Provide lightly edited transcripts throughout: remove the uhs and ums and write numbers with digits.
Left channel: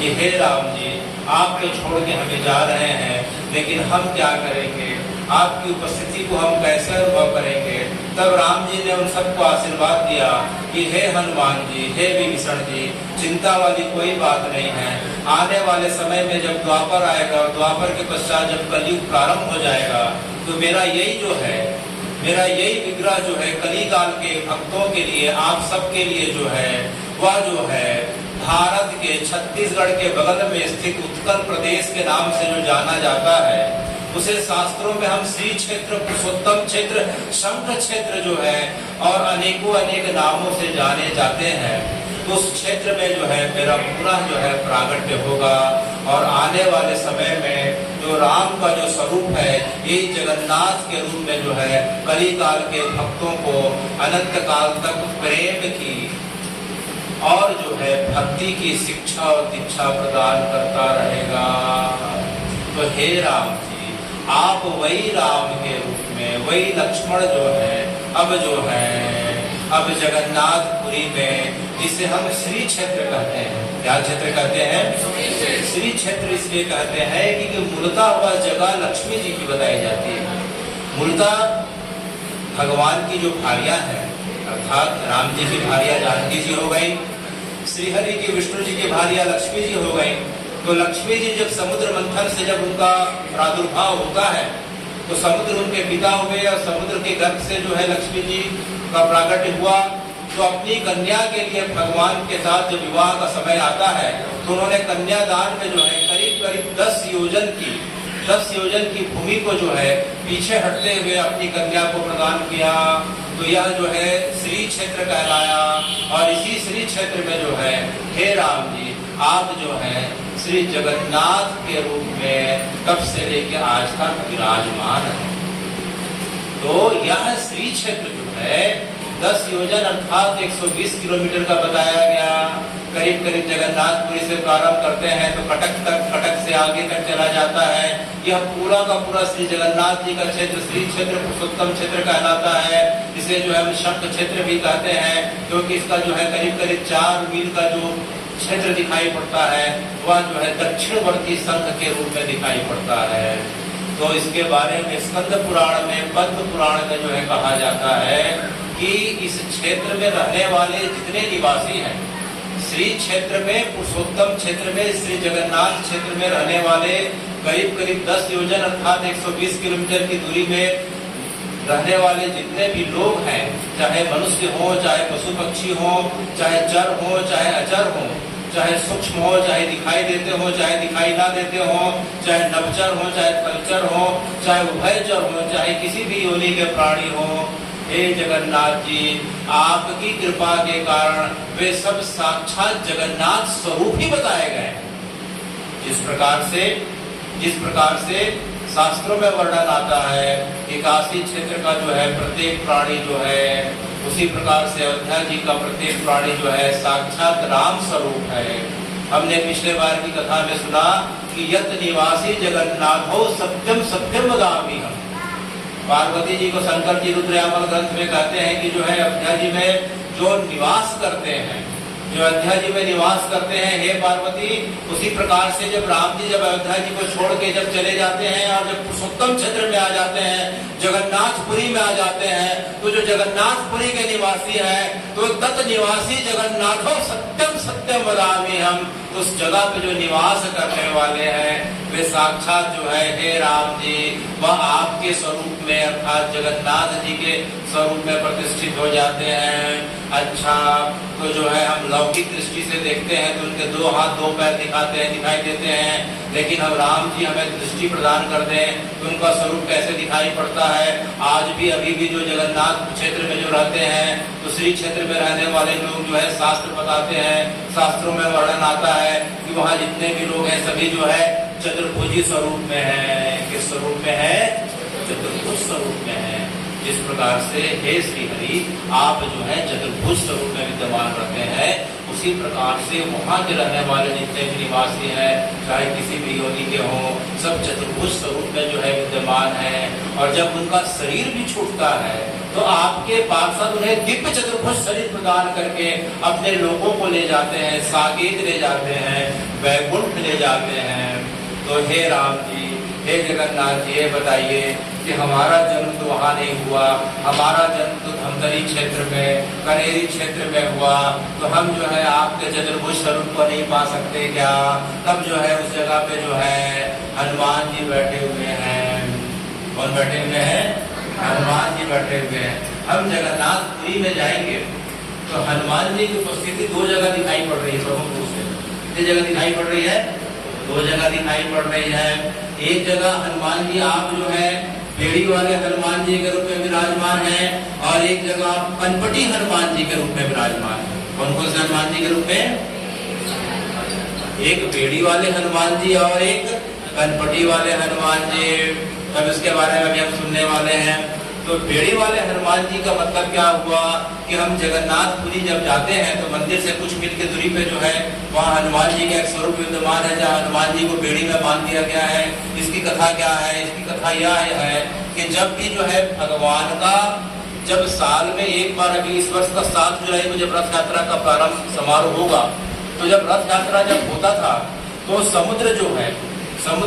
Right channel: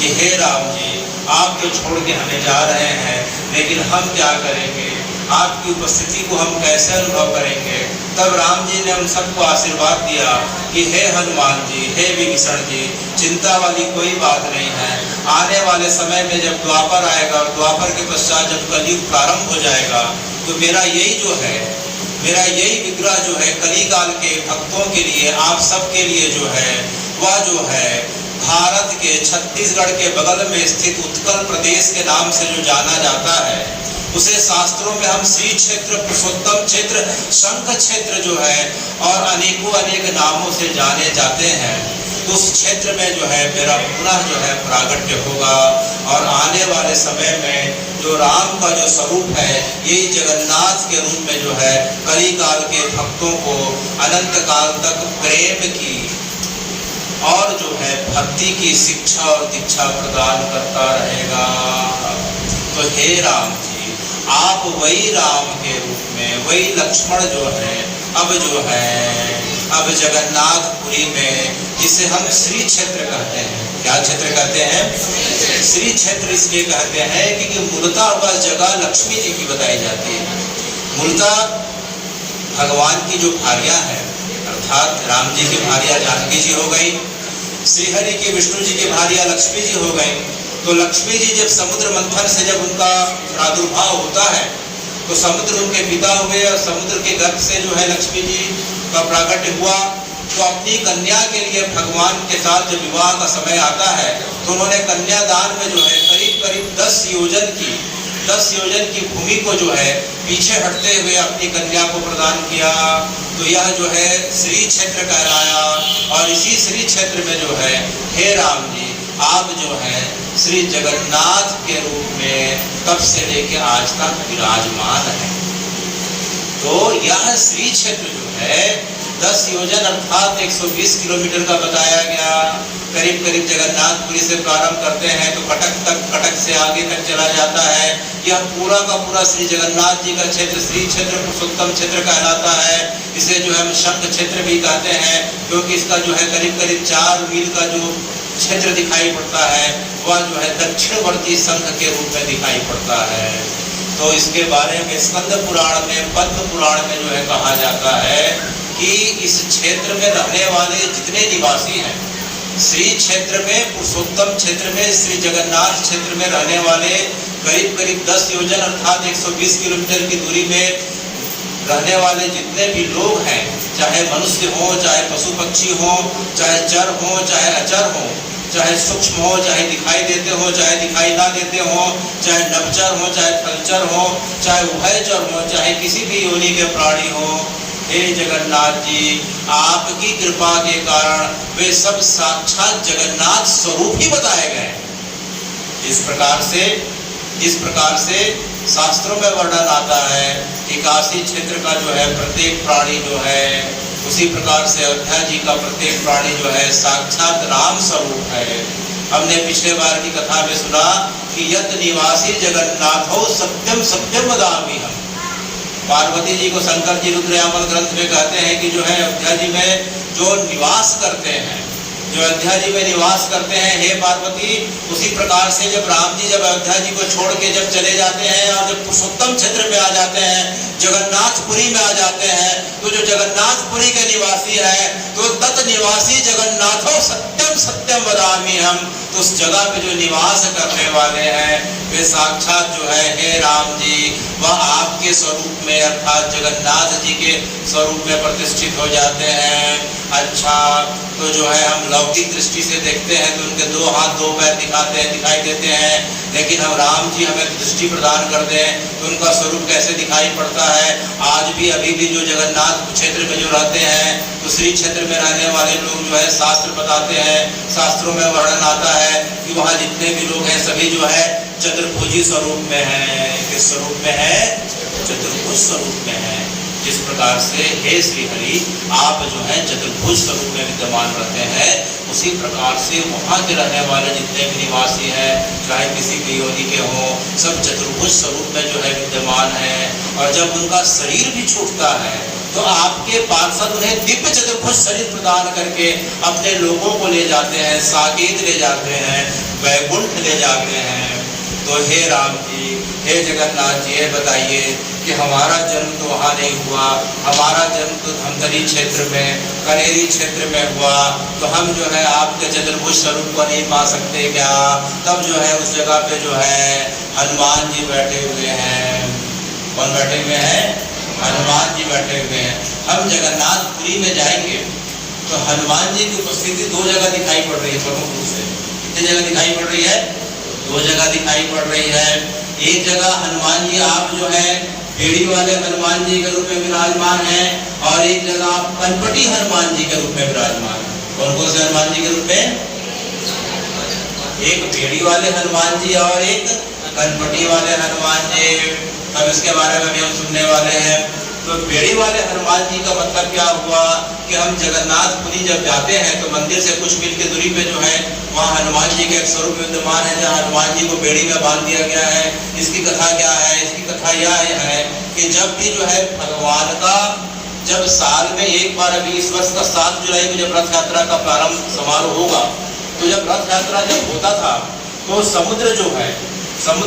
कि हे राम जी, आप तो छोड़ के हमें जा रहे हैं, लेकिन हम क्या करेंगे, आपकी उपस्थिति को हम कैसे अनुभव करेंगे। तब राम जी ने उन सबको आशीर्वाद दिया कि हे हनुमान जी, हे विभीषण जी, चिंता वाली कोई बात नहीं है। आने वाले समय में जब द्वापर आएगा और द्वापर के पश्चात जब कलयुग प्रारंभ हो जाएगा, तो मेरा यही विग्रह जो है कली काल के भक्तों के लिए, आप सबके लिए जो है, वह जो है भारत के छत्तीसगढ़ के बगल में स्थित उत्कल प्रदेश के नाम से जो जाना जाता है, उसे शास्त्रों में हम श्री क्षेत्र, पुरुषोत्तम क्षेत्र, शंख क्षेत्र जो है और अनेक नामों से जाने जाते हैं। तो उस क्षेत्र में जो है मेरा पुनः जो है प्रागट्य होगा और आने वाले समय में जो राम का जो स्वरूप है, यही जगन्नाथ के रूप में जो है कली काल के भक्तों को अनंत काल तक प्रेम की और जो है भक्ति की शिक्षा और दीक्षा प्रदान करता रहेगा। तो हे राम जी, आप वही राम के रूप में, वही लक्ष्मण जो है अब जगन्नाथपुरी में, जिसे हम श्री क्षेत्र कहते हैं। क्या क्षेत्र कहते हैं? श्री क्षेत्र इसलिए कहते हैं क्योंकि मूलतः वह जगह लक्ष्मी जी की बताई जाती है। मूलतः भगवान की जो भार्या है, अर्थात राम जी की भार्या जानकी जी हो गई, श्रीहरि की, विष्णु जी की भार्या लक्ष्मी जी हो गई। तो लक्ष्मी जी जब समुद्र मंथन से जब उनका प्रादुर्भाव होता है, तो समुद्र उनके पिता हुए और समुद्र के गर्भ से जो है लक्ष्मी जी का प्राकट्य हुआ। तो अपनी कन्या के लिए भगवान के साथ जब विवाह का समय आता है, तो उन्होंने कन्यादान में जो है करीब 10 योजन की भूमि को जो है पीछे हटते हुए अपनी कन्या को प्रदान किया। तो यह जो है श्री क्षेत्र कहलाया। और इसी श्री क्षेत्र में जो है हे राम जी, आप जो है श्री जगन्नाथ के रूप में कब से लेके आज तक विराजमान है। तो यह श्री क्षेत्र जो है 10 योजन अर्थात 120 किलोमीटर का बताया गया। करीब जगन्नाथपुरी से प्रारंभ करते हैं तो कटक से आगे तक चला जाता है। यह पूरा का पूरा श्री जगन्नाथ जी का क्षेत्र श्री क्षेत्र, पुरुषोत्तम क्षेत्र कहलाता है। इसे जो है हम शंख क्षेत्र भी कहते हैं, क्योंकि इसका जो है करीब 4 मील का जो क्षेत्र दिखाई पड़ता है, वह जो है दक्षिणवर्ती शंख के रूप में दिखाई पड़ता है। तो इसके बारे में स्कंद पुराण में, पद्म पुराण में जो है कहा जाता है कि इस क्षेत्र में रहने वाले जितने निवासी हैं, श्री क्षेत्र में, पुरुषोत्तम क्षेत्र में, श्री जगन्नाथ क्षेत्र में रहने वाले करीब 10 योजन अर्थात 120 किलोमीटर की दूरी में रहने वाले जितने भी लोग हैं, चाहे मनुष्य हो, चाहे पशु पक्षी हो, चाहे चर हो, चाहे अचर हो, चाहे सूक्ष्म हो, चाहे दिखाई देते हो, चाहे दिखाई ना देते हो, चाहे नभचर हो, चाहे फलचर हो, चाहे उभयचर हो, चाहे किसी भी योनि के प्राणी हो, हे जगन्नाथ जी, आपकी कृपा के कारण वे सब साक्षात जगन्नाथ स्वरूप ही बताए गए। जिस प्रकार से शास्त्रों में वर्णन आता है कि काशी क्षेत्र का जो है प्रत्येक प्राणी जो है, उसी प्रकार से अयोध्या जी का प्रत्येक प्राणी जो है साक्षात राम स्वरूप है। हमने पिछले बार की कथा में सुना कि यत निवासी जगन्नाथो सत्यम सत्यम वदामि हम। पार्वती जी को शंकर जी रुद्रयामल ग्रंथ में कहते हैं कि जो है अयोध्या जी में जो निवास करते हैं, जो अयोध्या जी में निवास करते हैं, हे पार्वती, उसी प्रकार से जब राम जी जब अयोध्या जी को छोड़ के जब चले जाते हैं और जब पुरुषोत्तम क्षेत्र में आ जाते हैं, जगन्नाथपुरी में आ जाते हैं, तो जो जगन्नाथपुरी के निवासी है, तो तत् निवासी जगन्नाथो सत्यम सत्यम वदामि हम। तो उस जगह पे जो निवास करने वाले हैं, वे साक्षात जो है हे राम जी, वह आपके स्वरूप में अर्थात जगन्नाथ जी के स्वरूप में प्रतिष्ठित हो जाते हैं। अच्छा, तो जो है हम लौकिक दृष्टि से देखते हैं तो उनके 2 हाथ 2 पैर दिखाई देते हैं, लेकिन हम राम जी हमें दृष्टि प्रदान करते हैं तो उनका स्वरूप कैसे दिखाई पड़ता है। आज भी अभी भी जो जगन्नाथ क्षेत्र में जो रहते हैं, तो श्री क्षेत्र में रहने वाले लोग जो है शास्त्र बताते हैं, शास्त्रों में वर्णन आता है कि वहाँ जितने भी लोग हैं सभी जो है चतुर्भुजी स्वरूप में है। किस स्वरूप में है? चतुर्भुज स्वरूप में है। जिस प्रकार से हे श्री हरि आप जो है चतुर्भुज स्वरूप में विद्यमान रहते हैं, उसी प्रकार से वहाँ के रहने वाले जितने भी निवासी हैं, चाहे किसी भी योनि के हों, सब चतुर्भुज स्वरूप में जो है विद्यमान है। और जब उनका शरीर भी छूटता है तो आपके पार्षद उन्हें दिव्य चतुर्भुज शरीर प्रदान करके अपने लोगों को ले जाते हैं, साकेत ले जाते हैं, वैकुंठ ले जाते हैं। तो हे राम जी, हे जगन्नाथ जी, ये बताइए कि हमारा जन्म तो वहाँ नहीं हुआ, हमारा जन्म तो धमतरी क्षेत्र में, कनेरी क्षेत्र में हुआ, तो हम जो है आपके चतुर्भुज स्वरूप को नहीं पा सकते क्या? तब जो है उस जगह पे जो है हनुमान जी बैठे हुए हैं। कौन बैठे हुए हैं? हनुमान जी बैठे हुए हैं। हम जगन्नाथपुरी में जाएंगे तो हनुमान जी की उपस्थिति दो जगह दिखाई पड़ रही है प्रमुख रूप से। कितनी जगह दिखाई पड़ रही है? दो जगह दिखाई पड़ रही है। एक जगह हनुमान जी आप जो है बेड़ी वाले हनुमान जी के रूप में विराजमान है, और एक जगह आप कनपटी हनुमान जी के रूप में विराजमान है। कौन कौन से हनुमान जी के रूप में? एक बेड़ी वाले हनुमान जी और एक कनपटी वाले हनुमान जी। तब इसके बारे में भी हम सुनने वाले हैं। तो बेड़ी वाले हनुमान जी का मतलब क्या हुआ कि हम जगन्नाथपुरी जब जाते हैं तो मंदिर से कुछ मील की दूरी पे जो है वहाँ हनुमान जी का एक स्वरूप विद्यमान है, जहाँ हनुमान जी को बेड़ी में बांध दिया गया है। इसकी कथा क्या है? इसकी कथा यह है कि जब भी जो है भगवान का जब साल में एक बार, अभी इस वर्ष का 7 जुलाई को जब रथ यात्रा का प्रारंभ समारोह होगा, तो जब रथ यात्रा जब होता था तो समुद्र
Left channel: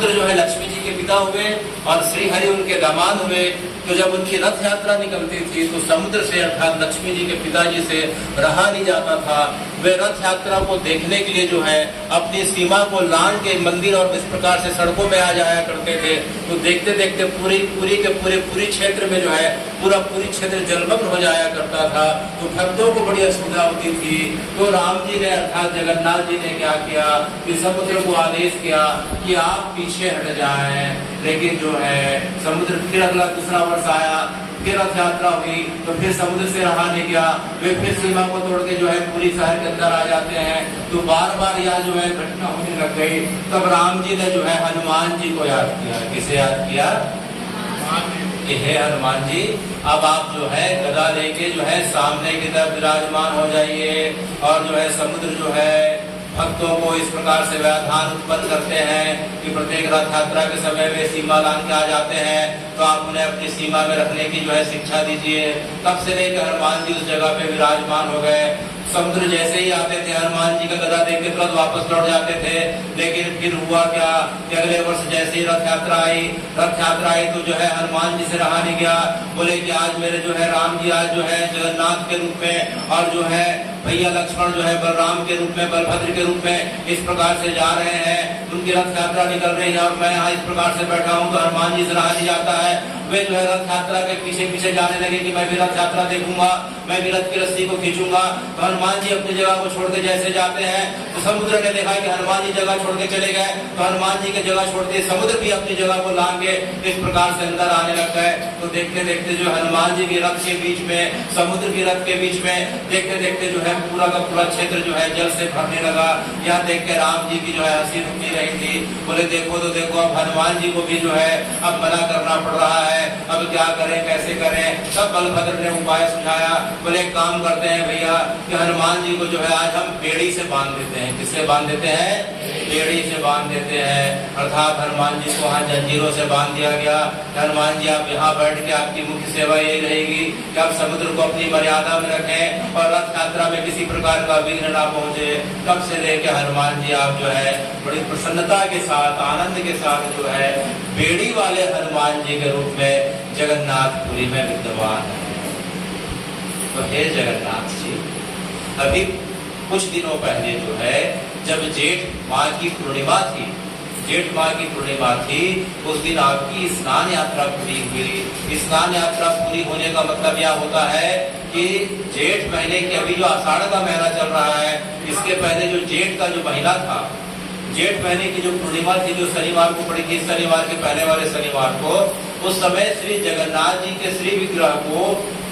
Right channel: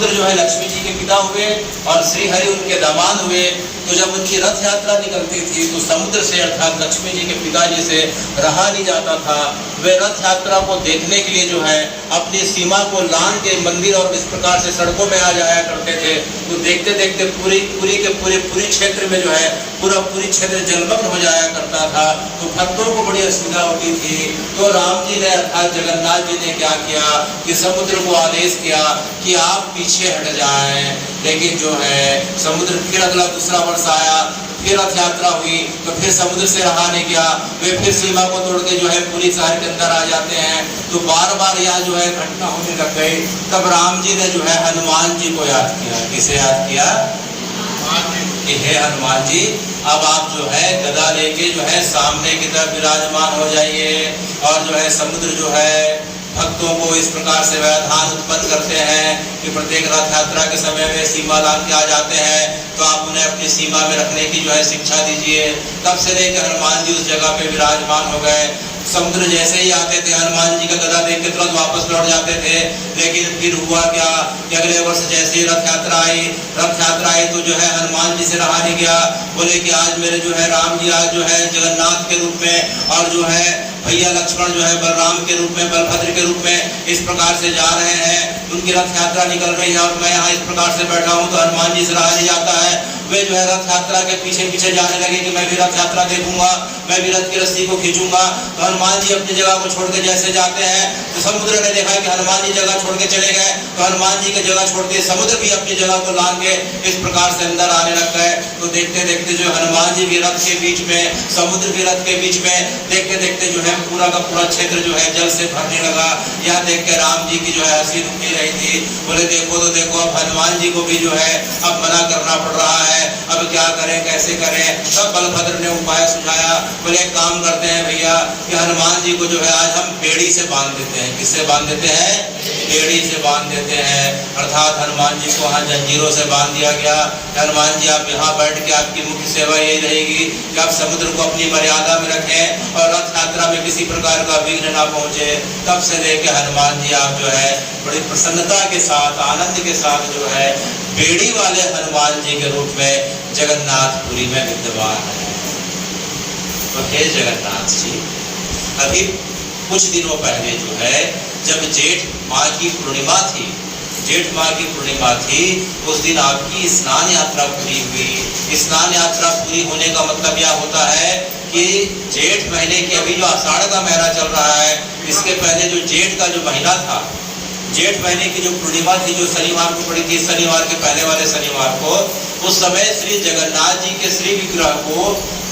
जो है लक्ष्मी जी के पिता हुए और श्री हरि उनके दामाद हुए। तो जब उनकी रथ यात्रा निकलती थी तो समुद्र से अर्थात लक्ष्मी जी के पिताजी से रहा नहीं जाता था। वे रथ यात्रा को देखने के लिए जो है अपनी सीमा को लांघ के मंदिर और इस प्रकार से सड़कों में आ जाया करते थे। तो देखते देखते पूरी क्षेत्र में जो है पूरी क्षेत्र जलमग्न हो जाया करता था। तो भक्तों को बड़ी असुविधा होती थी। तो राम जी ने अर्थात जगन्नाथ जी ने क्या किया कि समुद्र को आदेश किया कि आप पीछे हट जाएं। लेकिन जो है समुद्र फिर अगला दूसरा वर्ष आया, फिर रथ यात्रा हुई तो फिर समुद्र से रहा नहीं गया। वे फिर सीमा को तोड़ के जो है पूरी शहर के अंदर आ जाते हैं। तो बार बार यहाँ जो है घटना होने लग गई। तब राम जी ने जो है हनुमान जी को याद किया। किसे याद किया? कि हे हनुमान जी, अब आप जो है गदा लेके जो है सामने की तरफ विराजमान हो जाइए। और जो है समुद्र जो है भक्तों को इस प्रकार से व्यवधान उत्पन्न करते हैं कि प्रत्येक रथ यात्रा के समय में सीमा लांघ के आ जाते हैं। तो आप उन्हें अपनी सीमा में रखने की जो है शिक्षा दीजिए। तब से लेकर हनुमान जी उस जगह पे विराजमान हो गए। समुद्र जैसे ही आते थे हनुमान जी का गदा देख के तुरंत वापस लौट जाते थे। लेकिन फिर हुआ क्या कि अगले वर्ष जैसे ही रथ यात्रा आई तो जो है हनुमान जी से रहा नहीं गया। बोले कि आज मेरे जो है राम जी आज जो है जगन्नाथ के रूप में और जो है भैया लक्ष्मण जो है बलराम के रूप में, बलभद्र के रूप में इस प्रकार से जा रहे हैं। उनकी रथ यात्रा निकल रही है और मैं यहाँ इस प्रकार से बैठा हूँ। तो हनुमान जी से रहा नहीं जाता है। वे जो है रथ यात्रा के पीछे पीछे जाने लगे कि मैं भी रथ यात्रा देखूंगा, मैं भी रथ की रस्सी को खींचूंगा। तो हनुमान जी अपनी जगह को छोड़ के जैसे जाते हैं तो समुद्र ने देखा कि हनुमान जी जगह छोड़ के चले गए। तो हनुमान जी की जगह छोड़ के समुद्र भी अपनी जगह को लांघ के इस प्रकार से अंदर आने लग गए। तो देखते देखते जो हनुमान जी भी रथ के बीच में, समुद्र भी रथ के बीच में, देखते देखते जो है पूरा का पूरा क्षेत्र जो है जल से भरने लगा। यह देख के राम जी की जो है हंसी रुक नहीं रही थी। बोले देखो तो देखो, अब हनुमान जी को भी जो है अब मना करना पड़ रहा है, अब क्या करें कैसे करें। तब बलभद्र ने उपाय सुझाया। बोले एक काम करते हैं भैया कि हनुमान जी को जो है आज हम बेड़ी से बांध देते हैं। किससे बांध देते हैं? बेड़ी से बांध देते हैं। अर्थात हनुमान जी को वहाँ जंजीरों से बांध दिया गया। हनुमान जी आप यहाँ बैठ के आपकी मुख्य सेवा यही रहेगी कि आप समुद्र को अपनी मर्यादा में रखें और रथ यात्रा में किसी प्रकार का विघ्न ना पहुंचे। तब से लेके हनुमान जी आप जो है बड़ी प्रसन्नता के साथ, आनंद के साथ जो है बेड़ी वाले हनुमान जी के रूप में जगन्नाथपुरी में विद्यमान है। तो हे जगन्नाथ जी, अभी कुछ दिनों पहले जो है जब जेठ माह की पूर्णिमा थी, उस दिन आपकी स्नान यात्रा पूरी हुई। स्नान यात्रा पूरी होने का मतलब यह होता है कि जेठ महीने की अभी जो आषाढ़ का महीना चल रहा है, इसके पहले जो जेठ का जो महीना था, जेठ महीने की जो पूर्णिमा थी जो शनिवार को पड़ी थी, शनिवार के पहले वाले शनिवार को, उस समय श्री जगन्नाथ जी के श्री विग्रह को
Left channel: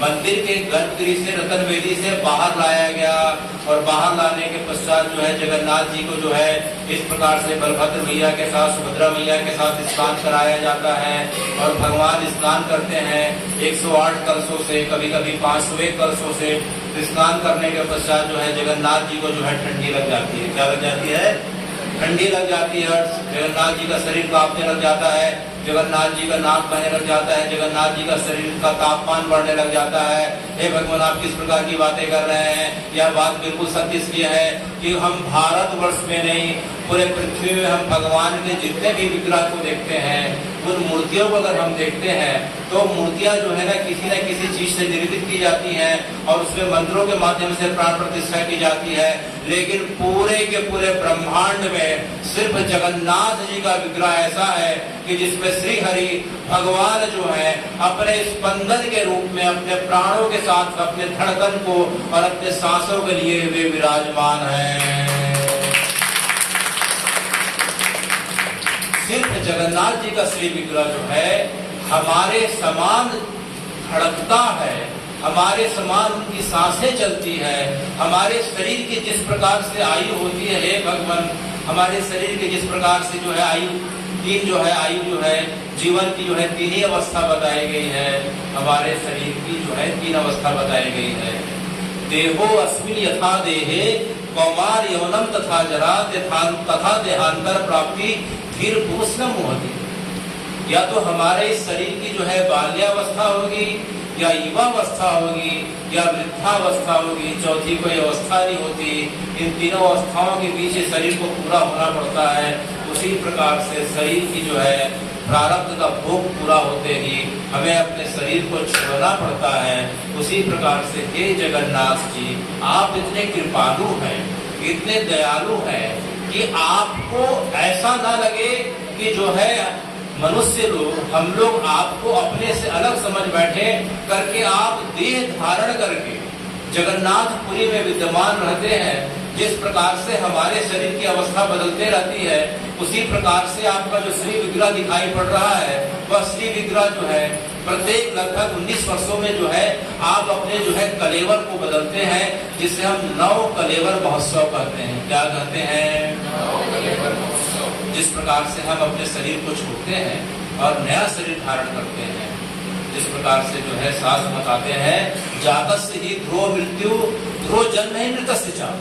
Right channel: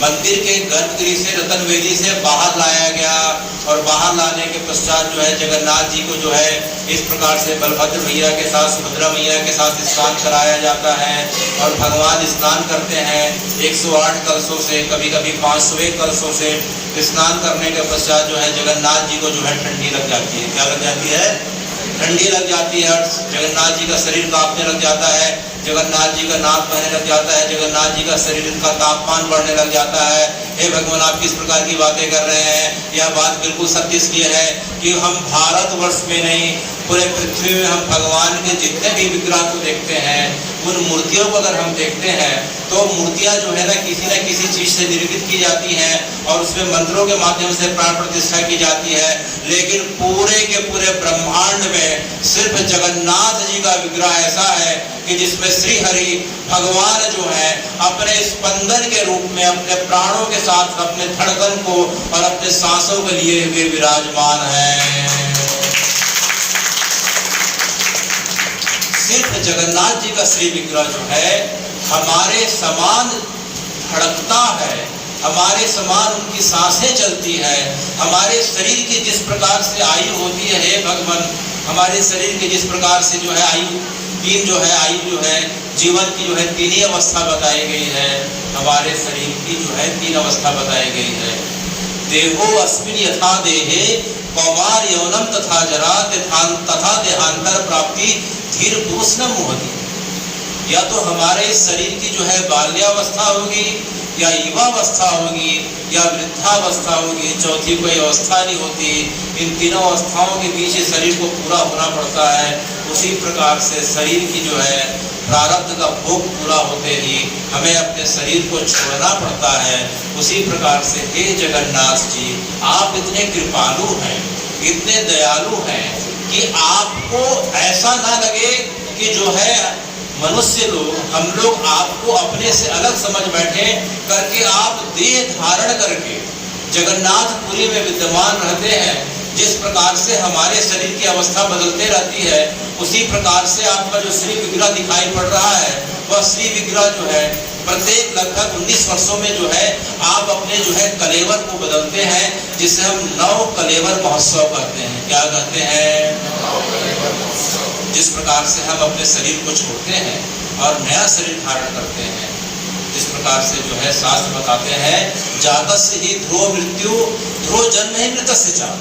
मंदिर के गर्भगृह से, रतन वेदी से बाहर लाया गया। और बाहर लाने के पश्चात जो है जगन्नाथ जी को जो है इस प्रकार से बलभद्र मैया के साथ, सुभद्रा मैया के साथ स्नान कराया जाता है। और भगवान स्नान करते हैं 108 कलशों से, कभी कभी 501 कलशों से। स्नान करने के पश्चात जो है जगन्नाथ जी को जो है ठंडी लग जाती है। क्या लग जाती है? ठंडी लग जाती है, जगन्नाथ जी का शरीर कांपने लग जाता है, जगन्नाथ जी का नाक बहने लग जाता है, जगन्नाथ जी का शरीर का तापमान बढ़ने लग जाता है। हे भगवान, आप किस प्रकार की बातें कर रहे हैं? यह बात बिल्कुल सत्य इसलिए है कि हम भारतवर्ष में नहीं, पूरे पृथ्वी में हम भगवान के जितने भी विग्रह को देखते हैं, उन मूर्तियों को अगर हम देखते हैं तो मूर्तियां जो है ना किसी चीज से निर्मित की जाती हैं और उसमें मंत्रों के माध्यम से प्राण प्रतिष्ठा की जाती है। लेकिन पूरे के पूरे ब्रह्मांड में सिर्फ जगन्नाथ जी का विग्रह ऐसा है कि जिसमें श्री हरि भगवान जो है अपने स्पंदन के रूप में अपने प्राणों के साथ अपने धड़कन को और अपने सांसों के लिए वे विराजमान हैं। सिर्फ जगन्नाथ जी का श्री विग्रह जो है हमारे समान धड़कता है, हमारे समान उनकी सांसें चलती है, हमारे शरीर की जिस प्रकार से आयु होती है, हे भगवान, हमारे शरीर के जिस प्रकार से जो है आयु आयु जो है जीवन की जो है 3 ही अवस्था बताई गई है, हमारे शरीर की जो है 3 अवस्था बताई गई है। देहो अस्मिन् यथा देहे कौमार यौनम तथा जरा तथा देहांतर प्राप्ति धीर पुरुष न मोहती। या तो हमारे इस शरीर की जो है बाल्यावस्था होगी, या युवावस्था होगी, या वृद्धावस्था होगी, चौथी कोई अवस्था नहीं होती। इन तीनों अवस्थाओं के बीच शरीर को पूरा होना पड़ता है। उसी प्रकार से शरीर की जो है प्रारब्ध का भोग पूरा होते ही हमें अपने शरीर को छोड़ना पड़ता है। उसी प्रकार से हे जगन्नाथ जी, आप इतने कृपालु हैं, इतने दयालु हैं कि आपको ऐसा ना लगे कि जो है मनुष्य लोग, हम लोग आपको अपने से अलग समझ बैठे करके आप देह धारण करके जगन्नाथपुरी में विद्यमान रहते हैं। जिस प्रकार से हमारे शरीर की अवस्था बदलते रहती है, उसी प्रकार से आपका जो श्री विग्रह दिखाई पड़ रहा है, वह श्री विग्रह जो है प्रत्येक लगभग 19 वर्षों में जो है आप अपने जो है कलेवर को बदलते हैं, जिसे हम नव कलेवर महोत्सव कहते हैं। क्या कहते हैं? जिस प्रकार से हम अपने शरीर को छोड़ते हैं और नया शरीर धारण करते हैं, जिस प्रकार से जो है शास्त्र बताते हैं, जातस्य ही ध्रुव मृत्यु, ध्रुव जन्म ही मृतस्य च,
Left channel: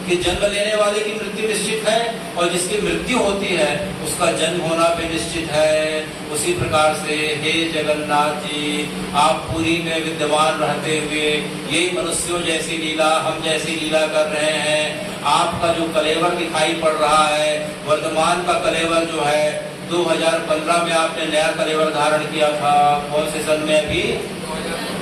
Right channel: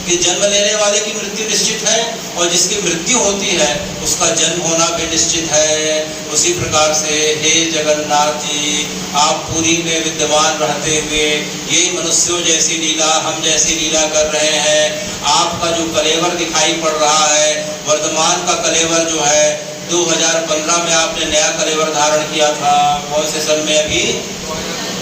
कि जन्म लेने वाले की मृत्यु निश्चित है और जिसकी मृत्यु होती है उसका जन्म होना भी निश्चित है। उसी प्रकार से हे जगन्नाथ जी, आप पुरी में विद्यमान रहते हुए यही मनुष्यों जैसी लीला, हम जैसी लीला कर रहे हैं। आपका जो कलेवर दिखाई पड़ रहा है, वर्तमान का कलेवर जो है 2015 में आपने नया कलेवर धारण किया था। कौन से सन में? अभी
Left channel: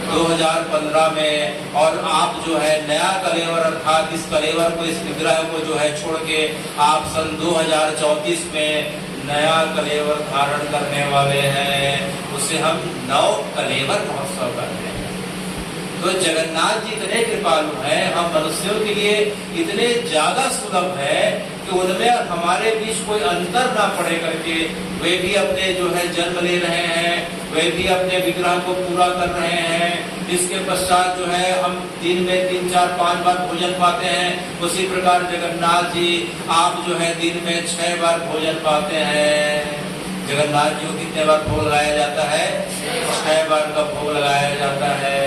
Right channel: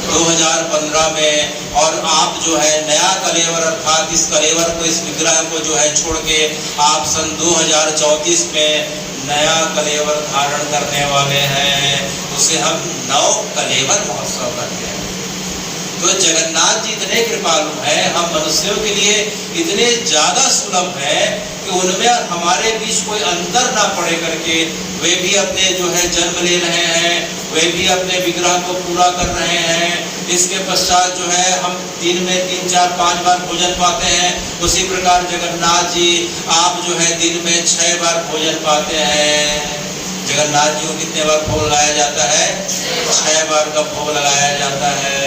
2015 में। और आप जो है नया कलेवर अर्थात इस कलेवर को, इस विग्रह को जो है छोड़ के आप सन 2034 में नया कलेवर धारण करने वाले हैं। उसे हम नव कलेवर महोत्सव करते हैं। तो जगन्नाथ जी इतने कृपालु हैं, हम मनुष्यों के लिए इतने ज्यादा सुलभ है कि उनमें हमारे बीच कोई अंतर ना पड़े करके वे भी अपने जो है जन्म ले रहे हैं, वे भी अपने विग्रह को पूरा कर रहे हैं। इसके पश्चात जो है हम दिन में 3, 4, 5 बार भोजन पाते हैं। उसी प्रकार जगन्नाथ जी आप जो है दिन में 6 बार भोजन पाते हैं। जगन्नाथ जी को कितने बार भोग लगाया जाता है? 6 बार का भोग लगाया जाता है।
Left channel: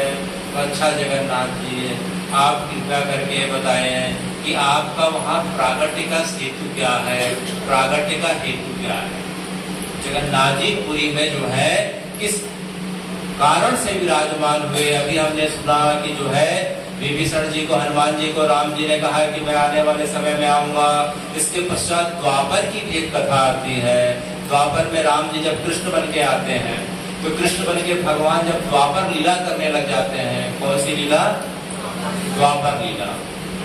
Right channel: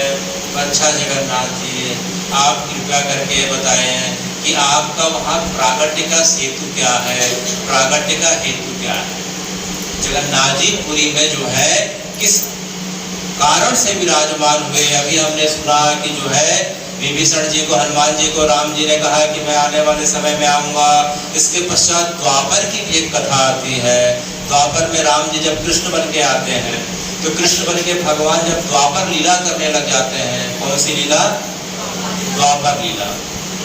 अच्छा जगन्नाथ जी, आप कृपया करके बताएं कि आपका वहाँ प्रागट्य का हेतु क्या है, प्रागट्य का हेतु क्या है? जगन्नाथ जी पुरी में जो है किस कारण से विराजमान हुए? अभी हमने सुना कि जो है विभीषण जी को, हनुमान जी को राम जी ने कहा कि मैं आने वाले समय में आऊंगा। इसके पश्चात द्वापर की भी एक कथा आती है। द्वापर में राम जी जब कृष्ण बन के आते हैं, तो कृष्ण बन के भगवान जब द्वापर लीला करने लग जाते हैं। कौन सी लीला? द्वापर लीला।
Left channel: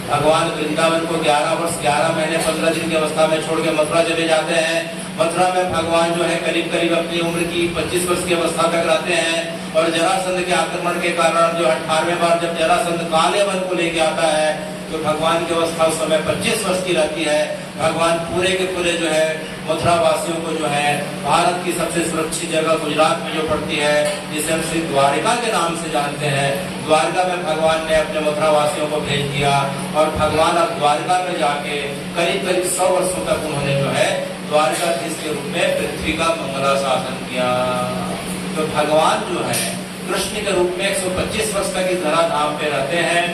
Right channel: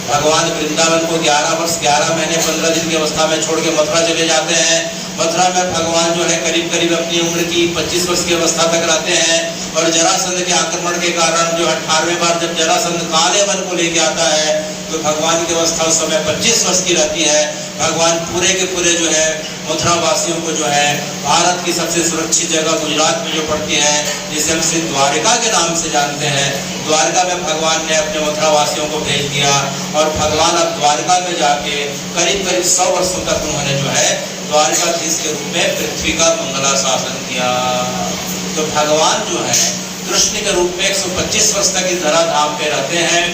भगवान वृंदावन को 11 वर्ष 11 महीने 15 दिन की अवस्था में छोड़ के मथुरा चले जाते हैं। मथुरा में भगवान जो है करीब करीब अपनी उम्र की 25 वर्ष की अवस्था तक रहते हैं। और जरासंध के आक्रमण के कारण जो 18वें बार जब जरासंध काले वन को लेके आता है, तो भगवान की अवस्था उस समय 25 वर्ष की रहती है। भगवान पूरे के पूरे जो है मथुरा वासियों को जो है भारत की सबसे सुरक्षित जगह गुजरात में जो पड़ती है, जिसे हम श्री द्वारिका के नाम से जानते हैं, द्वारिका में भगवान ने अपने मथुरा वासियों को भेज दिया। और भगवान अब द्वारिका में जाके करीब करीब 100 वर्षों तक उन्होंने जो है द्वारिकाधीश के रूप में पृथ्वी का मंगला शासन किया। तो भगवान जो है कृष्ण के रूप में 125 वर्ष तक इस धराधाम पे रहते हैं।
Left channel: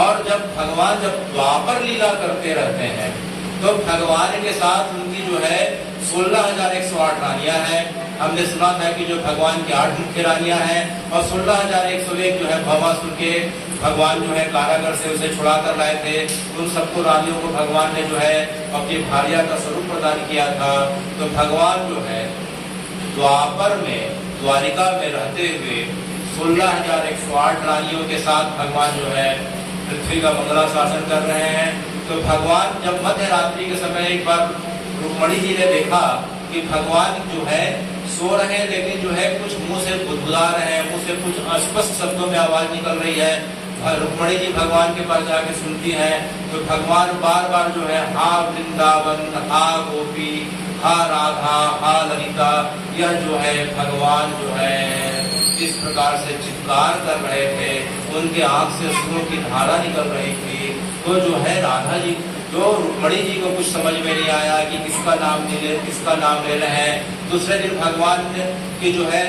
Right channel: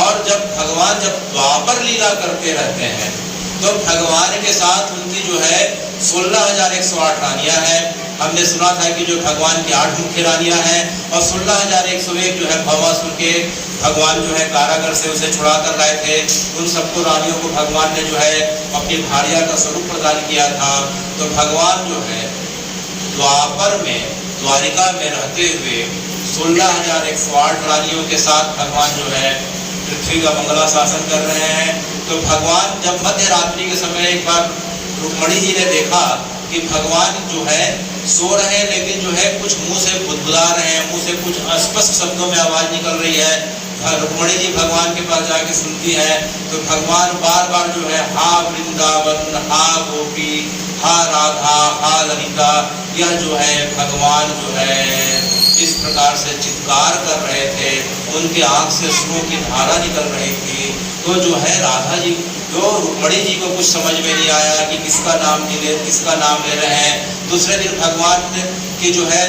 और जब भगवान जब द्वापर लीला करते रहते हैं, तो भगवान के साथ उनकी जो है 16,108 रानियां हैं। हमने सुना था कि जो भगवान की 8 मुख्य रानियां हैं और 16,101 जो है भवासुर के भगवान जो है कारागर से उसे छुड़ा कर लाए थे। उन सबको रानियों को भगवान ने जो है अपनी भार्या का स्वरूप प्रदान किया था। तो भगवान जो है द्वापर में द्वारिका में रहते हुए 16,108 रानियों के साथ भगवान जो है पृथ्वी का मंगला शासन कर रहे हैं। तो भगवान जब मध्य रात्रि के समय एक बार रुक्मणी जी ने देखा कि भगवान जो है सो रहे हैं, लेकिन जो है कुछ मुंह से बुदबुदा रहे हैं, मुंह से कुछ अस्पष्ट शब्दों में आवाज निकल रही है। रुक्मणी जी भगवान के पास जाके सुनती है तो भगवान बार बार जो है हा वृंदावन, हा गोपी, हा राधा, हा ललिता, यह जो है भगवान जो है इस प्रकार से चित्कार कर रहे थे। उनके आंख से अश्रुओं की धारा निकल रही थी। तो जो है राधा जी जो रुक्मणी जी को कुछ समझ में नहीं आया कि किसका नाम ले रहे हैं। दूसरे दिन भगवान की जो है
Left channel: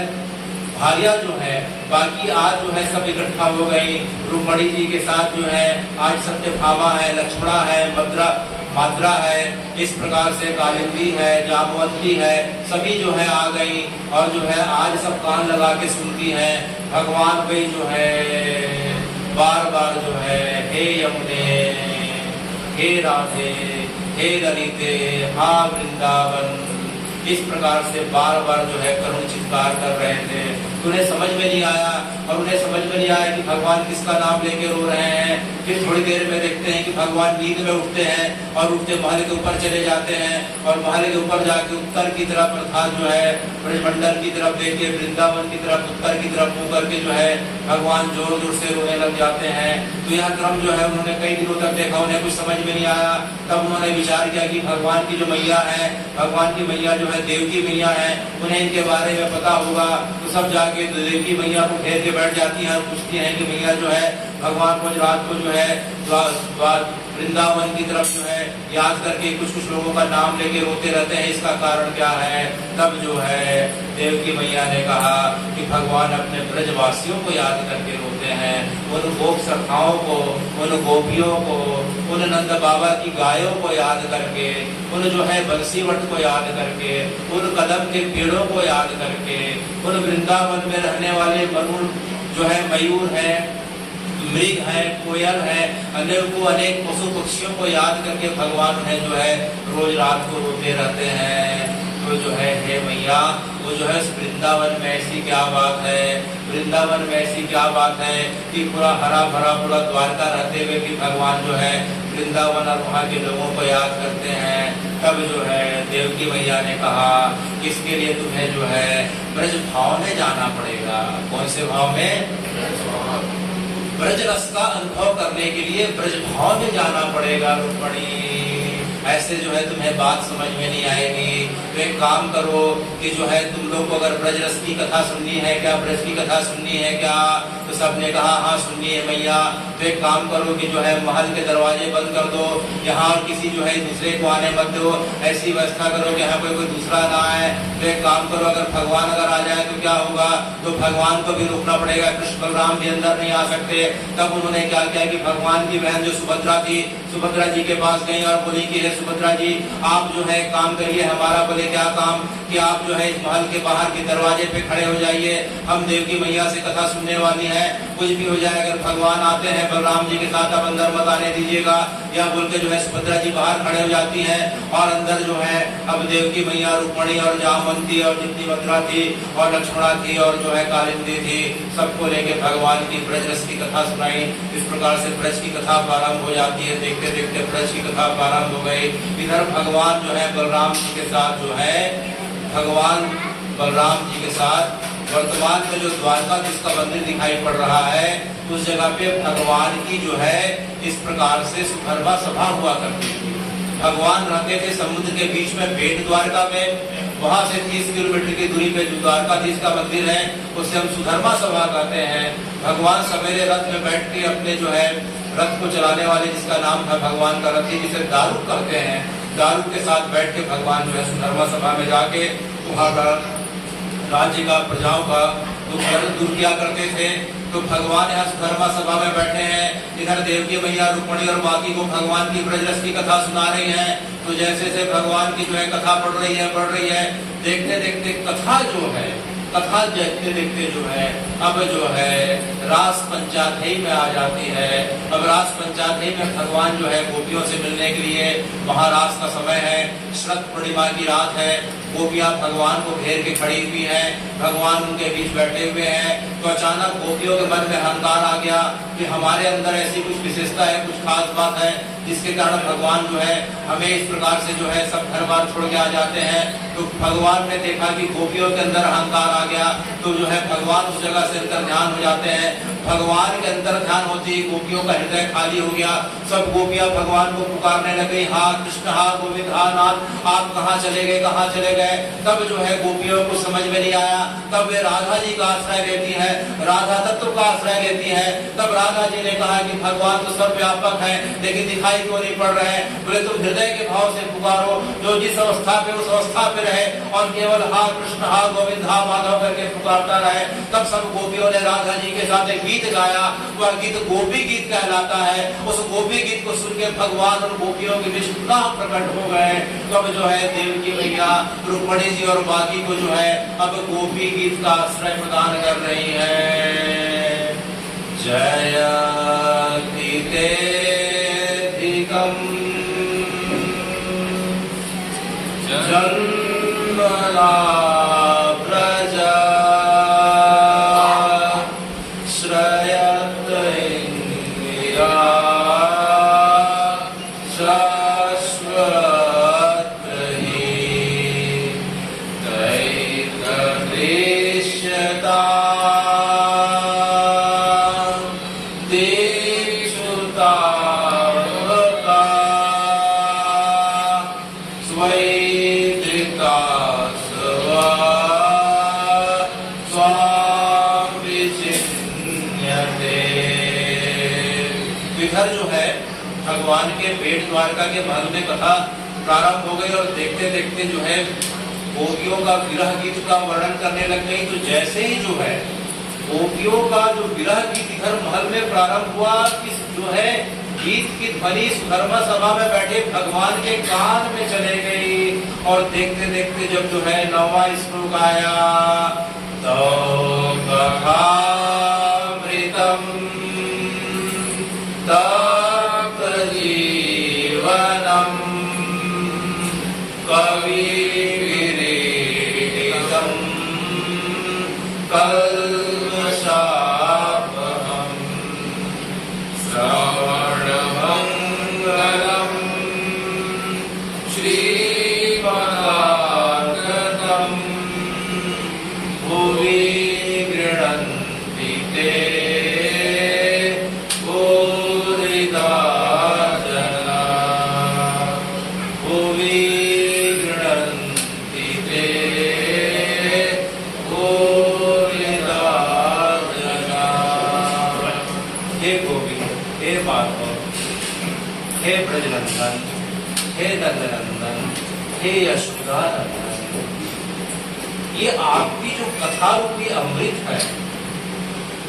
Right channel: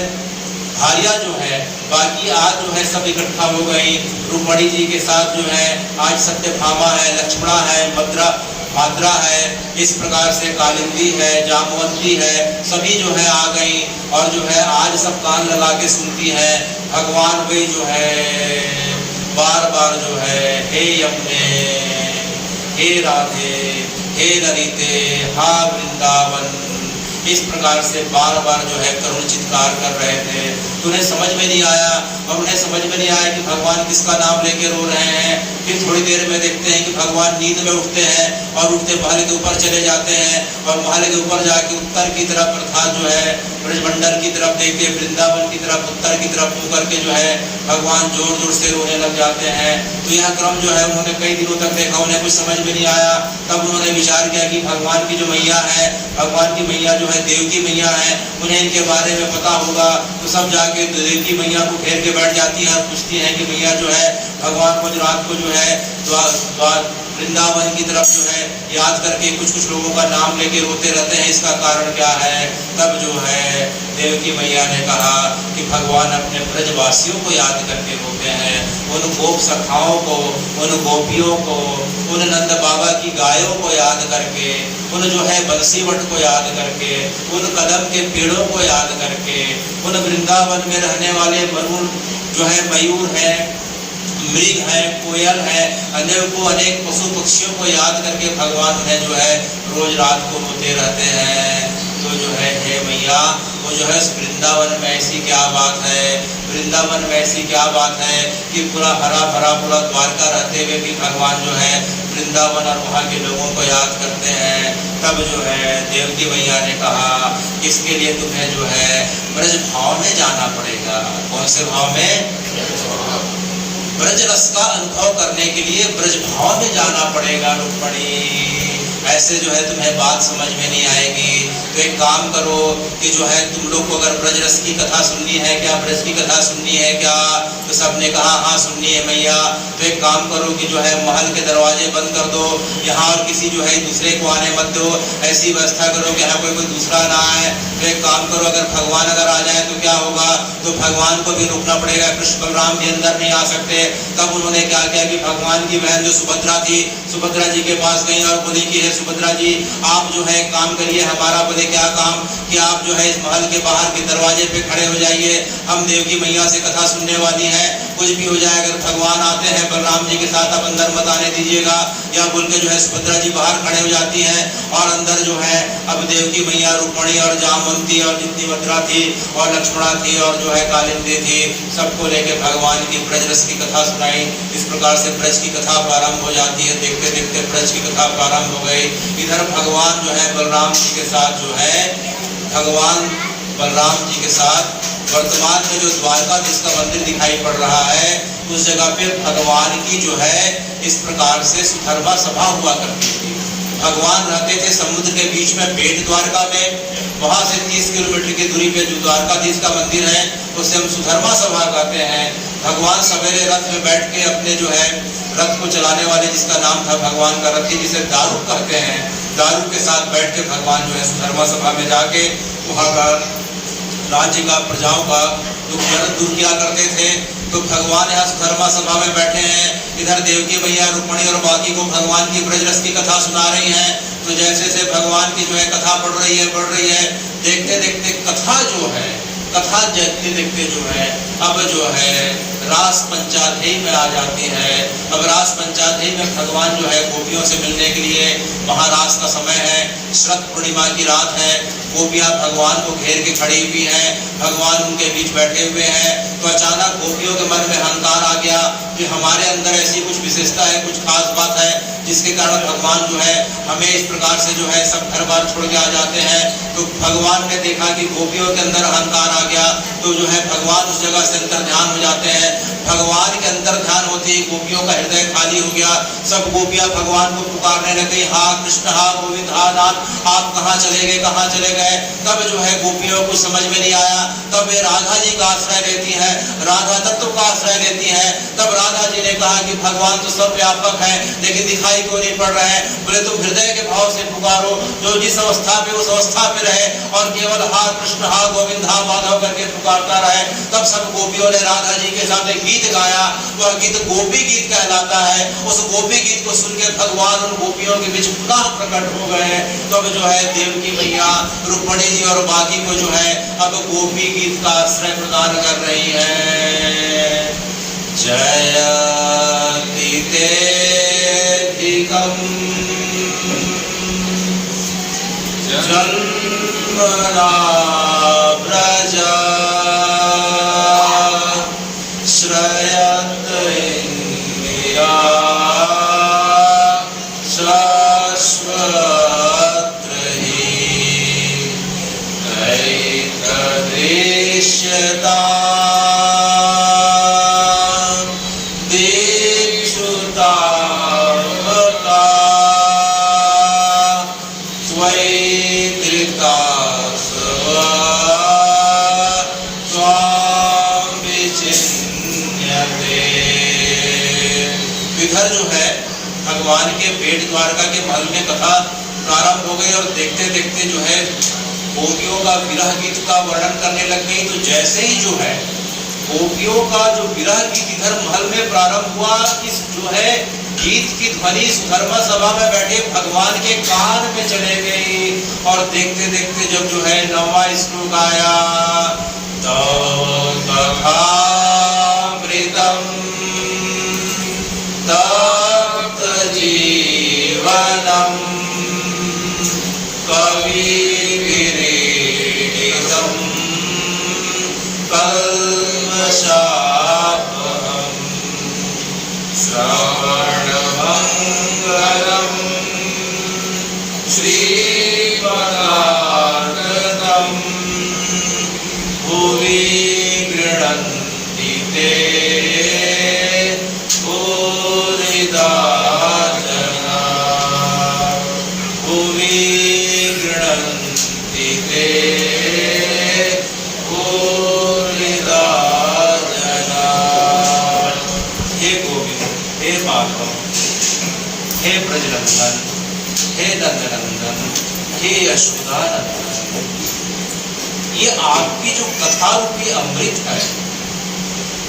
भार्या जो है बाकी आज जो है सब इकट्ठा हो गई। रुक्मणी जी के साथ जो है आज सत्यभामा है, लक्ष्मणा है, माद्रा है, इस प्रकार से कालिंदी है, जामवंती है, सभी जो है आ गई और जो है आज सब कान लगा के सुनती है। भगवान वही जो है बार बार जो है हे यमुने, हे राधे, हे ललिते, हा वृंदावन, इस प्रकार से बार बार जो है करुण चित्कार कर रहे थे। उन्हें समझ में नहीं आया और उन्हें समझ में नहीं आया कि भगवान किसका नाम लेके रो रहे हैं। फिर थोड़ी देर में देखते हैं कि भगवान नींद में उठते हैं और उठते महल के ऊपर चले जाते हैं और महल के ऊपर जाके उत्तर की तरफ अर्थात जो है ब्रजमंडल की तरफ देखते, वृंदावन की तरफ, उत्तर की तरफ मुंह करके जो है भगवान जोर जोर से रोने लग जाते हैं। तो यह क्रम जो है उन्होंने कई दिनों तक देखा, उन्हें कुछ समझ में नहीं आया। तब उन्होंने विचार किया कि भगवान की जो मैया है, भगवान की मैया जो है देवकी मैया है, उन्हें इनके बारे में पता होगा। तो सब जाके देवकी मैया को घेर के बैठ जाती है और पूछती है कि मैया जो है भगवान को रात को जो है वृंदावन की तरफ जो है याद करके कुछ लोगों का नाम लेके रोते रहते हैं, इसका कारण क्या है। तब जो है देवकी मैया ने कहा कि भगवान अपने ब्रजवासियों को याद करके रोते हैं, उन गोप सखाओं को, उन गोपियों को, उन नंद बाबा की गायों को याद करके, उन जो है बंसीवट को याद करके, उन कदम के पेड़ों को याद करके, उन वृंदावन में रहने वाले मरुण जो है मयूर है, मृग है, कोयल है, अनेक पशु पक्षियों को याद करके भगवान है जो है रोज रात को रोते रहते हैं। तो जो है हे मैया वो जो है वृंदावन में ऐसी क्या बात है, वृंदावन में ऐसी क्या बात है कि पूरा हरा भरा पूरा द्वारका रहते हुए भी भगवान जो है वृंदावन और वहाँ के लोगों को याद करते हैं। तब जो है देवकी मैया ने कहा इसके लिए तुम्हें जो है ब्रज भाव में जाना पड़ेगा। कौन से भाव में? ब्रज रस का अनुभव करने के लिए ब्रज भाव में जाना पड़ेगा रुक्मणी। ऐसे जो है तुम्हें बात समझ में नहीं आएगी। तो एक काम करो कि जो है तुम लोग को अगर ब्रज रस की कथा सुननी है क्या, ब्रज की कथा सुननी है क्या? तो सबने कहा हाँ सुननी है मैया। तो एक काम करो कि जो है महल के दरवाजे बंद कर दो, यहाँ और किसी जो है दूसरे को आने मत दो, ऐसी व्यवस्था करो कि यहाँ कोई दूसरा ना आए। तो एक काम करो अगर भगवान आ जाए तो क्या होगा, तो भगवान को भी रोकना पड़ेगा, कृष्ण बलराम भी अंदर नहीं आ सकते। तब उन्होंने क्या किया कि भगवान की बहन जो सुभद्रा थी, सुभद्रा जी के पास गई और बोली कि हे सुभद्रा जी आप जो है काम करिए हमारा। बोले क्या काम? कि आप जो है इस महल के बाहर के दरवाजे पे खड़े हो जाइए, हम देवकी मैया से कथा सुनने वाली है, कुछ भी हो जाए अगर भगवान आते हैं बलराम जी के साथ आप अंदर मत आने दीजिएगा। या बोल के जो है सुभद्रा जी बाहर खड़े हो जाती हैं और अंदर जो है अब देवकी मैया, रुक्मणी और जामवंती और जितनी मथुरा थी और लक्ष्मणा थी और जो है कालिंदी थी, सबको लेके भगवान की ब्रज रस की कथा सुनाई। इस प्रकार से ब्रज की कथा प्रारंभ हो जाती है। देखते देखते ब्रज की कथा प्रारंभ हो गई। इधर भगवान जो है बलराम जी के साथ जो है भगवान बलराम जी के साथ वर्तमान में जो द्वारकाधीश का मंदिर दिखाई पड़ रहा है उस जगह पे भगवान की जो है इस प्रकार से सुधर्मा सभा हुआ करती थी। भगवान रहते थे समुद्र के बीच में बेट द्वारका में, वहां से 30 किलोमीटर की दूरी पे जो द्वारकाधीश का मंदिर है उसे हम सुधर्मा सभा कहते हैं। भगवान सवेरे रथ में बैठ के अपने जो है रथ को चलाने वाले जिसका नाम था भगवान का रथ जिसे दारुक कहते हैं, दारुक के साथ बैठ के भगवान जो है सुधर्मा सभा में जाके वहाँ का राज्य का प्रजाओं का दुख दर्द दूर किया करते थे। तो भगवान यहाँ सुधर्मा सभा में बैठे हैं, इधर देवकी मैया, रुक्मणी और बाकी को भगवान की ब्रज रस की कथा सुना रही हैं। तो जैसे जैसे भगवान की जो है कथा बढ़ रही है, देखते देखते कथा जो है, कथा देखते देखते जो है अब जो है रास पंचाध्यायी में आ जाती है। अब रास पंचाध्यायी में भगवान जो है गोपियों से मिलने के लिए, महारास का समय है, शरद पूर्णिमा की रात है, गोपियां भगवान को घेर के खड़ी हुई है, भगवान उनके बीच बैठे हुए हैं। तो अचानक गोपियों के मन में अहंकार आ गया कि हमारे अंदर ऐसी कुछ विशेषता है, कुछ खास बात है, जिसके कारण भगवान जो है हमें इस प्रकार से जो है सब घर बार छोड़ के आ जाते हैं। तो भगवान ने देखा कि गोपियों के अंदर अहंकार आ गया, तो जो है भगवान उस जगह से अंतर ध्यान हो जाते हैं। भगवान के अंदर ध्यान होती ही गोपियों का हृदय खाली हो गया। सब गोपियां भगवान को पुकारने लगी, हा कृष्ण, हा गोविंद, हा नाथ, आप कहाँ चले गए, कहाँ चले गए। तब जो है गोपियों को समझ में नहीं आया। तब वे राधा जी का आश्रय लेती है, राधा तत्व का आश्रय लेती है। तब राधा जी ने कहा कि भगवान तो सर्वव्यापक है, लेकिन दिखाई क्यों नहीं पड़ रहे। बोले तुम हृदय के भाव से पुकारो, जो जिस अवस्था पे उस अवस्था पे रहे और केवल हा कृष्ण, हा गोविंद, हा माधव करके पुकारता रहे। तब सब गोपियों ने राधा जी के साथ एक गीत गाया। वह गीत गोपी गीत कहलाता है। उस गोपी गीत को सुन के भगवान उन गोपियों के बीच पुनः प्रकट हो गए। तब जो है देवकी मैया, रुक्मिणी जी और बाकी को जो है अब गोपी गीत का आश्रय प्रदान कर रही है। जयति तेधिकम् जन्मना व्रज श्रयत इंद्रिया शाश्वतहि दैतदृश्यता इधर जो है भगवान के पेट द्वारका के महल में कथा प्रारंभ हो गई और देखते देखते जो है गोपियों का विरह गीत का वर्णन करने लग गई। तो जैसे ही जो है गोपियों का जो विरह गीत इधर महल में प्रारंभ हुआ, इस जो है गीत की ध्वनि सुधर्मा सभा में बैठे भगवान के कान में चले गई। और देखते देखते जब जो है 9वां श्लोक आया, तो कथामृतम तप्त जीवनम कविभिरीडितम कल्मषापहम् श्रवणमङ्गलम् श्रीमदानन्दम् भुवि गृह्णन्ति ते हे ब्रजनंदन, हे नंदनंदन, हे यशोदानंदन, ये आपकी जो कथा रूपी अमृत है,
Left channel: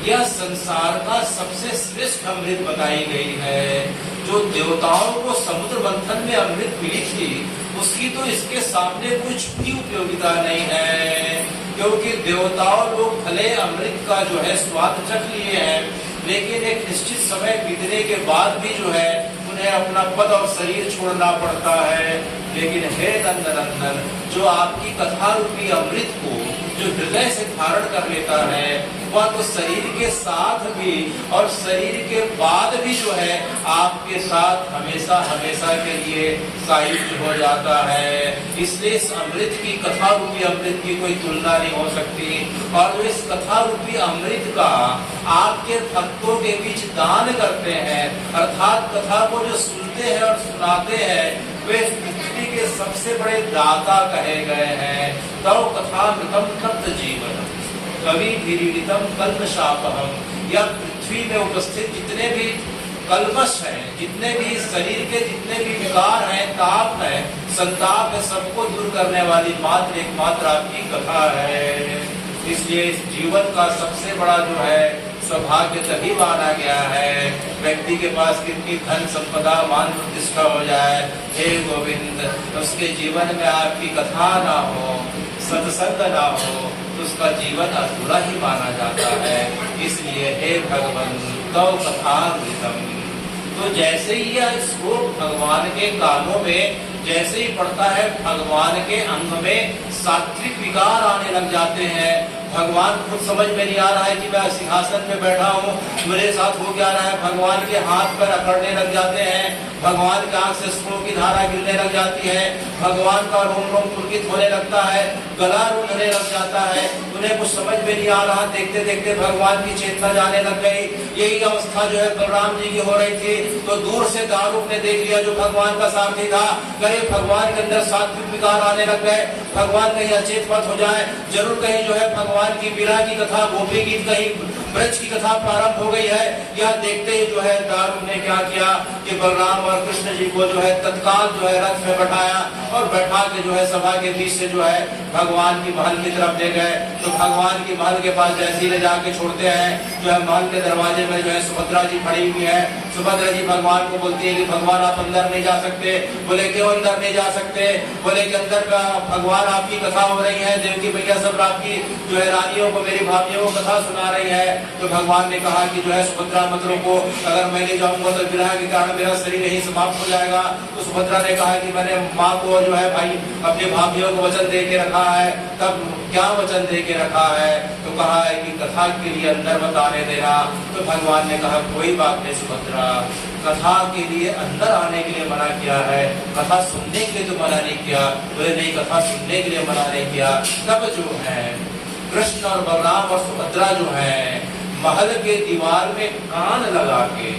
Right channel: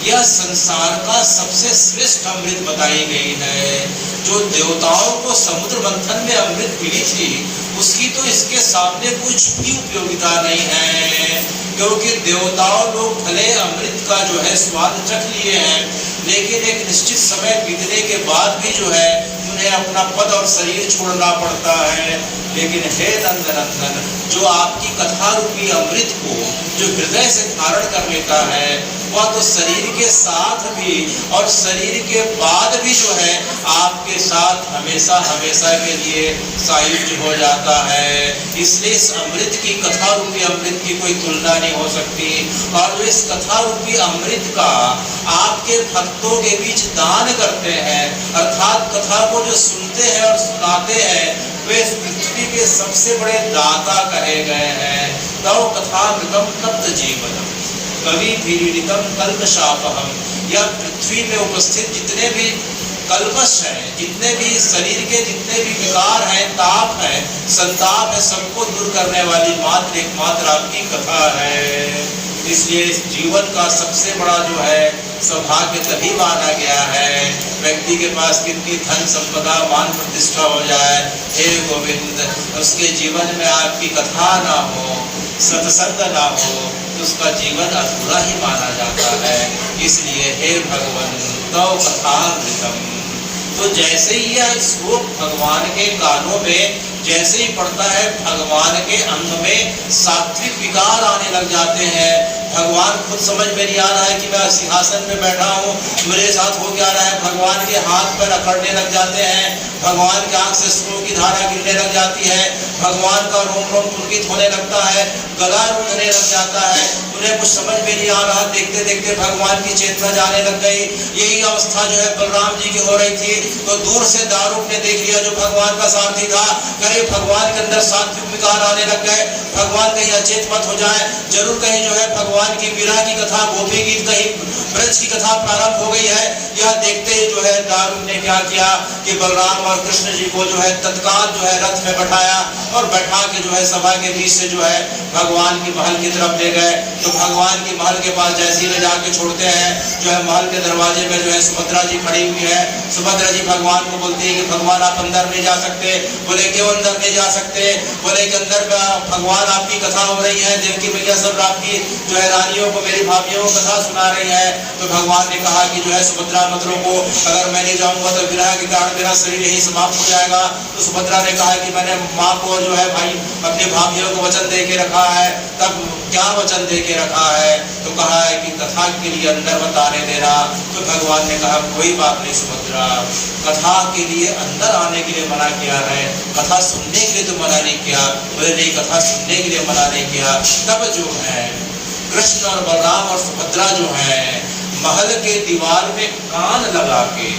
यह संसार का सबसे श्रेष्ठ अमृत बताई गई है। जो देवताओं को समुद्र मंथन में अमृत मिली थी, उसकी तो इसके सामने कुछ भी उपयोगिता नहीं है। क्योंकि देवताओं लोग भले अमृत का जो है स्वाद चख लिए हैं, लेकिन एक निश्चित समय बीतने के बाद भी जो है उन्हें अपना पद और शरीर छोड़ना पड़ता है। लेकिन हे नंदनंदन, जो आपकी कथा रूपी अमृत को जो हृदय से धारण कर लेता है, वह तो शरीर के साथ भी और शरीर के बाद भी जो है आपके साथ हमेशा हमेशा के लिए सायुज्य हो जाता है। इसलिए इस अमृत की, कथा रूपी अमृत की कोई तुलना नहीं हो सकती। और जो इस कथा रूपी अमृत का आपके भक्तों के बीच दान करते हैं, अर्थात कथा को जो सुनते हैं और सुनाते हैं, वे इस पृथ्वी के सबसे बड़े दाता कहे गए हैं। तव कथामृतम तप्त जीवनम कविभिरीडितम कल्मषापहम्। यह पृथ्वी में उपस्थित जितने भी कल्मष हैं, जितने भी शरीर के जितने भी विकार हैं, ताप है, संताप है, सबको दूर करने वाली मात्र एकमात्र आपकी कथा है। इसलिए इस जीवन का सबसे बड़ा जो है सौभाग्य तभी माना गया है व्यक्ति के पास कितनी धन संपदा मान प्रतिष्ठा हो जाए, हे गोविंद उसके जीवन में आपकी कथा ना हो, सत्संग ना हो, तो उसका जीवन अधूरा ही माना जाता है। इसलिए हे भगवान गौ कथामृतम, तो जैसे ही यह श्लोक भगवान के कानों में जैसे ही पड़ता है, भगवान के अंग में सात्विक विकार आने लग जाते हैं। भगवान खुद समझ में नहीं आ रहा है कि मैं सिंहासन में बैठा हूँ, मेरे साथ हो क्या रहा है। भगवान के हाथ पैर अकड़ने लग जाते हैं, भगवान के आंख से अश्रुओं की धारा गिरने लग जाती है, भगवान का रोम रोम पुलकित होने लगता है, गला रुकने लग जाता है। उन्हें कुछ समझ में नहीं आ रहा, देखते देखते भगवान की चेतना जाने लग गई। यही अवस्था जो है बलराम जी की हो रही थी। तो दूर से दारूक ने देख लिया जो भगवान का सारथी था, करे भगवान के अंदर सात्विक विकार आने लग गए, भगवान कहीं अचेत मत हो जाए, जरूर कहीं जो है भगवान की विरह की कथा, गोपी गीत, कहीं ब्रज की कथा प्रारंभ हो गई है। यह देखते ही जो है दारूक ने क्या किया कि बलराम और कृष्ण जी को जो है तत्काल जो है रथ में बैठाया और बैठा के जो है सभा के बीच से जो है भगवान की महल की तरफ ले गए। तो भगवान की महल के पास जैसे ही ले जाके छोड़ते हैं, जो है महल के दरवाजे में जो है सुभद्रा जी खड़ी हुई है। सुभद्रा जी भगवान को बोलती है कि भगवान आप अंदर नहीं जा सकते। बोले क्यों अंदर नहीं जा सकते? बोले कि अंदर भगवान आपकी कथा हो रही है, देवकी मैया सब आपकी जो है रानियों को, मेरी भाभियों को कथा सुना रही है। तो भगवान ने कहा कि जो है सुभद्रा मंत्रों को अगर मैं नहीं जाऊंगा तो विरह के कारण मेरा शरीर यही समाप्त हो जाएगा। तो सुभद्रा ने कहा कि मैंने माँ को जो है भाई अपनी भाभियों को वचन दे के रखा है। तब क्या वचन दे के रखा है? तो कहा है कि कथा के लिए अंदर मत आने देना। तो भगवान ने कहा कोई बात नहीं सुभद्रा, कथा के लिए अंदर आने के लिए मना किया है, कथा सुनने के लिए तो मना नहीं किया। बोले नहीं, कथा सुनने के लिए मना नहीं किया। तब जो है कृष्ण और बलराम और सुभद्रा जो है महल के दीवार में कान लगा के,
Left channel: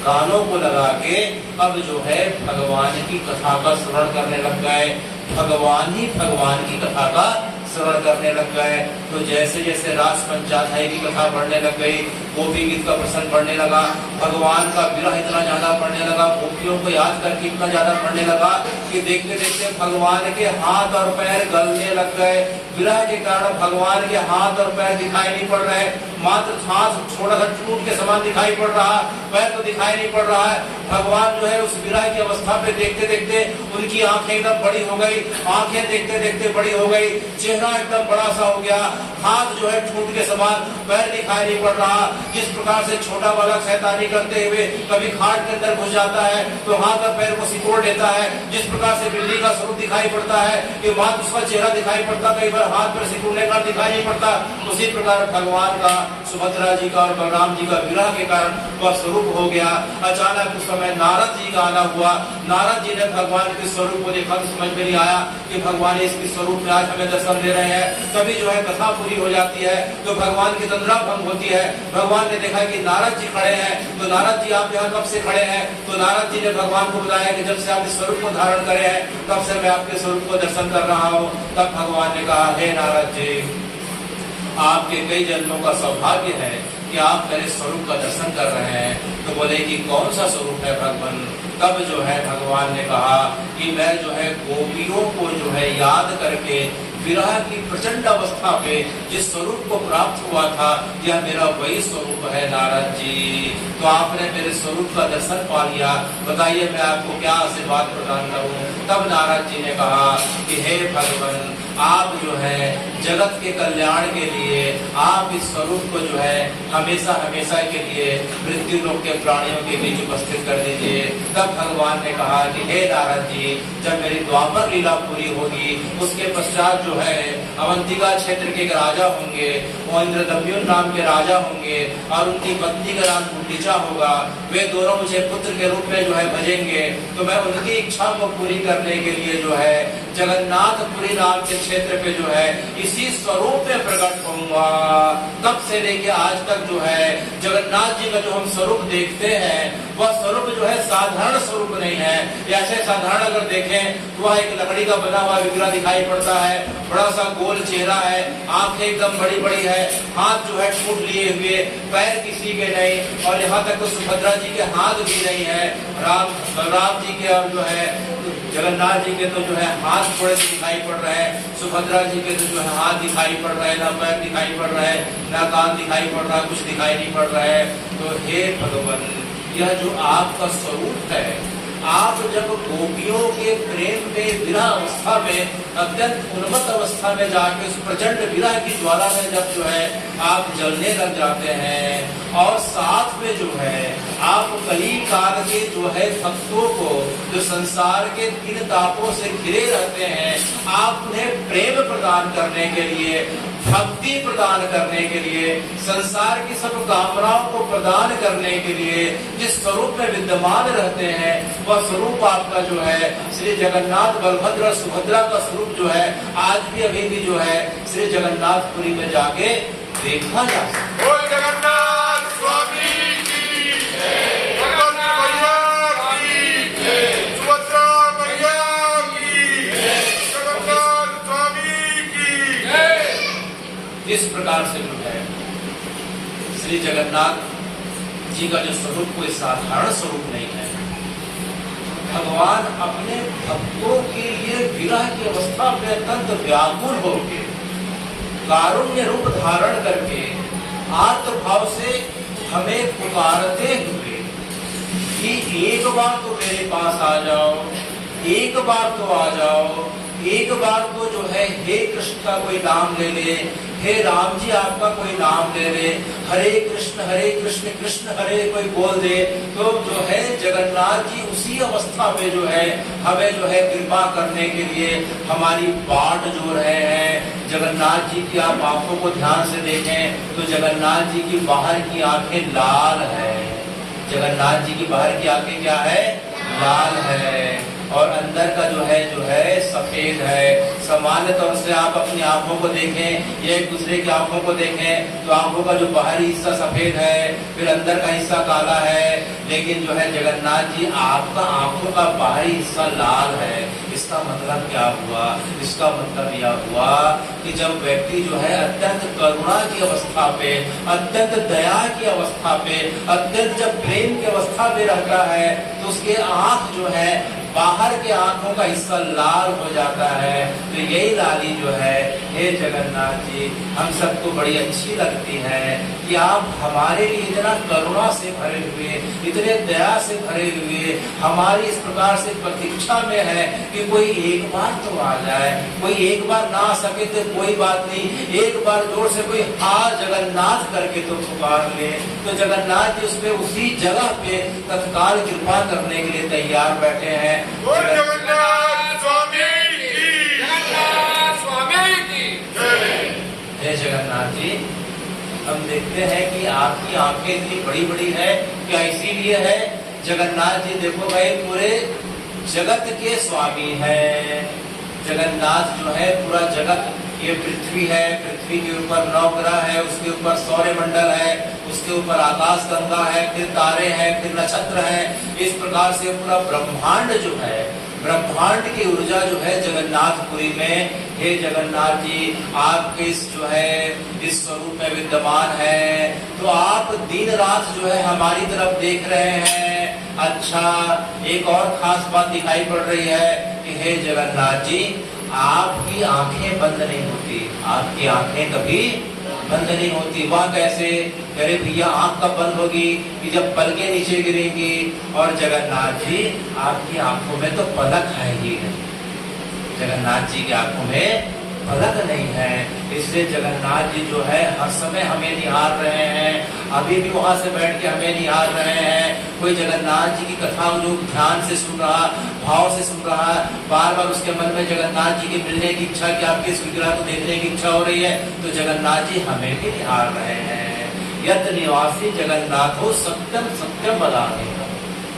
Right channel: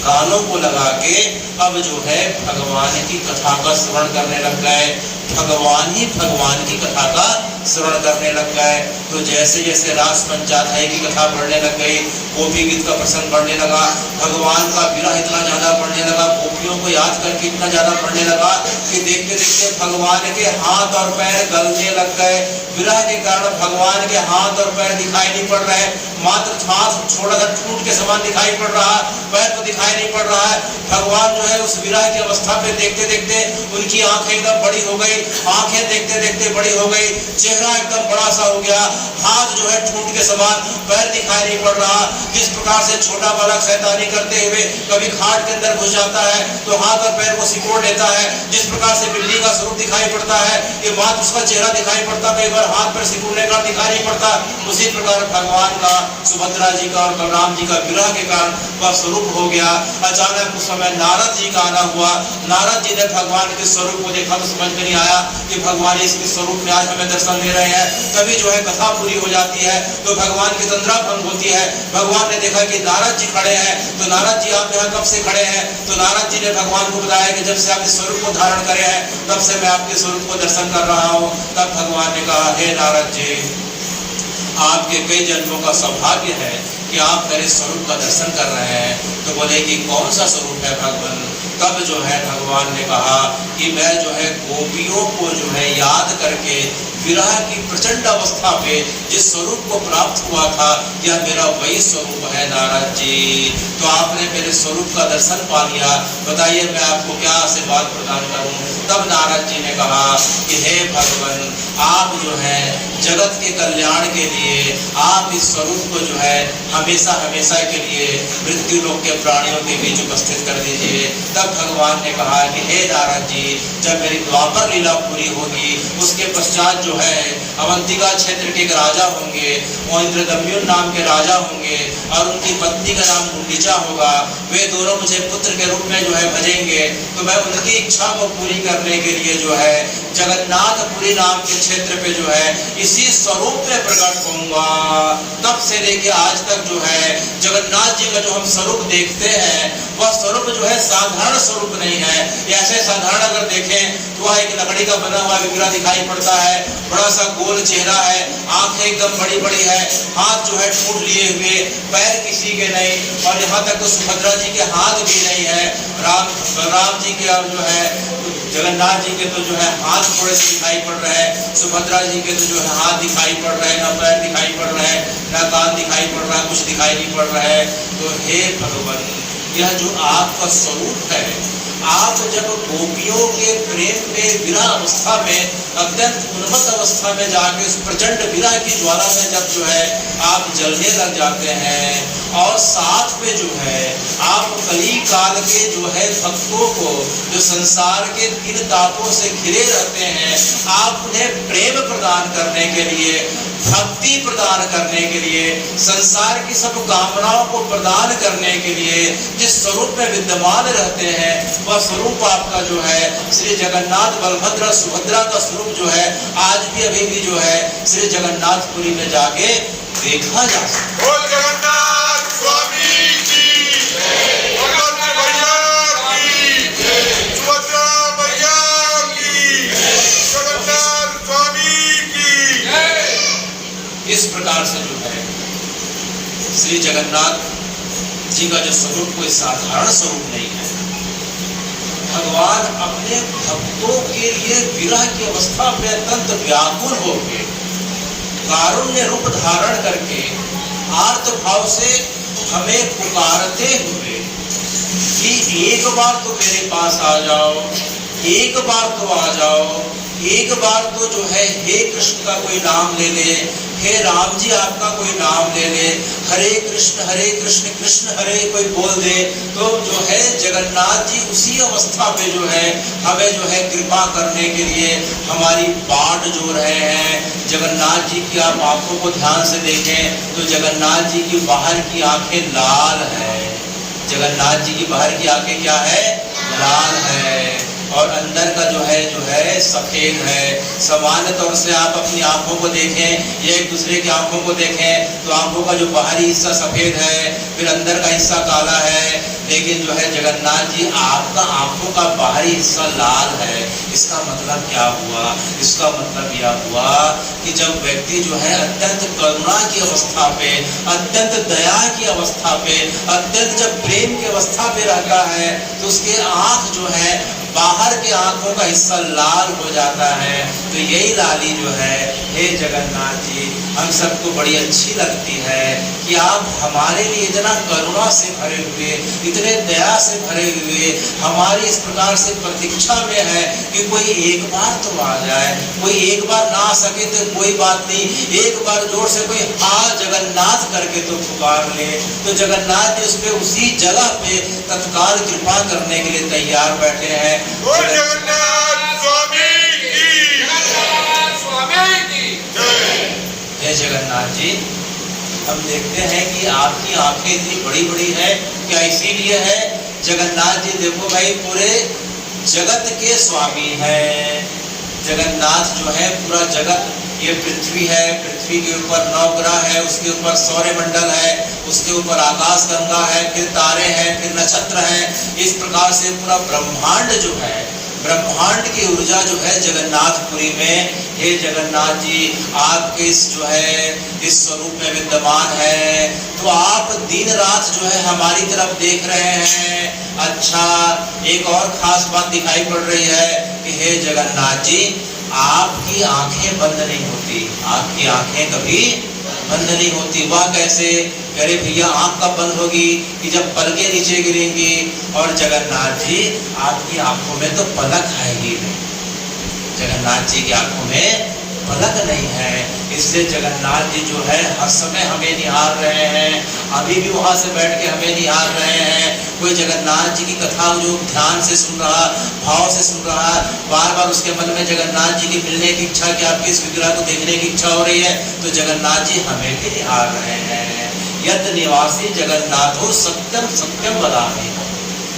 कानों को लगा के अब जो है भगवान की कथा का श्रवण करने लग गए। भगवान ही भगवान की कथा का श्रवण करने लग गए। तो जैसे जैसे रास पंचाध्याय की कथा बढ़ने लग गई, गोपी गीत का प्रसंग बढ़ने लगा, भगवान का विरह इतना ज्यादा बढ़ने लगा, गोपियों को याद करके इतना ज्यादा बढ़ने लगा कि देखते देखते भगवान के हाथ और पैर गलने लग गए। विरह के कारण भगवान के हाथ और पैर दिखाई नहीं पड़ रहे, मात्र हाथ थोड़ा सा टूट के समान दिखाई पड़ रहा, पैर तो दिखाई नहीं पड़ रहा है। भगवान जो है उस विरह की अवस्था पे देखते देखते उनकी आंखें एकदम बड़ी हो गई, आंखें देखते देखते बड़ी हो गई, चेहरा एकदम बड़ा सा हो गया, हाथ जो है ठूंठ के समान, पैर दिखाई नहीं पड़ रहा। जिस प्रकार से छोटा बालक शैतानी करते हुए कभी खाट के अंदर घुस जाता है तो हाथ और पैर को सिकोड़ लेता है, जिस प्रकार से बिल्ली का स्वरूप दिखाई पड़ता है कि मात्र उसका चेहरा दिखाई पड़ता, कई बार हाथ पैर सिकोड़ने का दिखाई नहीं पड़ता, उसी प्रकार भगवान का, सुभद्रा जी का और बलराम जी का विरह के कारण वह स्वरूप हो गया। अचानक उस समय नारद जी का आना हुआ। नारद जी ने भगवान के स्वरूप को देखा तो समझ में नहीं आया कि भगवान इसके स्वरूप में आज हमें दर्शन दे रहे हैं। तभी जो है कथा पूरी हो जाती है तो भगवान की तंद्रा भंग होती है। भगवान ने देखा कि नारद जी खड़े हैं, तो नारद जी आप यहाँ कब से खड़े हैं? तो नारद जी ने भगवान को बताया कि जब से आप इस स्वरूप को धारण करे हैं तब से मैं आपके स्वरूप को दर्शन कर रहा हूँ। तब भगवान ने कहा हे नारद जी, आपके कई जन्मों का सौभाग्य है कि आप मेरे स्वरूप का दर्शन कर रहे हैं। तो बोले कि कौन सा स्वरूप है भगवान? तब जो है भगवान ने कहा कि मैं जो है गोपियों को जो है याद करके विरह की प्रचंड अवस्था पे जिस स्वरूप को प्राप्त हुआ था, यह मेरा वही स्वरूप है नारद जी। तो आपने मेरे स्वरूप का दर्शन पा लिया, बताइए मैं आपको क्या आशीर्वाद प्रदान करूं? तब नारद जी ने कहा कि हे भगवान, आप जो है जगत के कल्याण के लिए आप इस स्वरूप को जो है हमेशा हमेशा के लिए मृत्यु लोक के प्राणियों के बीच उपस्थित कर दीजिए। तब भगवान ने कहा कि हे नारद जी, जब मेरी द्वापर लीला पूरी होगी उसके पश्चात जो है अवंतिका क्षेत्र के एक राजा होंगे, वो इंद्रदम्युन नाम के राजा होंगे और उनकी पत्नी का नाम गुंडीचा होगा। वे दोनों मुझे पुत्र के रूप में जो है भजेंगे। तो मैं उनकी इच्छा को पूरी करने के लिए जो है जगन्नाथपुरी नाम के क्षेत्र पे जो है इसी स्वरूप में प्रकट होऊंगा। तब से लेके आज तक जो है जगन्नाथ जी का जो हम स्वरूप देखते हैं वह स्वरूप जो है साधारण स्वरूप नहीं है। ऐसे साधारण अगर देखें तो वह एक लकड़ी का बना हुआ विग्रह दिखाई पड़ता है, बड़ा सा गोल चेहरा है, आंखें एकदम बड़ी बड़ी है, हाथ जो है ठूंठ लिए हुए, पैर किसी के नहीं, और यहाँ तक तो सुभद्रा जी के हाथ भी नहीं है। बलराम जी के और जो है जगन्नाथ जी के तो जो है हाथ थोड़े से दिखाई पड़ रहे हैं, सुभद्रा जी के तो जो है हाथ दिखाई पड़ रहे हैं, ना पैर दिखाई पड़ रहे हैं, ना कान दिखाई पड़ रहा है, कुछ दिखाई नहीं पड़ रहा है। तो हे भगवान, यह जो आपका स्वरूप है, आप जब गोपियों के प्रेम में विरह अवस्था में अत्यंत उन्मत्त अवस्था में जाके उस प्रचंड विरह की ज्वाला में जब जो है आप जलने लग जाते हैं और साथ में जो है आप कली काल के जो है भक्तों को जो संसार के तीन तापों से घिरे रहते हैं, आप उन्हें प्रेम प्रदान करने के लिए, भक्ति प्रदान करने के लिए, संसार की सब कामनाओं को प्रदान करने के लिए जिस स्वरूप में विद्यमान रहते हैं, वह स्वरूप आपका जो है श्री जगन्नाथ बलभद्र सुभद्रा का स्वरूप जो है आज भी अभी भी जो है श्री जगन्नाथपुरी में जाके देखा जा सकता है। जगन्नाथ स्वामी की बलभद्र भैया की, सुभद्रा भैया की, जगन्नाथ स्वामी की। इस प्रकार से जो है श्री जगन्नाथ जी का जो स्वरूप कोई साधारण स्वरूप नहीं है। भगवान अपने भक्तों के लिए विरह की अवस्था में अत्यंत व्याकुल होकर कारुण्य रूप धारण करके आर्त भाव से हमें पुकारते हुए कि एक बार तो मेरे पास आ जाओ, एक बार तो आ जाओ, एक बार तो जो है हे कृष्ण का कोई नाम ले ले, हे राम जी आपका कोई नाम ले ले, हरे कृष्ण कृष्ण हरे कोई बोल दे, तो जो है जगन्नाथ जी उसी अवस्था में जो है हमें जो है कृपा करने के लिए हमारी बाट जो रहे हैं। जगन्नाथ जी की आप आंखों को ध्यान से देखें तो जगन्नाथ जी की बाहर की आंखें लाल है। जगन्नाथ जी की बाहर की आंखें क्या है? लाल है, और अंदर का जो है सफेद है। सामान्य तौर से आप अपनी आंखों को देखें या एक दूसरे की आंखों को देखें तो आंखों का जो बाहरी हिस्सा सफेद है, फिर अंदर का हिस्सा काला है, लेकिन जो है जगन्नाथ जी आपका आंखों का बाहरी हिस्सा लाल है। इसका मतलब क्या हुआ? इसका मतलब यह हुआ कि जब व्यक्ति जो है अत्यंत करुणा की अवस्था पे, अत्यंत दया की अवस्था पे, अत्यंत जब प्रेम की अवस्था पे रहता है तो उसके आंख जो है बाहर के आंखों का हिस्सा लाल हो जाता है। तो यही लाली जो है हे जगन्नाथ जी हम सबको बड़ी अच्छी लगती है कि आप हमारे लिए इतना करुणा से भरे हुए, इतने दया से भरे हुए हमारी इस प्रकार से प्रतीक्षा में है कि कोई एक बार तो आ जाए। कोई एक बार ना आ सके तो कोई बात नहीं, एक बार जोर से कोई हाँ जगन्नाथ करके तो पुकार ले, तो जगन्नाथ जी उस पे उसी जगह पे तत्काल कृपा करने के लिए तैयार बैठे हैं। जगन्नाथ स्वामी की, जगन्नाथ स्वामी की जय। जय जगन्नाथ जी। हम देखते हैं कि आपकी आंखें इतनी बड़ी बड़ी है, क्या इसीलिए है? जगन्नाथ जी देखो भाई पूरे जगत के स्वामी है। जगन्नाथ जो है पूरा जगत, ये पृथ्वी है, पृथ्वी के ऊपर 9 ग्रह है, उसके ऊपर सौर्य मंडल है, उसके ऊपर आकाश गंगा है, फिर तारे हैं, फिर नक्षत्र है। इस प्रकार से पूरा ब्रह्मांड जो है, ब्रह्मांड की ऊर्जा जो है जगन्नाथपुरी में, हे जगन्नाथ जी आपके इस जो है इस स्वरूप में विद्यमान है। तो आप दिन रात जो है हमारी तरफ देख रहे हैं। अच्छा, एक और खास बात दिखाई पड़ रही है कि हे जगन्नाथ जी आपकी आंखें बंद नहीं होती, आपकी आंखें कभी बंद नहीं होती। वह कैसे? अरे भैया आंख कब बंद होगी? कि जब पलकें नीचे गिरेंगी। और जगन्नाथ जी आपकी आंखों में तो पलक आएगी नहीं, जगन्नाथ जी की आंखों में पलक नहीं है। इसलिए जगन्नाथ जी जो है हर समय हमें निहार रहे हैं, अभी भी वहां से बैठ के हमें निहार रहे हैं। कोई जगन्नाथ जी की कथा जो ध्यान से सुन रहा, भाव से सुन रहा, बार बार उसके मन में जगन्नाथ जी की मिलने की इच्छा, कि आपकी इस विग्रह को देखने की इच्छा हो रही है, तो जगन्नाथ जी हमें भी निहार रहे हैं। यत निवासी जगन्नाथ हो सत्यम सत्यम वदामि।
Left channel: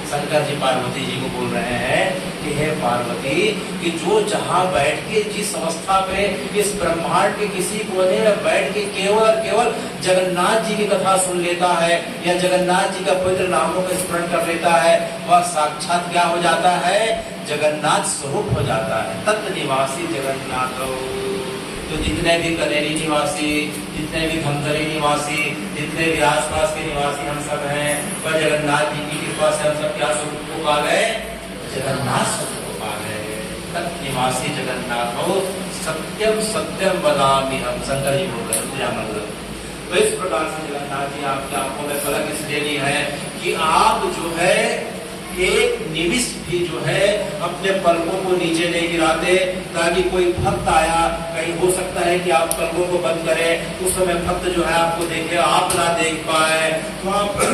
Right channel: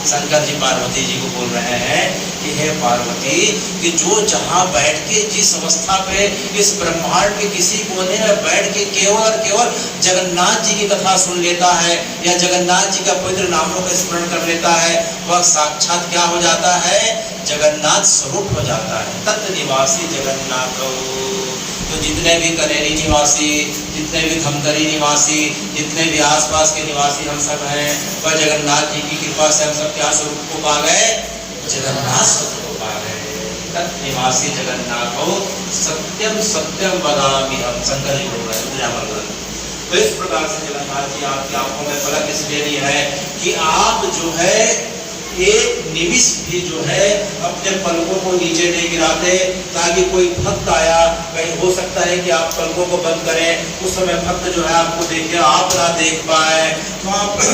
शंकर जी पार्वती जी को बोल रहे हैं कि हे पार्वती, कि जो जहां बैठ के जिस अवस्था पे इस ब्रह्मांड के किसी कोने में बैठ के केवल और केवल जगन्नाथ जी की कथा सुन लेता है या जगन्नाथ जी का पवित्र नामों का स्मरण कर लेता है, वह साक्षात क्या हो जाता है? जगन्नाथ स्वरूप हो जाता है। तत् निवासी जगन्नाथ। तो जितने भी कनेरी निवासी, जितने भी खमकरी निवासी, जितने भी आसपास के निवासी हम सब हैं, वह जगन्नाथ जी की कृपा से हम सब क्या स्वरूप को पा गए? जगन्नाथ स्वरूप को पा गए। तत् निवासी जगन्नाथ हो सत्यम सत्यम वदामि हम, शंकर जी बोल रहे हैं। तो इस प्रकार से जगन्नाथ जी आपकी आंखों में पलक इसलिए नहीं है कि आप जो है एक निमिष भी जो है अपने पलकों को नीचे नहीं गिराते, ताकि कोई भक्त आया, कहीं हो सकता है कि आप पलकों को बंद करें, उस समय भक्त जो है आपको देखे, आप ना देख पाए, तो आप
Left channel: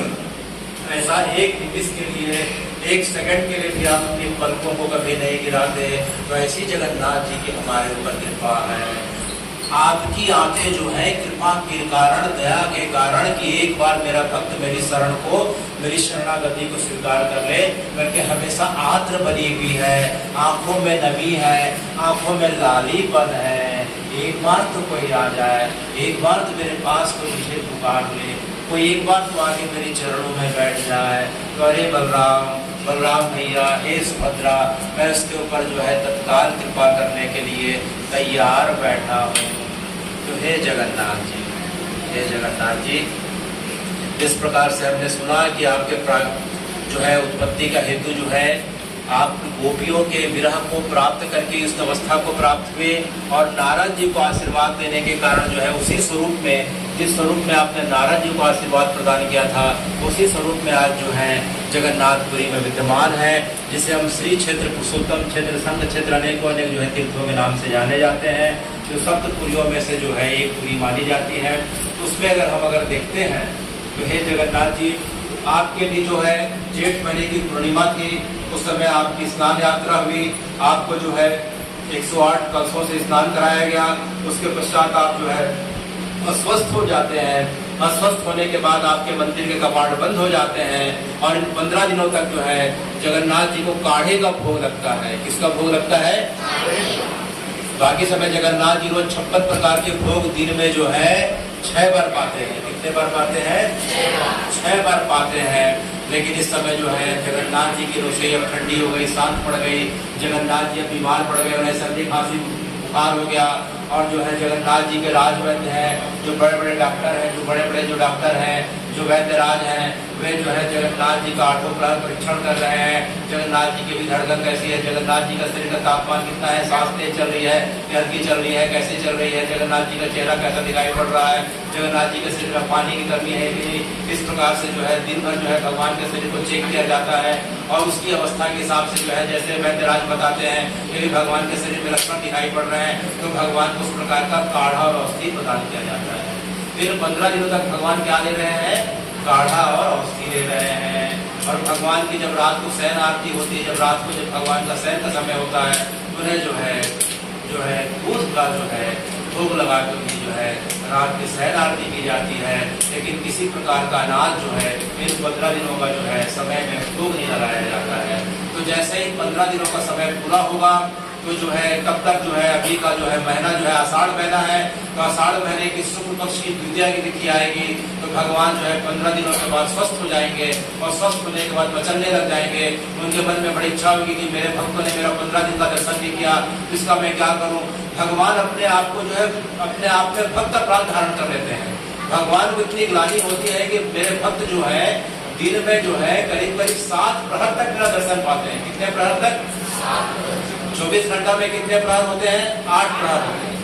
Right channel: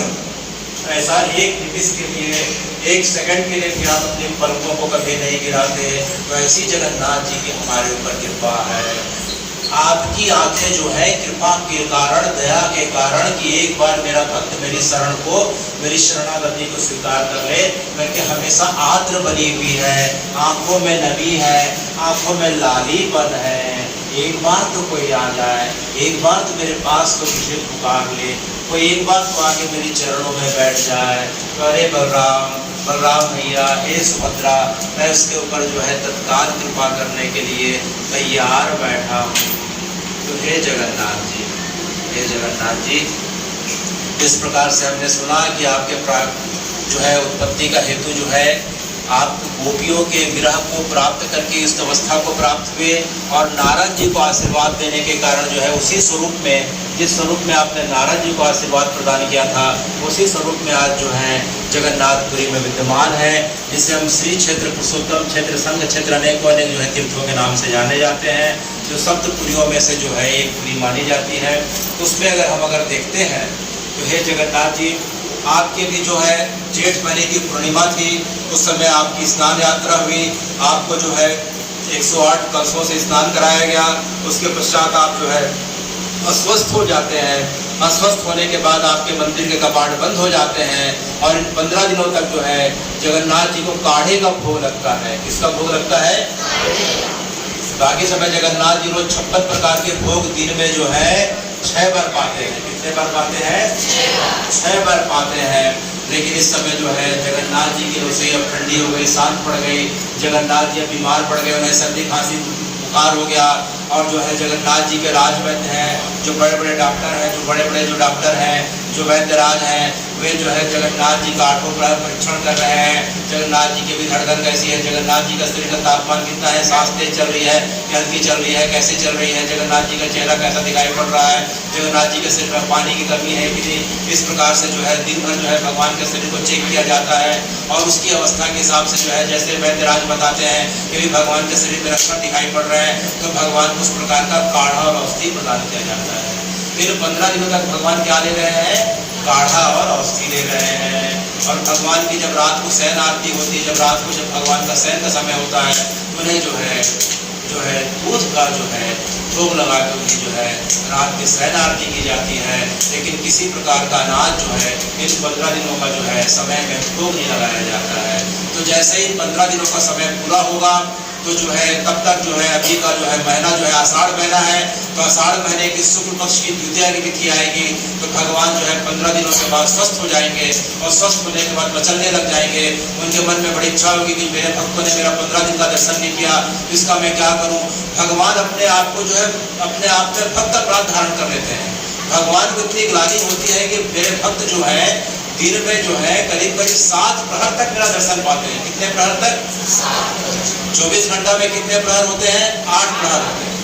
ऐसा एक निमिष के लिए, एक सेकंड के लिए भी आप अपने पलकों को कभी नहीं गिराते। तो ऐसी जगन्नाथ जी की हमारे ऊपर कृपा है। आपकी आंखें जो है कृपा के कारण, दया के कारण, कि एक बार मेरा भक्त मेरी शरण को, मेरी शरणागति को स्वीकार कर ले, मैं के हमेशा आर्द्र बनी हुई है, आंखों में नमी है, आंखों में लालीपन है। एक बार तो कोई आ जाए, एक बार तो मेरे पास कोई मुझे पुकार ले, कोई एक बार तो आके मेरे चरणों में बैठ जाए। तो अरे बलराम भैया, हे सुभद्रा, मैं उसके ऊपर जो है तत्काल कृपा करने के लिए तैयार बैठा हूँ। तो हे जगन्नाथ जी, हे जगन्नाथ जी, इस प्रकार से हमने सुना कि आपके जो है उत्पत्ति का हेतु जो है, आप गोपियों के विरह को प्राप्त करके इस अवस्था को प्राप्त हुए, और नारद जी को आशीर्वाद देने के कारण जो है उसी स्वरूप में, जिस स्वरूप में आपने नारद जी को आशीर्वाद प्रदान किया था, उसी स्वरूप में आज जो है जगन्नाथपुरी में विद्यमान है, जिसे हम श्री क्षेत्र, पुरुषोत्तम क्षेत्र, संघ क्षेत्र, अनेकों अनेक जो है तीर्थों के नाम से जाने जाते हैं, जो सप्तपुरियों में से जो है एक पुरी मानी जाती है। उसमें अगर देखते हैं तो हे जगन्नाथ जी, आपके भी जो है जेठ महीने की पूर्णिमा थी, उस समय आपकी स्नान यात्रा हुई, आपको जो है 108 कलशों से स्नान कराया गया। उसके पश्चात आप जो है अस्वस्थ हो जाते हैं। अस्वस्थ होने के बाद आपके मंदिर के कपाट बंद हो जाते हैं, और इन 15 दिनों तक जो है जगन्नाथ जी को काढ़े का भोग लगता है। किसका भोग लगता है? बाकी समय जगन्नाथ जी रोज 56 प्रकार के भोग दिन में जो है 6 बार पाते हैं। कितने बार पाते हैं? 6 बार पाते हैं। लेकिन इस समय जो है जगन्नाथ जी की रसोई अब ठंडी हो गई, शांत पड़ गई, जगन्नाथ जी अब बीमार पड़ गए, उन्हें सर्दी खांसी बुखार हो गया, और जो है जगन्नाथ जी के राजवैद्य हैं, जो बड़े बड़े डॉक्टर हैं, जो बड़े बड़े जो डॉक्टर हैं, जो वैद्यराज हैं, वे जो है जगन्नाथ जी का 8वां प्रहर परीक्षण कर रहे हैं। जगन्नाथ जी की भी धड़कन कैसी है, जगन्नाथ जी का शरीर का तापमान कितना है, सांस तेज चल रही है, हल्की चल रही है, कैसे चल रही है, जगन्नाथ जी का चेहरा कैसा दिखाई पड़ रहा है, जगन्नाथ जी के शरीर में पानी की कमी है कि नहीं। इस प्रकार से जो है दिन भर जो है भगवान के शरीर को चेक किया जाता है, और उसकी अवस्था के हिसाब से जो है, जैसे वैद्यराज बताते हैं कि भी भगवान के शरीर में लक्षण दिखाई पड़ रहे हैं, तो भगवान को उस प्रकार का काढ़ा और औषधि प्रदान किया जाता है। फिर 15 दिनों तक भगवान क्या ले रहे हैं? काढ़ा और औषधि ले रहे हैं। और भगवान की जब रात को शयन आरती होती है, जब रात को जब भगवान का शयन का समय होता है, तो उन्हें जो है दूध का जो है भोग लगा के उन्हें जो है रात की शयन आरती की जाती है। लेकिन किसी प्रकार का अनाज जो है इन 15 दिनों का जो है समय में भोग नहीं लगाया जाता है। तो जैसे ही 15 दिनों का समय पूरा होगा, तो जो है तब तक जो है अभी का जो है महीना जो है आषाढ़ महीना है, तो आषाढ़ महीने की शुक्ल पक्ष की द्वितीया की तिथि आएगी, तो भगवान जो है 15 दिनों के बाद स्वस्थ हो जाएंगे, और स्वस्थ होने के बाद मचलने लग जाएंगे। उनके मन में बड़ी इच्छा होगी कि मेरे भक्तों ने मेरा 15 दिन का दर्शन नहीं किया, इसका मैं क्या करूं। भगवान अपने आप को जो है अपने आप में भक्त अपराध धारण कर लेते हैं। भगवान को इतनी ग्लानि होती है कि मेरे भक्त जो है दिन में जो है करीब 7 प्रहर तक मेरा दर्शन पाते हैं। कितने प्रहर तक? 24 घंटा में कितने प्रहर होते हैं? 8 प्रहर होते हैं।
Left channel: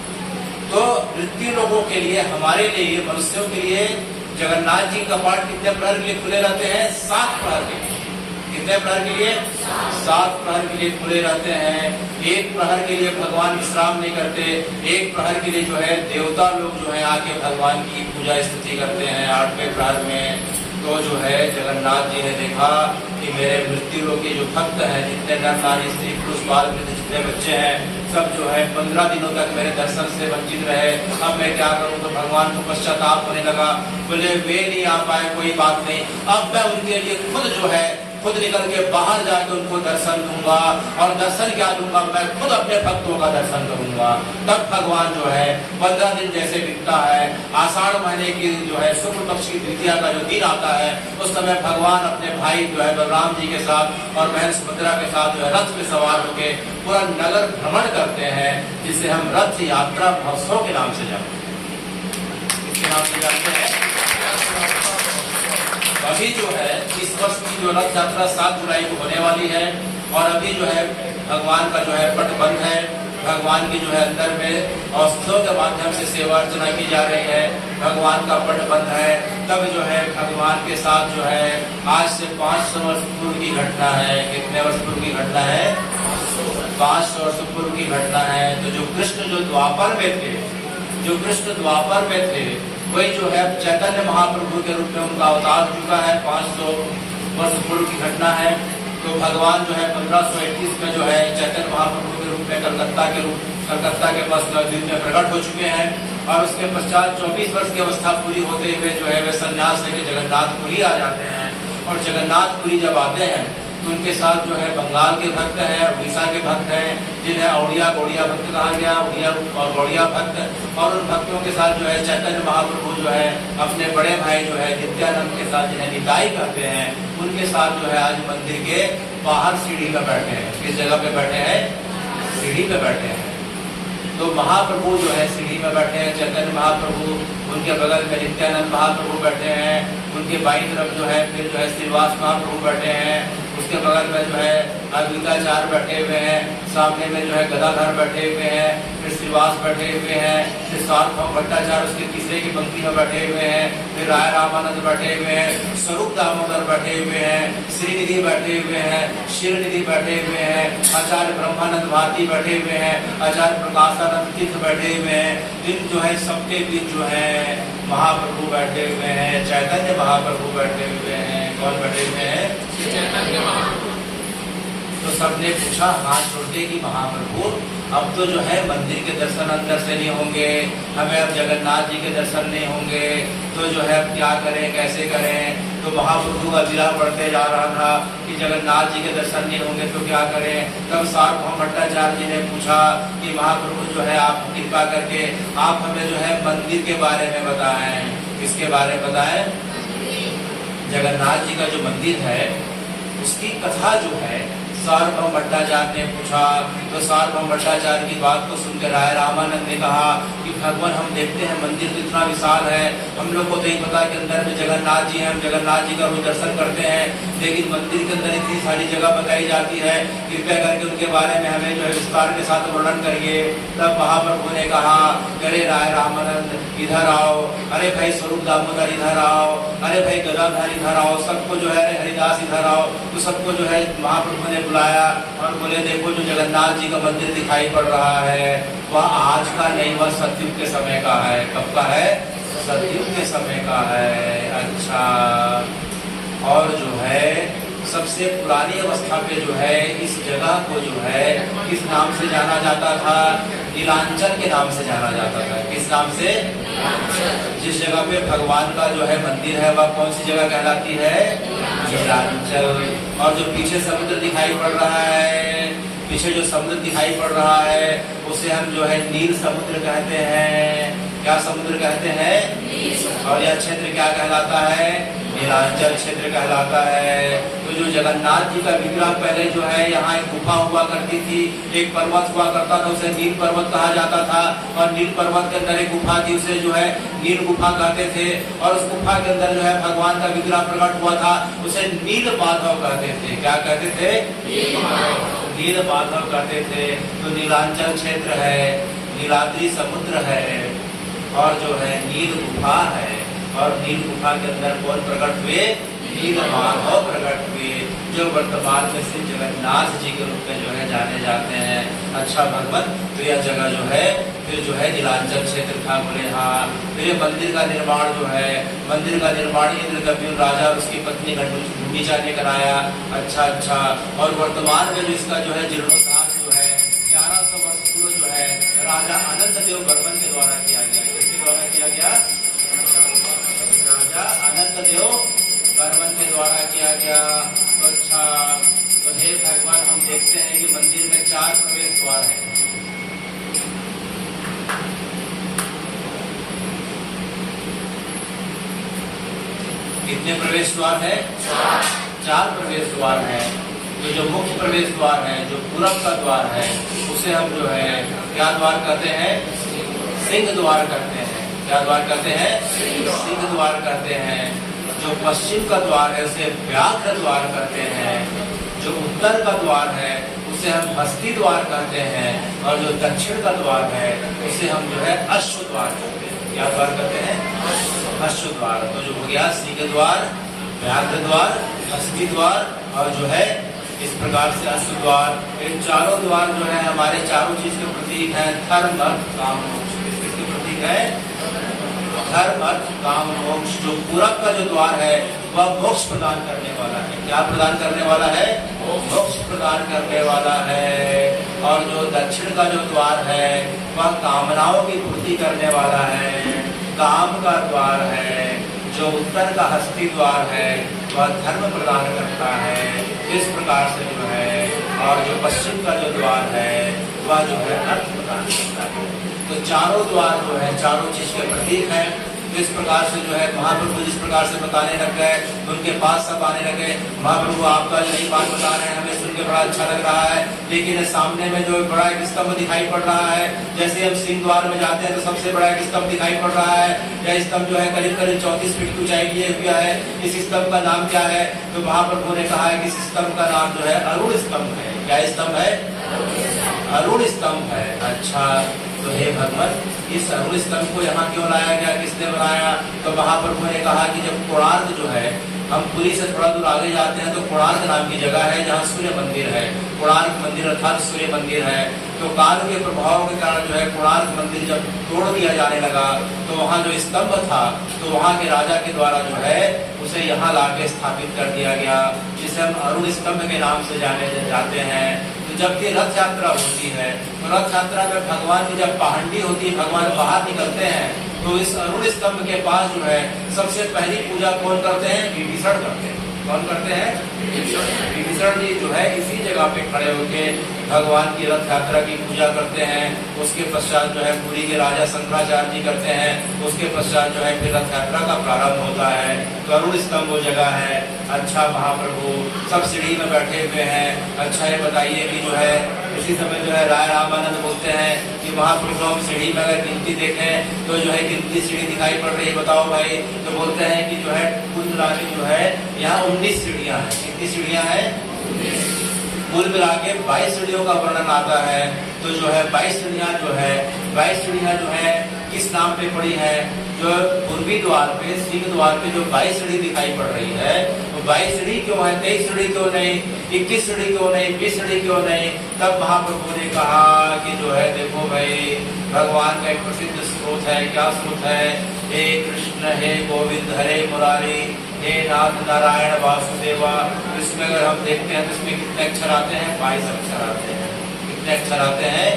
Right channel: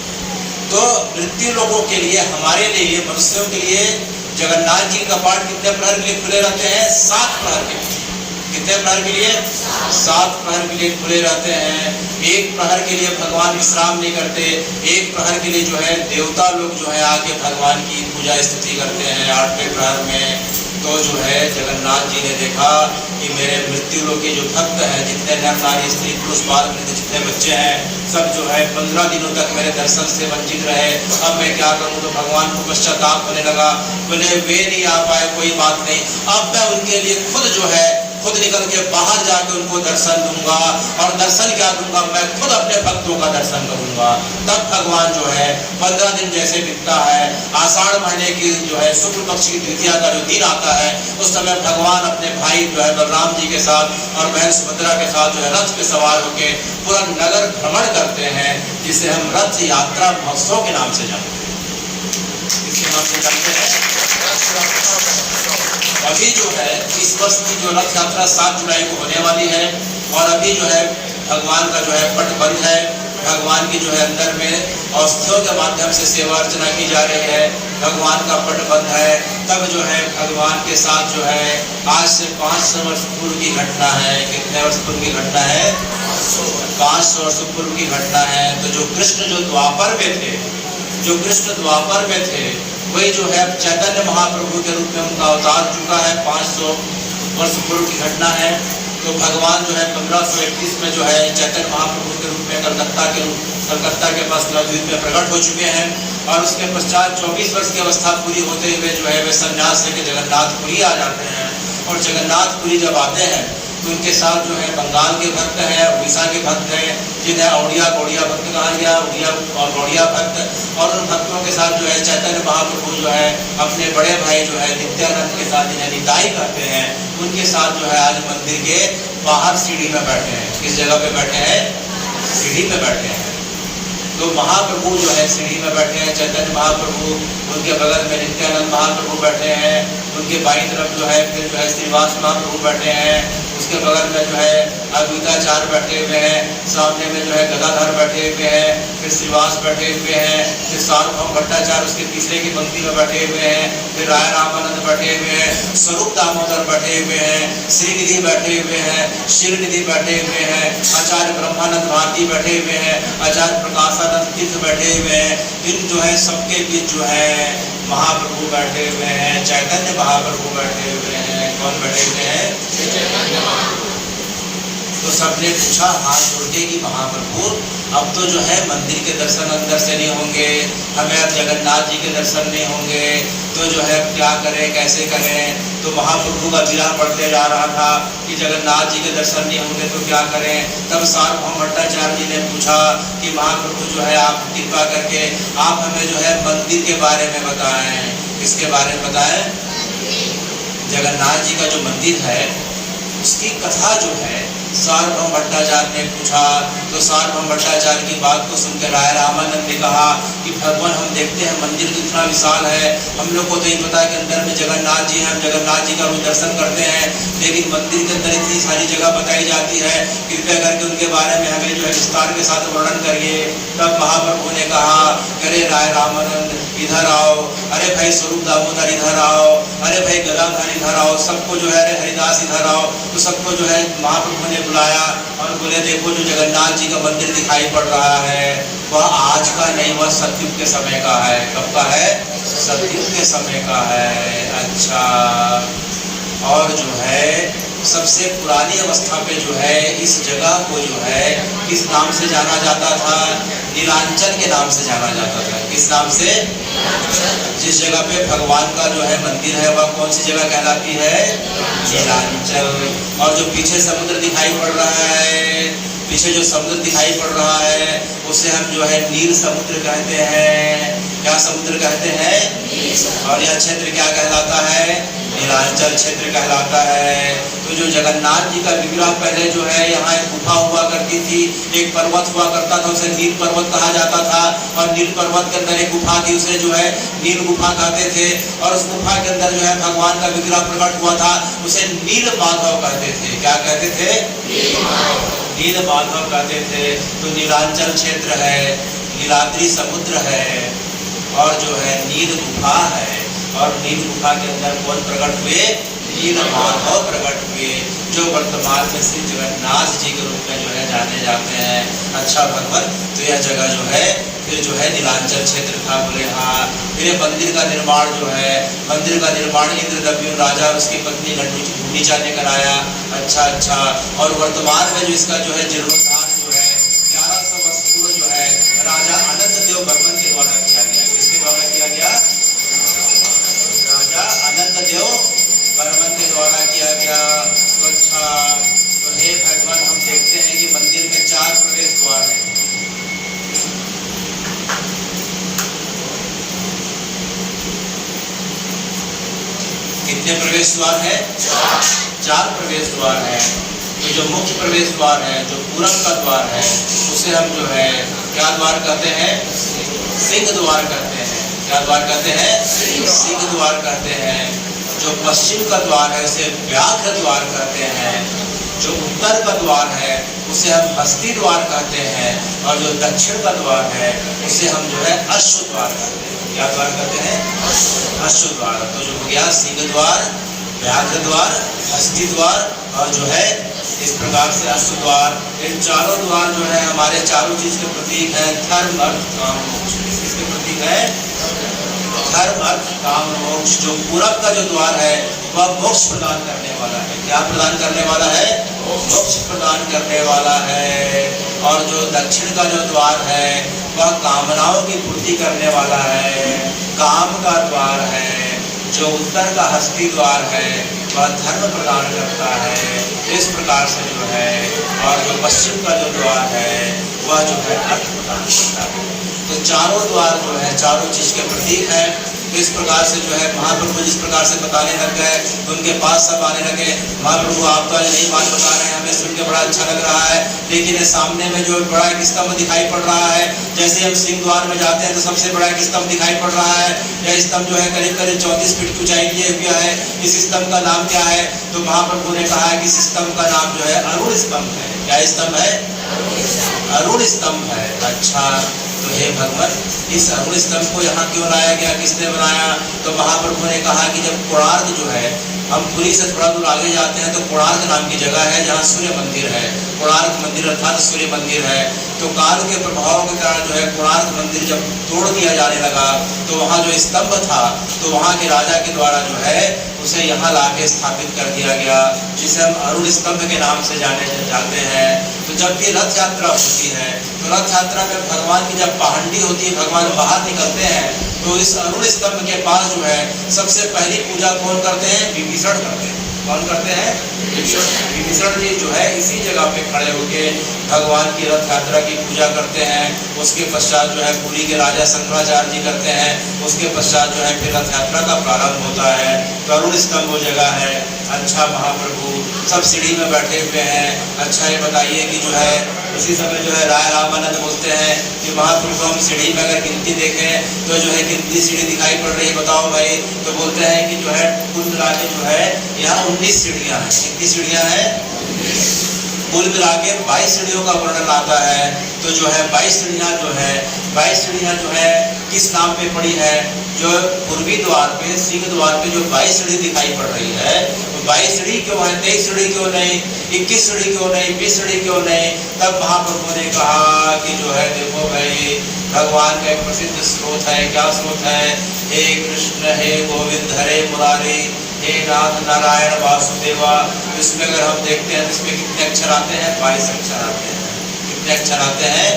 तो मृत्यु लोगों के लिए, हमारे लिए, मनुष्यों के लिए जगन्नाथ जी का कपाट कितने प्रहर के लिए खुले रहते हैं? 7 प्रहर के लिए। कितने प्रहर के लिए? 7 प्रहर के लिए खुले रहते हैं। एक प्रहर के लिए भगवान विश्राम नहीं करते। एक प्रहर के लिए जो है देवता लोग जो है आके भगवान की पूजा स्तुति करते हैं 8वें प्रहर में। तो जो है जगन्नाथ जी ने देखा कि मेरे मृत्यु लोग के जो भक्त हैं, जितने नर नारी स्त्री पुरुष बाल वृद्ध जितने बच्चे हैं, सब जो है 15 दिनों तक मेरे दर्शन से वंचित रहे। अब मैं क्या करूं? तो भगवान को पश्चाताप होने लगा। बोले वे नहीं आ पाए, कोई बात नहीं, अब मैं उनके लिए खुद निकल के बाहर जाके उनको दर्शन दूंगा। और दर्शन क्या दूंगा? मैं खुद अपने भक्तों का दर्शन करूंगा। तब भगवान जो है 15 दिन जैसे बीतता है, आषाढ़ महीने की जो है शुक्ल पक्ष की द्वितीया का जो दिन आता है, उस समय भगवान अपने भाई जो है बलराम जी के साथ और बहन सुभद्रा के साथ जो है रथ पे सवार होकर पूरा नगर भ्रमण करते हैं, जिसे हम रथ यात्रा महोत्सव के नाम से जानते हैं। किसके नाम से जानते हैं? अभी जो है इस वर्ष की जो रथ यात्रा 7 जुलाई को होने वाली है और अभी जो है भगवान का जो है पट बंद है। भगवान की जो है अंदर में औषधियों के माध्यम से सेवा अर्चना की जा रही है। भगवान का पट बंद है। तब जो है भगवान के साथ जो है आज से 500 वर्ष पूर्व की घटना है। कितने वर्ष पूर्व की घटना है? 500 वर्ष पूर्व की घटना है। तो जो कृष्ण जो द्वापर में थे, जो कृष्ण द्वापर में थे, वही जो है चैतन्य महाप्रभु के रूप में उनका अवतार चुका है। 500 वर्ष पूर्व की घटना है। तो भगवान जो है 1521 में जो है चैतन्य महाप्रभु के रूप में कलकत्ता के पास नवद्वीप में प्रकट हो चुके हैं और उसके पश्चात 24 वर्ष की अवस्था पूरी होते हुए जो है वे संन्यास लेके जगन्नाथपुरी आ जाते हैं। और जगन्नाथपुरी जब आते हैं तो उनके साथ जो है बंगाल के भक्त हैं, उड़ीसा के भक्त हैं, जिन्हें औड़िया गौड़िया भक्त कहा गया, उड़िया और गौड़िया भक्त। और उन भक्तों के साथ जो है चैतन्य महाप्रभु जो है अपने बड़े भाई जो है नित्यानंद के साथ, जिन्हें निताई कहते हैं, उनके साथ जो है आज मंदिर के बाहर सीढ़ी में बैठे हैं। किस जगह पे बैठे हैं? सीढ़ी पे बैठे हैं। तो महाप्रभु जो है सीढ़ी में बैठे हैं, चैतन्य महाप्रभु, उनके बगल में नित्यानंद महाप्रभु बैठे हैं, उनके बाईं तरफ जो है फिर जो है श्रीवास महाप्रभु बैठे हैं, उसके बगल में जो है अद्वैताचार्य बैठे हुए हैं, सामने में जो है गदाधर बैठे हुए हैं, फिर श्रीवास बैठे हुए हैं, फिर सार्वभौम भट्टाचार्य उसके तीसरे की पंक्ति में बैठे हुए हैं, फिर राय रामानंद बैठे हुए हैं, स्वरूप दामोदर बैठे हुए हैं, श्रीनिधि बैठे हुए हैं, शिवनिधि बैठे हुए हैं, आचार्य ब्रह्मानंद भारती बैठे हुए हैं, आचार्य प्रकाशानंद तीर्थ बैठे हुए हैं। इन जो है सबके बीच जो है महाप्रभु बैठे हुए हैं, चैतन्य महाप्रभु बैठे हुए हैं। कौन बैठे हुए हैं? तो सबने पूछा हाथ जोड़ के कि महाप्रभु अब तो जो है मंदिर के दर्शन अंदर से नहीं होंगे, हमें अब जगन्नाथ जी के दर्शन नहीं होंगे, तो जो है अब क्या करें, कैसे करें? तो महाप्रभु का विरह बढ़ते जा रहा था कि जगन्नाथ जी के दर्शन नहीं होंगे तो क्या करें? तब सार्वभौम भट्टाचार्य जी ने पूछा कि महाप्रभु जो है आप कृपा करके आप हमें जो है मंदिर के बारे में बताएं। किसके बारे में बताएं? जगन्नाथ जी का जो मंदिर है उसकी कथा जो है सार्वभौम भट्टाचार्य ने पूछा। तो सार्वभौम भट्टाचार्य की बात को सुनकर राय रामानंद ने कहा कि भगवान हम देखते हैं मंदिर कितना विशाल है, हम लोग को तो नहीं पता कि अंदर में जगन्नाथ जी हैं, हम जगन्नाथ जी का रोज दर्शन करते हैं, लेकिन मंदिर के अंदर इतनी सारी जगह बताई जाती है, कृपया करके उनके बारे में हमें जो है विस्तार के साथ वर्णन करिए। तब महाप्रभु ने कहा, अरे राय रामानंद इधर आओ, अरे भाई स्वरूप दामोदर इधर आओ, अरे भाई गदाधर इधर आओ, सबको जो है अरे हरिदास इधर आओ। तो सबको जो है महाप्रभु ने बुलाया और बोले देखो जो जगन्नाथ जी का मंदिर दिखाई पड़ रहा है वह आज का नहीं, वह सतयुग के समय का है। कब का है? सतयुग के समय का है। अच्छा, और जो है सबसे पुरानी अवस्था पे जो है इस जगह को जो है किस नाम से जाना जाता था? नीलांचल के नाम से जाना जाता था। किस नाम से? जिस जगह पे भगवान का जो है मंदिर है वह कौन सी जगह कहलाती है? नीलांचल। और जो पीछे समुद्र दिखाई पड़ रहा है, पीछे जो समुद्र दिखाई पड़ रहा है उसे हम जो है नील समुद्र कहते हैं। क्या समुद्र कहते हैं? और यह क्षेत्र क्या कहलाता है? नीलांचल क्षेत्र कहलाता है। तो जो जगन्नाथ जी का विग्रह पहले जो है यहाँ एक गुफा हुआ करती थी, एक पर्वत हुआ करता था, उसे नील पर्वत कहा जाता था। और नील पर्वत के अंदर एक गुफा थी, उसे जो है नील गुफा कहते थे। और उस गुफा के अंदर जो है भगवान का विग्रह प्रकट हुआ था, उसे नील माधव कहते थे। क्या कहते थे? नील माधव कहते थे। तो नीलांचल क्षेत्र है, नीलाद्री समुद्र है और जो है नील गुफा है। और नील गुफा के अंदर कौन प्रकट हुए? नील माधव प्रकट हुए, जो वर्तमान में श्री जगन्नाथ जी के रूप में जो है जाने जाते हैं। अच्छा भगवान, तो यह जगह जो है फिर जो है नीलांचल क्षेत्र था। बोले हाँ। फिर मंदिर का निर्माण जो है, मंदिर का निर्माण इंद्रद्युम्न राजा और उसकी पत्नी गुंडीचा ने कराया। अच्छा, और वर्तमान में जो इसका जो है जीर्णोद्धार जो है 1100 वर्ष पूर्व जो है राजा अनंत देव बर्मन के द्वारा किया गया। किसके द्वारा किया गया? राजा अनंत देव बर्मन के द्वारा किया गया। तो अच्छा, तो हे भगवान हम देखते हैं कि मंदिर में 4 प्रवेश द्वार हैं। कितने प्रवेश द्वार है? 4 प्रवेश द्वार है। ये जो मुख्य प्रवेश द्वार है, जो पूरब का द्वार है, उसे हम जो है क्या द्वार कहते हैं? सिंह द्वार कहते हैं। क्या द्वार कहते हैं? सिंह द्वार कहते हैं। जो पश्चिम का द्वार है उसे व्याघ्र द्वार कहते हैं, जो उत्तर का द्वार है उसे हम हस्ती द्वार कहते हैं, और जो दक्षिण का द्वार है उसे हम जो है अश्व द्वार कहते हैं। क्या द्वार कहते हैं? अश्व द्वार। तो जो हो गया सिंह द्वार, व्याघ्र द्वार, हस्ती द्वार और जो है इस प्रकार से अश्व द्वार। इन चारों द्वार जो है हमारे चारों चीज के प्रतीक है, धर्म अर्थ काम मोक्ष। किसके प्रतीक है? धर्म अर्थ काम मोक्ष। जो पूरब का जो द्वार है वह मोक्ष प्रदान करने वाला है। क्या प्रदान करने वाला है? मोक्ष प्रदान करने वाला है। और जो दक्षिण का जो द्वार है वह कामनाओं की पूर्ति करने वाला है, काम का द्वार है। जो उत्तर का हस्ती द्वार है वह धर्म प्रदान करता है, इस प्रकार से जो है। और जो पश्चिम का जो द्वार है वह जो है अर्थ प्रदान करता है। तो चारों द्वार जो है चारों चीज के प्रतीक है। इस प्रकार से जो है महाप्रभु जिस प्रकार से बताने लग गए, उनके पास सब आने लगे। महाप्रभु आप तो नई बात बता रहे हैं, हमें सुन के बड़ा अच्छा लग रहा है, लेकिन सामने में जो बड़ा एक स्तंभ दिखाई पड़ रहा है, जैसे हम सिंह द्वार में जाते हैं तो सबसे बड़ा एक स्तंभ दिखाई पड़ रहा है। यह स्तंभ जो है करीब करीब 34 फीट की ऊंचाई लिए हुआ है। इस स्तंभ का नाम क्या है? तो महाप्रभु ने कहा है कि इस स्तंभ का नाम जो है अरुण स्तंभ है। क्या स्तंभ है? अरुण स्तंभ है। अच्छा, तो हे भगवान, इस अरुण स्तंभ को यहाँ क्यों लाया गया, किसने बनाया? तो महाप्रभु ने कहा कि जब कोणार्क जो है, हम पुरी से थोड़ा दूर आगे जाते हैं तो कोणार्क नाम की जगह है जहाँ सूर्य मंदिर है। कोणार्क मंदिर अर्थात सूर्य मंदिर है। तो काल के प्रभाव के कारण जो है कोणार्क मंदिर जब तोड़ दिया जाने लगा तो वहाँ जो स्तंभ था तो वहाँ के राजा के द्वारा जो है उसे यहाँ लाके स्थापित कर दिया गया, जिसे हम अरुण स्तंभ के नाम से जाने जाते हैं। तो जब भी रथ यात्रा होती है तो रथ यात्रा में भगवान की जब पहाड़ी होती है, भगवान बाहर निकलते हैं, तो इस अरुण स्तंभ के पास जो है सबसे पहली पूजा कौन करते हैं? विभीषण करते हैं। कौन करते हैं? विभीषण जी जो है इसी जगह पे खड़े होके भगवान की रथ यात्रा की पूजा करते हैं। उसके पश्चात जो है पुरी के राजा शंकराचार्य जी करते हैं। उसके पश्चात जो है फिर रथ यात्रा का प्रारंभ होता है। तो अरुण स्तंभ वो जगह है। अच्छा, महाप्रभु सब सीढ़ी में बैठे हुए हैं। अच्छा, ये बताइए कि जो है उसी समय जो है राय रामानंद बोलते हैं कि महाप्रभु हम सीढ़ी में अगर गिनती देखें तो जो है कितनी सीढ़ी दिखाई पड़ रही है, बताओ भाई। तो बोलते हैं कि जो है कुल मिला के जो है यहाँ 19 सीढ़ियाँ हैं। कितनी सीढ़ियाँ हैं? कुल मिला के 22 सीढ़ियों का वर्णन आता है। तो जो है 22 सीढ़ियाँ जो है 22 सीढ़ियाँ जो है किस नाम पे पड़ी है? जो पूर्वी द्वार पे, सिंह द्वार पे जो 22 सीढ़ी दिखाई पड़ रही है, तो 22 सीढ़ी क्यों है? 23 सीढ़ी क्यों नहीं? 21 सीढ़ी क्यों नहीं? 20 सीढ़ी क्यों नहीं? तब महाप्रभु ने कहा कि जो है देखो भाई, भगवान का एक प्रसिद्ध स्रोत है। क्या स्रोत है? हे कृष्ण, हे गोविंद, हरे मुरारी, हे नाथ नारायण वासुदेवा। इसमें अगर हम देखते हैं तो इसमें कितने अक्षर आते हैं? 22 अक्षर आते हैं। कितने अक्षर आते हैं?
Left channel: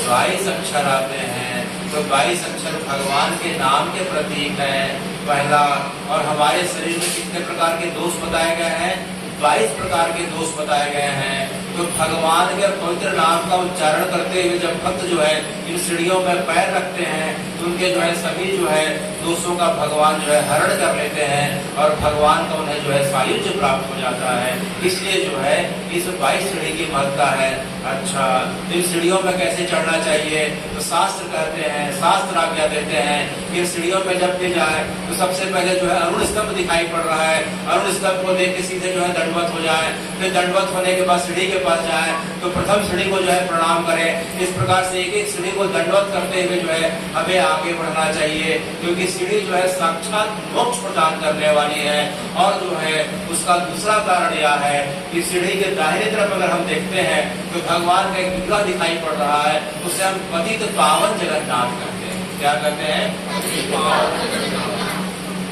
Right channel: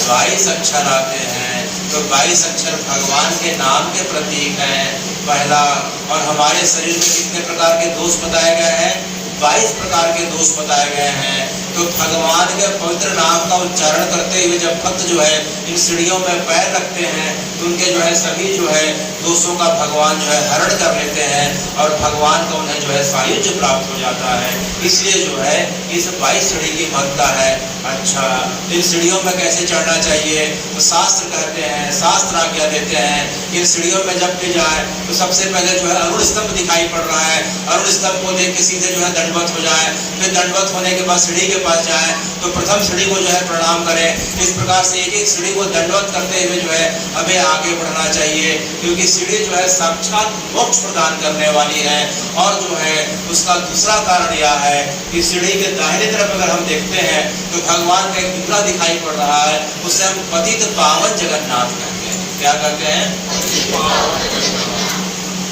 22 अक्षर आते हैं। तो 22 अक्षर भगवान के नाम के प्रतीक हैं, पहला। और हमारे शरीर में कितने प्रकार के दोष बताए गए हैं? 22 प्रकार के दोष बताए गए हैं। तो भगवान के पवित्र नाम का उच्चारण करते हुए जब भक्त जो है इन सीढ़ियों में पैर रखते हैं तो उनके जो है सभी जो है दोषों का भगवान जो है हरण कर लेते हैं और भगवान को उन्हें जो है सायुज्य प्राप्त हो जाता है। इसलिए जो है इस 22 सीढ़ी की महत्ता है। अच्छा, इन सीढ़ियों में कैसे चढ़ना चाहिए? तो शास्त्र कहते हैं, शास्त्र आज्ञा देते हैं, इन सीढ़ियों में जब भी जाए तो सबसे पहले जो है अरुण स्तंभ दिखाई पड़ रहा है, अरुण स्तंभ को देख के सीधे जो है दंडवत हो जाए। फिर दंडवत होने के बाद सीढ़ी के पास जाए तो प्रथम सीढ़ी को जो है प्रणाम करें। इस प्रकार से एक एक सीढ़ी को दंडवत करते हुए जो है हमें आगे बढ़ना चाहिए, क्योंकि सीढ़ी जो है साक्षात मोक्ष प्रदान करने वाली है। और जो है उसका दूसरा कारण यह है कि सीढ़ी के दाहिने तरफ अगर हम देखते हैं तो भगवान का एक पुतला दिखाई पड़ रहा है, उसे हम पतित पावन जगन्नाथ कहते हैं। क्या कहते हैं?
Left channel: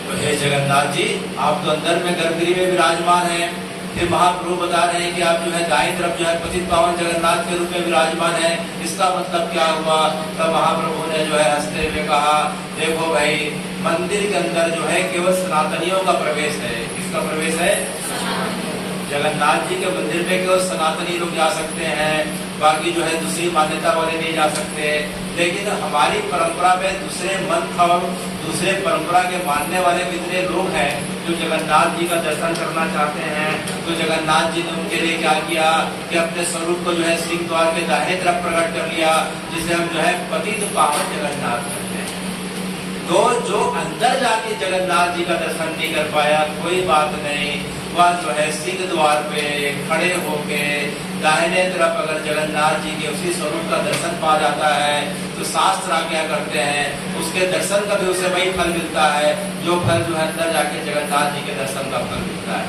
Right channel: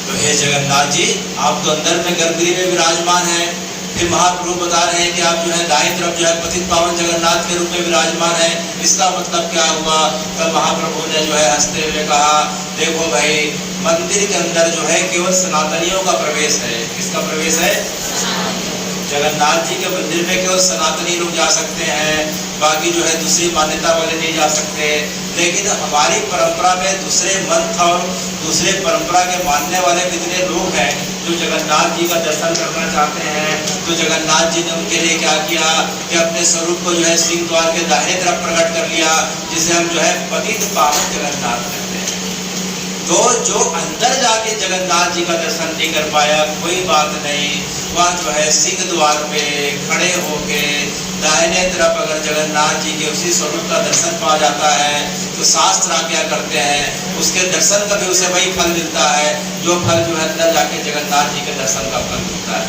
तो हे जगन्नाथ जी, आप तो अंदर में गर्भगृह में विराजमान हैं। फिर महाप्रभु बता रहे हैं कि आप जो है दाईं तरफ जो है पतित पावन जगन्नाथ के रूप में विराजमान है। इसका मतलब क्या हुआ? तब महाप्रभु ने जो है हंसते हुए कहा, देखो भाई, मंदिर के अंदर जो है केवल सनातनियों का प्रवेश है। किसका प्रवेश है? जगन्नाथ जी के मंदिर में केवल सनातनी लोग जा सकते हैं, बाकी जो है दूसरी मान्यता वाले नहीं जा सकते। लेकिन हमारी परंपरा में दूसरे मंथ और दूसरे परंपरा के मानने वाले कितने लोग हैं जो जगन्नाथ जी का दर्शन करना चाहते हैं। तो जगन्नाथ जी ने उनके लिए क्या किया कि अपने स्वरूप को जो है सिंह द्वार के दाहिने तरफ प्रकट कर लिया, जिसे हम जो है पतित पावन जगन्नाथ कहते हैं। तो जो अंदर जाके जगन्नाथ जी का दर्शन नहीं कर पाया, कोई बात नहीं, वह जो है सिंह द्वार पे खड़े होके दाहिने तरफ अगर जगन्नाथ जी के उसी स्वरूप का दर्शन पा जाता है तो शास्त्र आज्ञा करते हैं उसके दर्शन का भी उसे वही फल मिलता है जो फल जो है अंदर जाके जगन्नाथ जी के दर्शन का फल मिलता है।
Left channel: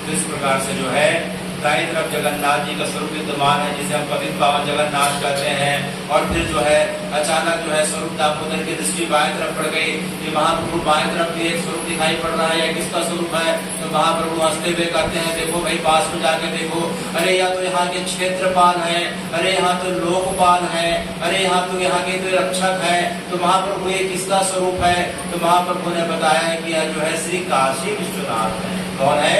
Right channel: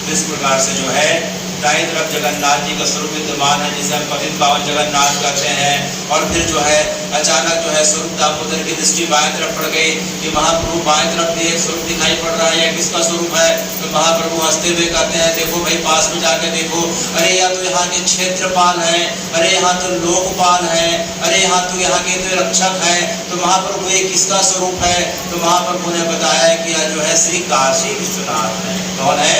तो इस प्रकार से जो है दाएं तरफ जगन्नाथ जी का स्वरूप विद्यमान है जिसे हम पतित पावन जगन्नाथ कहते हैं। और फिर जो है अचानक जो है स्वरूप दामोदर की दृष्टि बाएं तरफ पड़ गई कि महाप्रभु बाएं तरफ भी एक स्वरूप दिखाई पड़ रहा है, किसका स्वरूप है? तो महाप्रभु हंसते हुए कहते हैं देखो भाई पास में जाके देखो, अरे या तो यहाँ के क्षेत्रपाल है, अरे यहाँ तो लोकपाल है, अरे यहाँ के तो रक्षक है, तो महाप्रभु ये किसका स्वरूप है? तो महाप्रभु ने बताया कि यह जो है श्री काशी विश्वनाथ है। कौन है?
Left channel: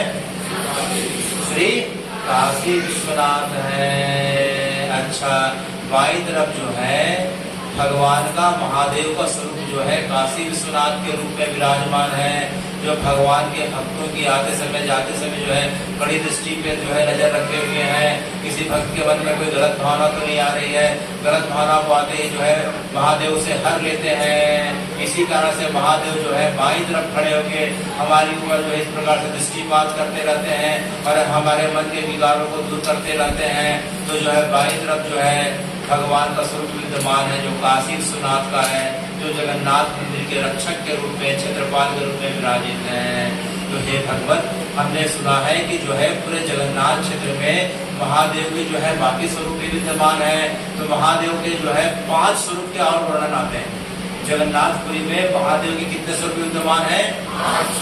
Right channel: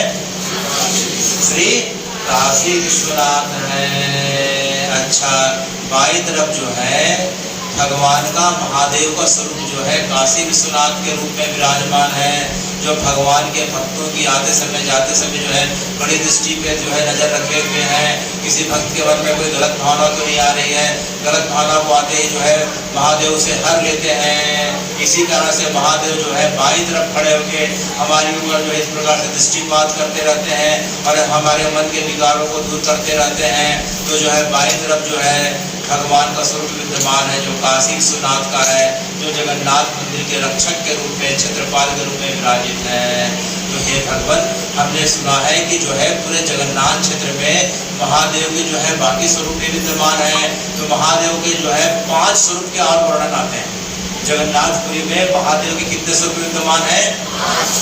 श्री काशी विश्वनाथ है। अच्छा, बाई तरफ जो है भगवान का महादेव का स्वरूप जो है काशी विश्वनाथ के रूप में विराजमान है, जो भगवान के भक्तों की आते समय जाते समय जो है बड़ी दृष्टि पे जो है नजर रखे हुए हैं। किसी भक्त के मन में कोई गलत भावना तो नहीं आ रही है, गलत भावना को आते ही जो है महादेव से हर लेते हैं। इसी कारण से महादेव जो है बाई तरफ खड़े होकर हमारी ऊपर जो है इस प्रकार से दृष्टिपात करते रहते हैं और हमारे मन के विकारों को दूर करते रहते हैं। तो जो है बाई तरफ जो है भगवान का स्वरूप विद्यमान है जो काशी विश्वनाथ का है, जो जगन्नाथ मंदिर के रक्षक के रूप में क्षेत्रपाल के रूप में विराजित है। तो हे भगवान, हमने सुना है कि जो है पूरे जगन्नाथ क्षेत्र में महादेव के जो है बाकी स्वरूप भी विद्यमान है। तो महादेव के जो है 5 स्वरूप के और वर्णन आते हैं। जगन्नाथपुरी में महादेव के कितने स्वरूप विद्यमान है?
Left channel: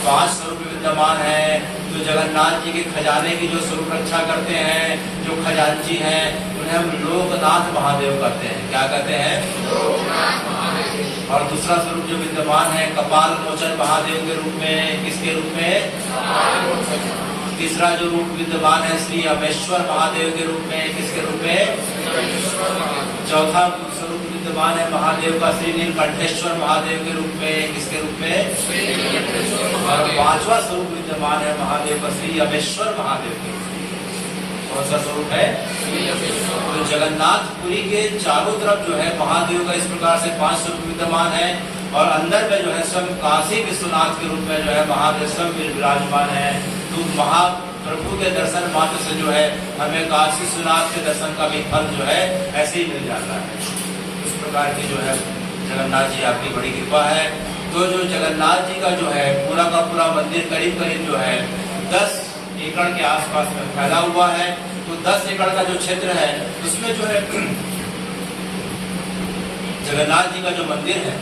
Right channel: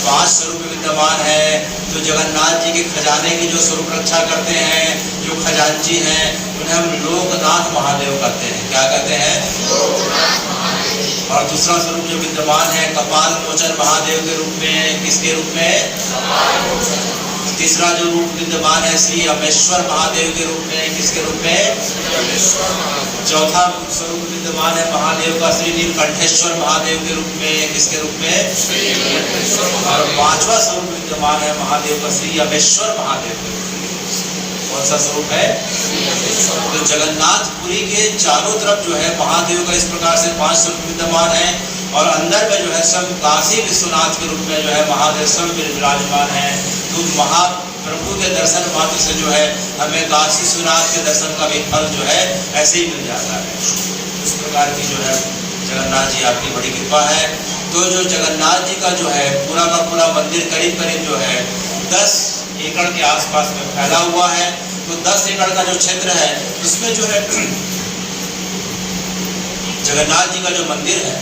5 स्वरूप विद्यमान है। तो जगन्नाथ जी के खजाने की जो स्वरूप रक्षा करते हैं, जो खजांची हैं, उन्हें हम लोकनाथ महादेव कहते हैं। क्या कहते हैं? और दूसरा स्वरूप जो विद्यमान है कपाल मोचन महादेव के रूप में, किसके रूप में? तीसरा जो रूप विद्यमान है श्री अमेश्वर महादेव के रूप में, किसके रूप में? चौथा स्वरूप विद्यमान है महादेव का श्री नीलकंठेश्वर महादेव के रूप में, किसके रूप में? और 5वां स्वरूप विद्यमान है महादेव का श्री अमेश्वर महादेव के रूप में। कौन सा स्वरूप है? तो जगन्नाथपुरी के चारों तरफ जो है महादेव का इस प्रकार से 5 स्वरूप विद्यमान है और अंदर में जो है सब काशी विश्वनाथ के रूप में जो है महादेव सब विराजमान है। तो महाप्रभु के दर्शन मात्र से जो है हमें काशी विश्वनाथ के दर्शन का भी फल जो है ऐसे ही मिल जाता है। इस प्रकार की जो है जगन्नाथ जी आपकी बड़ी कृपा है। तो जो जगन्नाथ जी का जो है पूरा का पूरा मंदिर करीब करीब जो है 10 एकड़ के आसपास में फैला हुआ है। तो 10 एकड़ का जो क्षेत्र है इसमें जो है जगन्नाथ जी का जो मंदिर है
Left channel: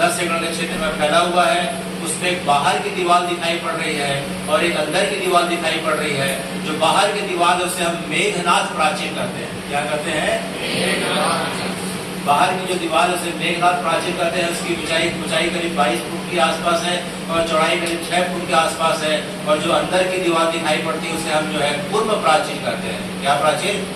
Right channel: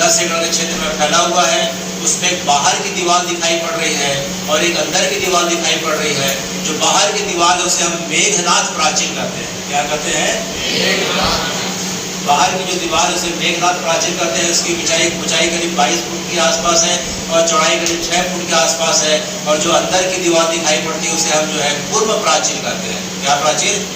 10 एकड़ के क्षेत्र में फैला हुआ है। उसमें एक बाहर की दीवार दिखाई पड़ रही है और एक अंदर की दीवार दिखाई पड़ रही है। जो बाहर की दीवार है उसे हम मेघनाथ प्राचीर कहते हैं। क्या कहते हैं? बाहर की जो दीवार है उसे मेघनाथ प्राचीर कहते हैं। उसकी ऊंचाई करीब 22 फुट के आसपास है और चौड़ाई करीब 6 फुट के आसपास है। और जो अंदर की दीवार दिखाई पड़ती है उसे हम जो है पूर्व प्राचीर कहते हैं। क्या प्राचीर?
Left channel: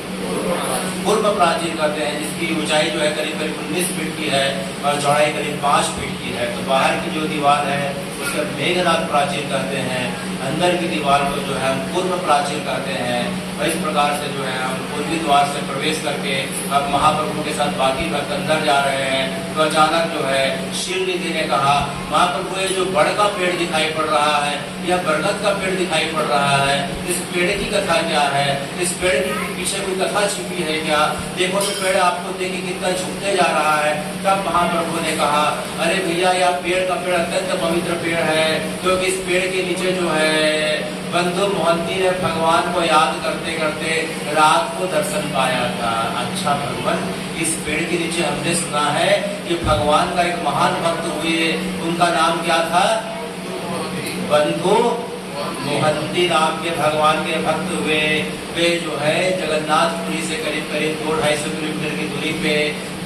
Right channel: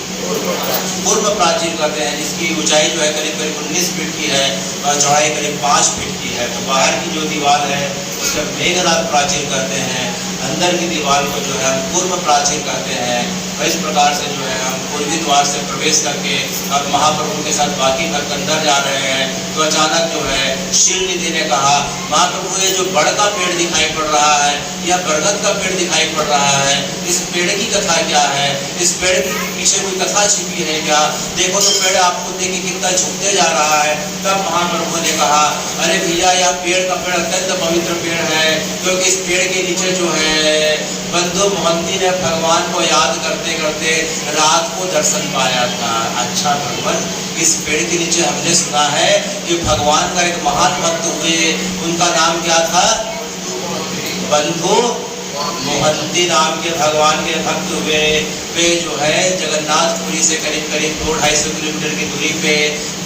पूर्व प्राचीर कहते हैं, जिसकी ऊंचाई जो है करीब 19 फीट की है और चौड़ाई करीब 5 फीट की है। तो बाहर की जो दीवार है उसे मेघनाथ प्राचीर कहते हैं, अंदर की दीवार को जो है हम पूर्व प्राचीर कहते हैं। और इस प्रकार से जो है हम पूर्वी द्वार से प्रवेश करके अब महाप्रभु के साथ बाकी भक्त अंदर जा रहे हैं। तो अचानक जो है शील निधि ने कहा, महाप्रभु ये जो बड़ का पेड़ दिखाई पड़ रहा है या बरगद का पेड़ दिखाई पड़ रहा है, इस पेड़ की कथा क्या है? इस पेड़ के पीछे कोई कथा छिपी है क्या? देखो तो पेड़ आपको देखिए कितना झुकते जा रहा है। तब महाप्रभु ने कहा, अरे भैया यह पेड़ का पेड़ अत्यंत पवित्र पेड़ है, क्योंकि इस पेड़ के नीचे जो है बंधु मोहंती ने भगवान को याद करते करते रात को दर्शन पाया था। अच्छा भगवान, इस पेड़ के नीचे हमने सुना है कि भगवान का एक महान भक्त हुए, उनका नाम क्या था? बंधु मोहंती नाम के भगवान के भक्त हुए। वे जो है जगन्नाथपुरी से करीब करीब 200-250 किलोमीटर की दूरी पे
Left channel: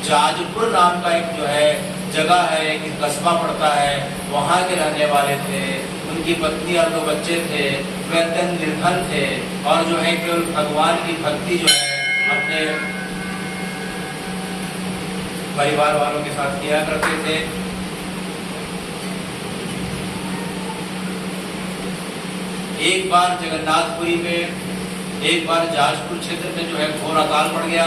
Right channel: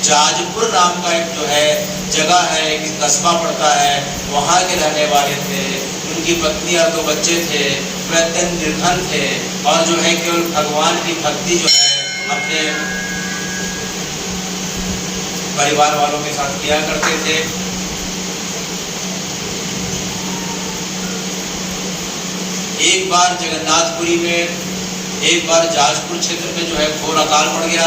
जाजपुर नाम का एक जो है जगह है, एक कस्बा पड़ता है, वहाँ के रहने वाले थे। उनकी पत्नी और 2 बच्चे थे। वे अत्यंत निर्धन थे और जो है केवल भगवान की भक्ति जो है अपने परिवार वालों के साथ किया करते थे। एक बार जगन्नाथपुरी में, एक बार जाजपुर क्षेत्र में जो है घोर अकाल पड़ गया।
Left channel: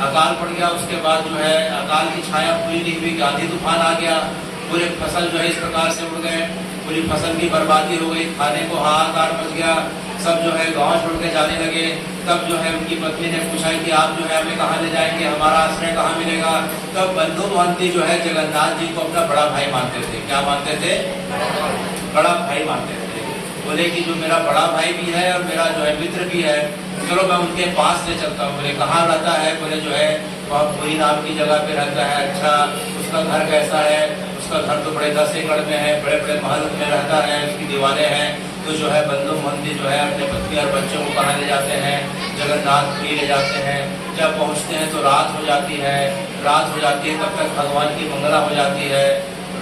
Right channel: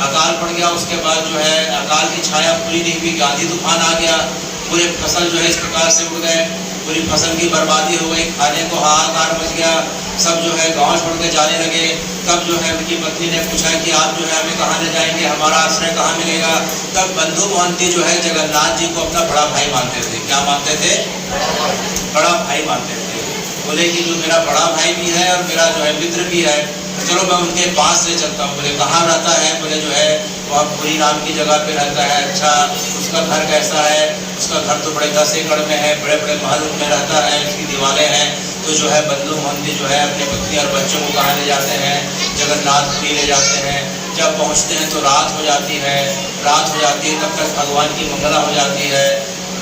अकाल पड़ गया, उसके बाद जो है अकाल की छाया पूरी नहीं हुई, आंधी तूफान आ गया, पूरे फसल जो है इस प्रकार से उड़ गए, पूरी फसल की बर्बादी हो गई, खाने को हाहाकार मच गया, सब जो है गांव छोड़ के जाने लगे। तब जो है उनकी पत्नी ने पूछा कि आप जो है हमें कहाँ ले जाएंगे, हमारा आश्रय कहाँ मिलेगा। तब बंधु मोहंती जो है जगन्नाथ जी को अपना बड़ा भाई मानते थे। क्या मानते थे? बड़ा भाई मानते थे। बोले कि जो मेरा बड़ा भाई भी है और मेरा जो है मित्र भी है, तो चलो मैं उनके पास ले चलता हूँ। बोले कहाँ रहता है? बोले जो है वह पूरी नाम की जगह पे रहता है। अच्छा, उसका घर कैसा है? उसका घर तो बड़े 10 एकड़ में है, बड़े बड़े महल में रहता है, उसकी दीवारें हैं। तो जो है बंधु मोहंती जो है अपनी पत्नी और बच्चों को कहाँ ले जाते हैं? जगन्नाथपुरी ले जाते हैं। जब पहुँचते हैं तो रात हो जाती है। रात हो जाती है तब तक भगवान की मंगला हो जाती है,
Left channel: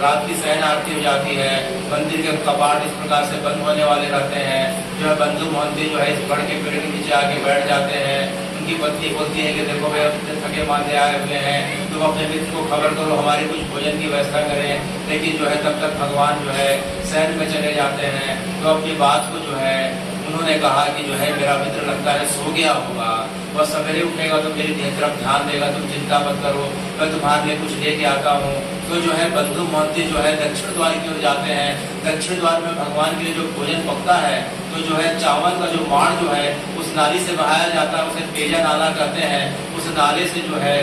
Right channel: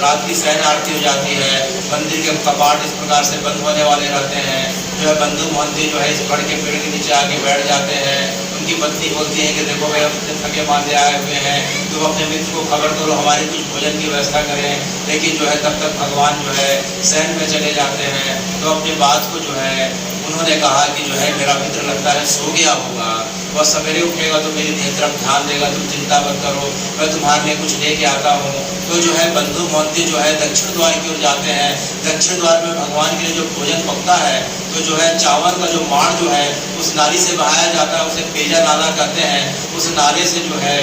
रात की शयन आरती हो जाती है। मंदिर के कपाट इस प्रकार से बंद होने वाले रहते हैं। जो है बंधु मोहंती जो है इस बड़ के पेड़ के नीचे आके बैठ जाते हैं। उनकी पत्नी बोलती है कि देखो भाई अपने थके मांदे आए हुए हैं, तुम अपने मित्र को खबर करो, हमारे कुछ भोजन की व्यवस्था करें। लेकिन जो है तब तक भगवान जो है शयन में चले जाते हैं। तो अपनी बात को जो है उन्होंने कहा कि जो है मेरा मित्र लगता है सो गया होगा, वह सवेरे उठेगा तो मेरी तरफ ध्यान देगा, तुम चिंता मत करो, मैं तुम्हारे लिए कुछ लेके आता हूँ। तो जो है बंधु मोहंती जो है दक्षिण द्वार की ओर जाते हैं। दक्षिण द्वार में भगवान के लिए जो भोजन पकता है, तो जो है चावल का जो माड़ जो है उस नाली से बहाया जाता है, उसे पेजा नाला कहते हैं। उस नाले से जो है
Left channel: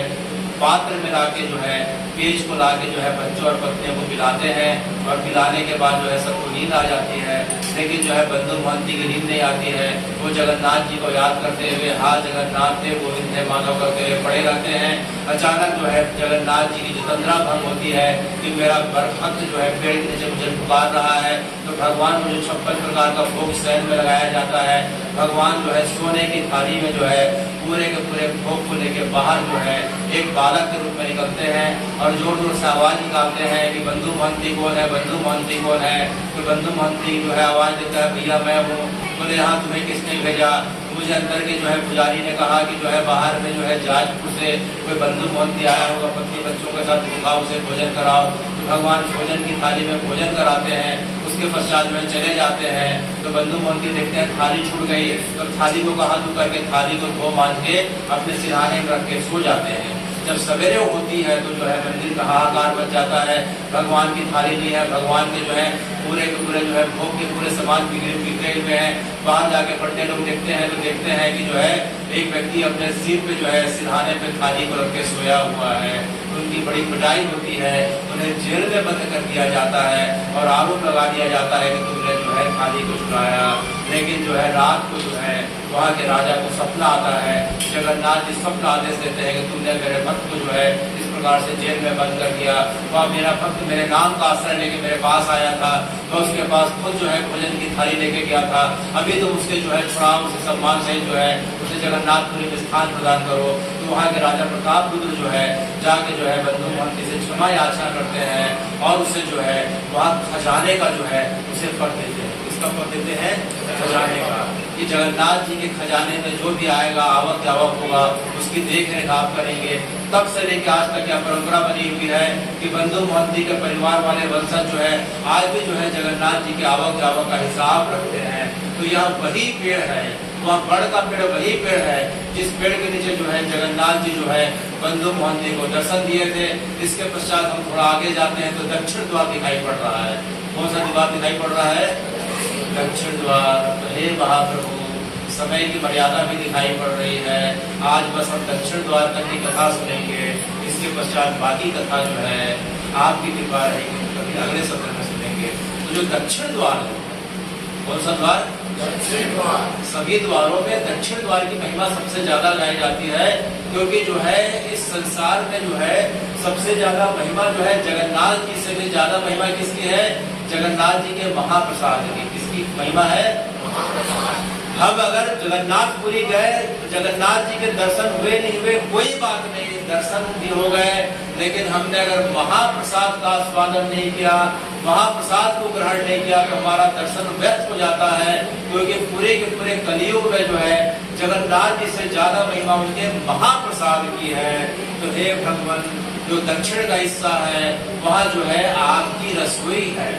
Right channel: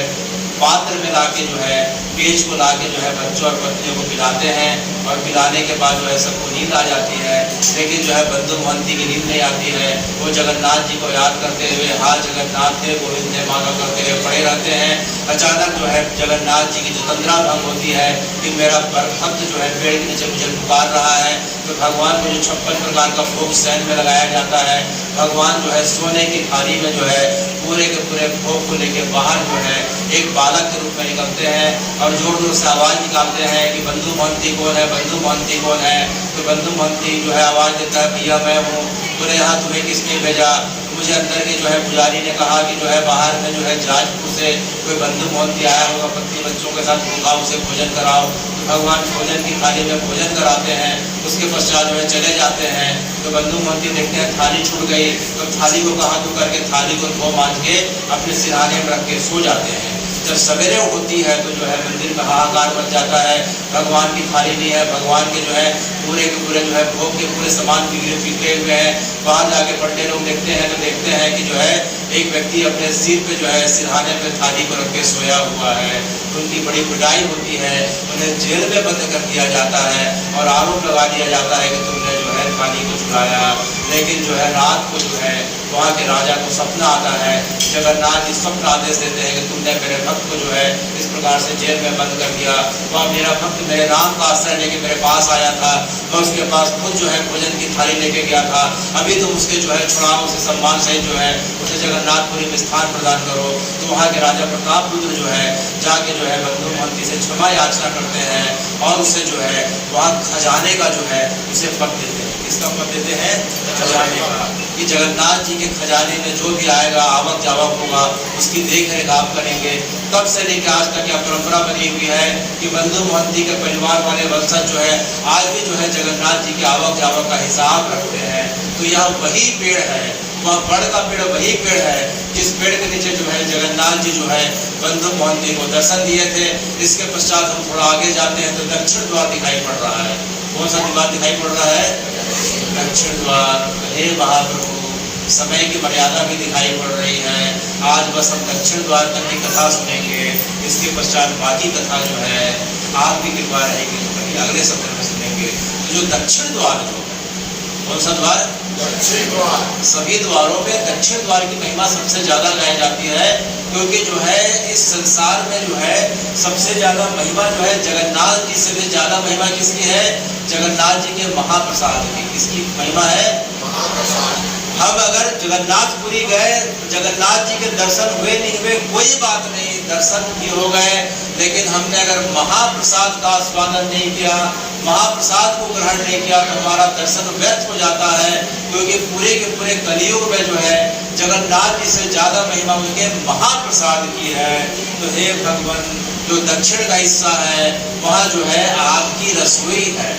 पात्र में लाके जो है पेज को लाके जो है बच्चों और पत्नियों को पिलाते हैं। और पिलाने के बाद जो है सबको नींद आ जाती है। लेकिन जो है बंधु मोहंती की नींद नहीं आती है। वो जगन्नाथ जी को याद करते हुए हार जगन्नाथ थे गोविंद ने मानव करते हुए पड़े रहते हैं। अचानक जो है जगन्नाथ जी की जो तंद्रा भंग होती है कि मेरा भक्त जो है पेड़ के नीचे मुझे पुकार रहा है। तो भगवान को जो 56 प्रकार का भोग शयन में लगाया जाता है। भगवान जो है सोने की थाली में जो है पूरे के पूरे भोग को लेके बाहर जो है एक बालक के रूप में निकलते हैं और जोर जोर से आवाज निकालते हैं कि बंधु मोहंती कौन है, बंधु मोहंती कौन है। तो बंधु मोहंती जो है आवाज देता है भैया मैं हूँ। बोले हाँ तुम्हें किसने भेजा? मुझे अंदर के जो है पुजारी ने कहा कि जो है बाहर में जो है जाजपुर से कोई बंधु मोहंती आया होगा, पत्नी बच्चों के साथ भूखा, उसे भोजन कराओ। तो भगवान भोजन की थाली में भोजन कराते हैं। उसके पश्चात जो है चले जाते हैं। तो बंधु मोहंती देखते हैं थाली छूट गई, तो थाली को कहाँ तू करके थाली को धो मांज के अपने सिरहाने में रख के सो जाते हैं। जब सवेरे होती है तो जो है मंदिर में हाहाकार मच जाता है, भगवान की थाली नहीं है। भगवान के जो है पूरे के पूरे जो है भोग के पूरे सामान बिखरे हुए हैं। वहाँ जाके बड़े लोग देखते हैं तो देखते हैं कि जो है एक व्यक्ति अपने सिर पे जो है सिरहाने पे थाली को रख के सोया हुआ है। उनकी बड़ी पिटाई होती है, उन्हें जेल में बंद कर दिया जाता है और आरोप लगा दिया जाता है कि तुमने जो है थाली को चुराया। लेकिन जो है रात को जो है वहाँ के राजा को सपना आता है। जगन्नाथ जी स्वप्न आदेश देते हैं कि तुमने मेरे भक्त को जो है इस प्रकार से जेल में बंद कर दिया। वह मेरा भक्त मेरे नाम का आश्रय लेके मेरे पास आया था, मैं उसके पास खुद जो है भोजन की थाली लेके गया था। अभी तुम उसके जो है छुड़ाओ, उसे सम्मान सहित जो है उसे जगन्नाथपुरी में स्थान प्रदान करो। तो वहाँ के राजा प्रतापरुद्र जो है जाके जो है बंधु मोहंती से क्षमा याचना करते हैं और उसे जो है वहाँ खजाने का जो है उसे पद देते हैं। किसका पद देते हैं? खजाने का। कि जगन्नाथ जी के खजाने में जो भी आएगा आवक जावक होगा उसकी देख रेख आप करेंगे। तब से लेकर आज तक यह परंपरा बनी हुई है कि बंधु मोहंती के परिवार वाले वंशज जो है आज भी जो है जगन्नाथ जी के आवक जावक का हिसाब रखते हैं। तो यह वही पेड़ है, वह बड़ का पेड़ वही पेड़ है जिस पेड़ के नीचे जो है जगन्नाथ जी जो है बंधु मोहंती को दर्शन दिए थे। इसके पश्चात हम थोड़ा आगे जाते हैं तो दक्षिण द्वार दिखाई पड़ रहा है। कौन सा द्वार दिखाई पड़ रहा है? दक्षिण द्वार। हे महाप्रभु, समय की मर्यादा भी दिखाई पड़ रही है। आज बस हम दक्षिण द्वार तक की कथा सुनेंगे, इसके पश्चात बाकी कथा जो है आपकी कृपा रहेगी तो कभी अगले सत्र में सुनेंगे। तो जो दक्षिण द्वार है, कौन सा द्वार? दक्षिण द्वार। सभी द्वारों में दक्षिण द्वार की महिमा सबसे ज्यादा गाई जाती है, क्योंकि जो है इस संसार में जो है सबसे ज्यादा महिमा जो है जगन्नाथ जी से भी ज्यादा महिमा किसकी है? जगन्नाथ जी के महाप्रसाद की। किसकी महिमा है? हम अगर जगन्नाथपुरी गए तो जगन्नाथ जी के दर्शन हुए नहीं हुए कोई बात नहीं, दर्शन भी हो गए, लेकिन हमने अगर महाप्रसाद का आस्वादन नहीं किया, महाप्रसाद को ग्रहण नहीं किया तो हमारा दर्शन व्यर्थ हो जाता है। क्योंकि पूरे के पूरे कलियुग में जो है जगन्नाथ जी से ज्यादा महिमा उनके महाप्रसाद की है। तो हे भगवान, जो दक्षिण का हिस्सा है वहाँ जो है आपकी रसोई है।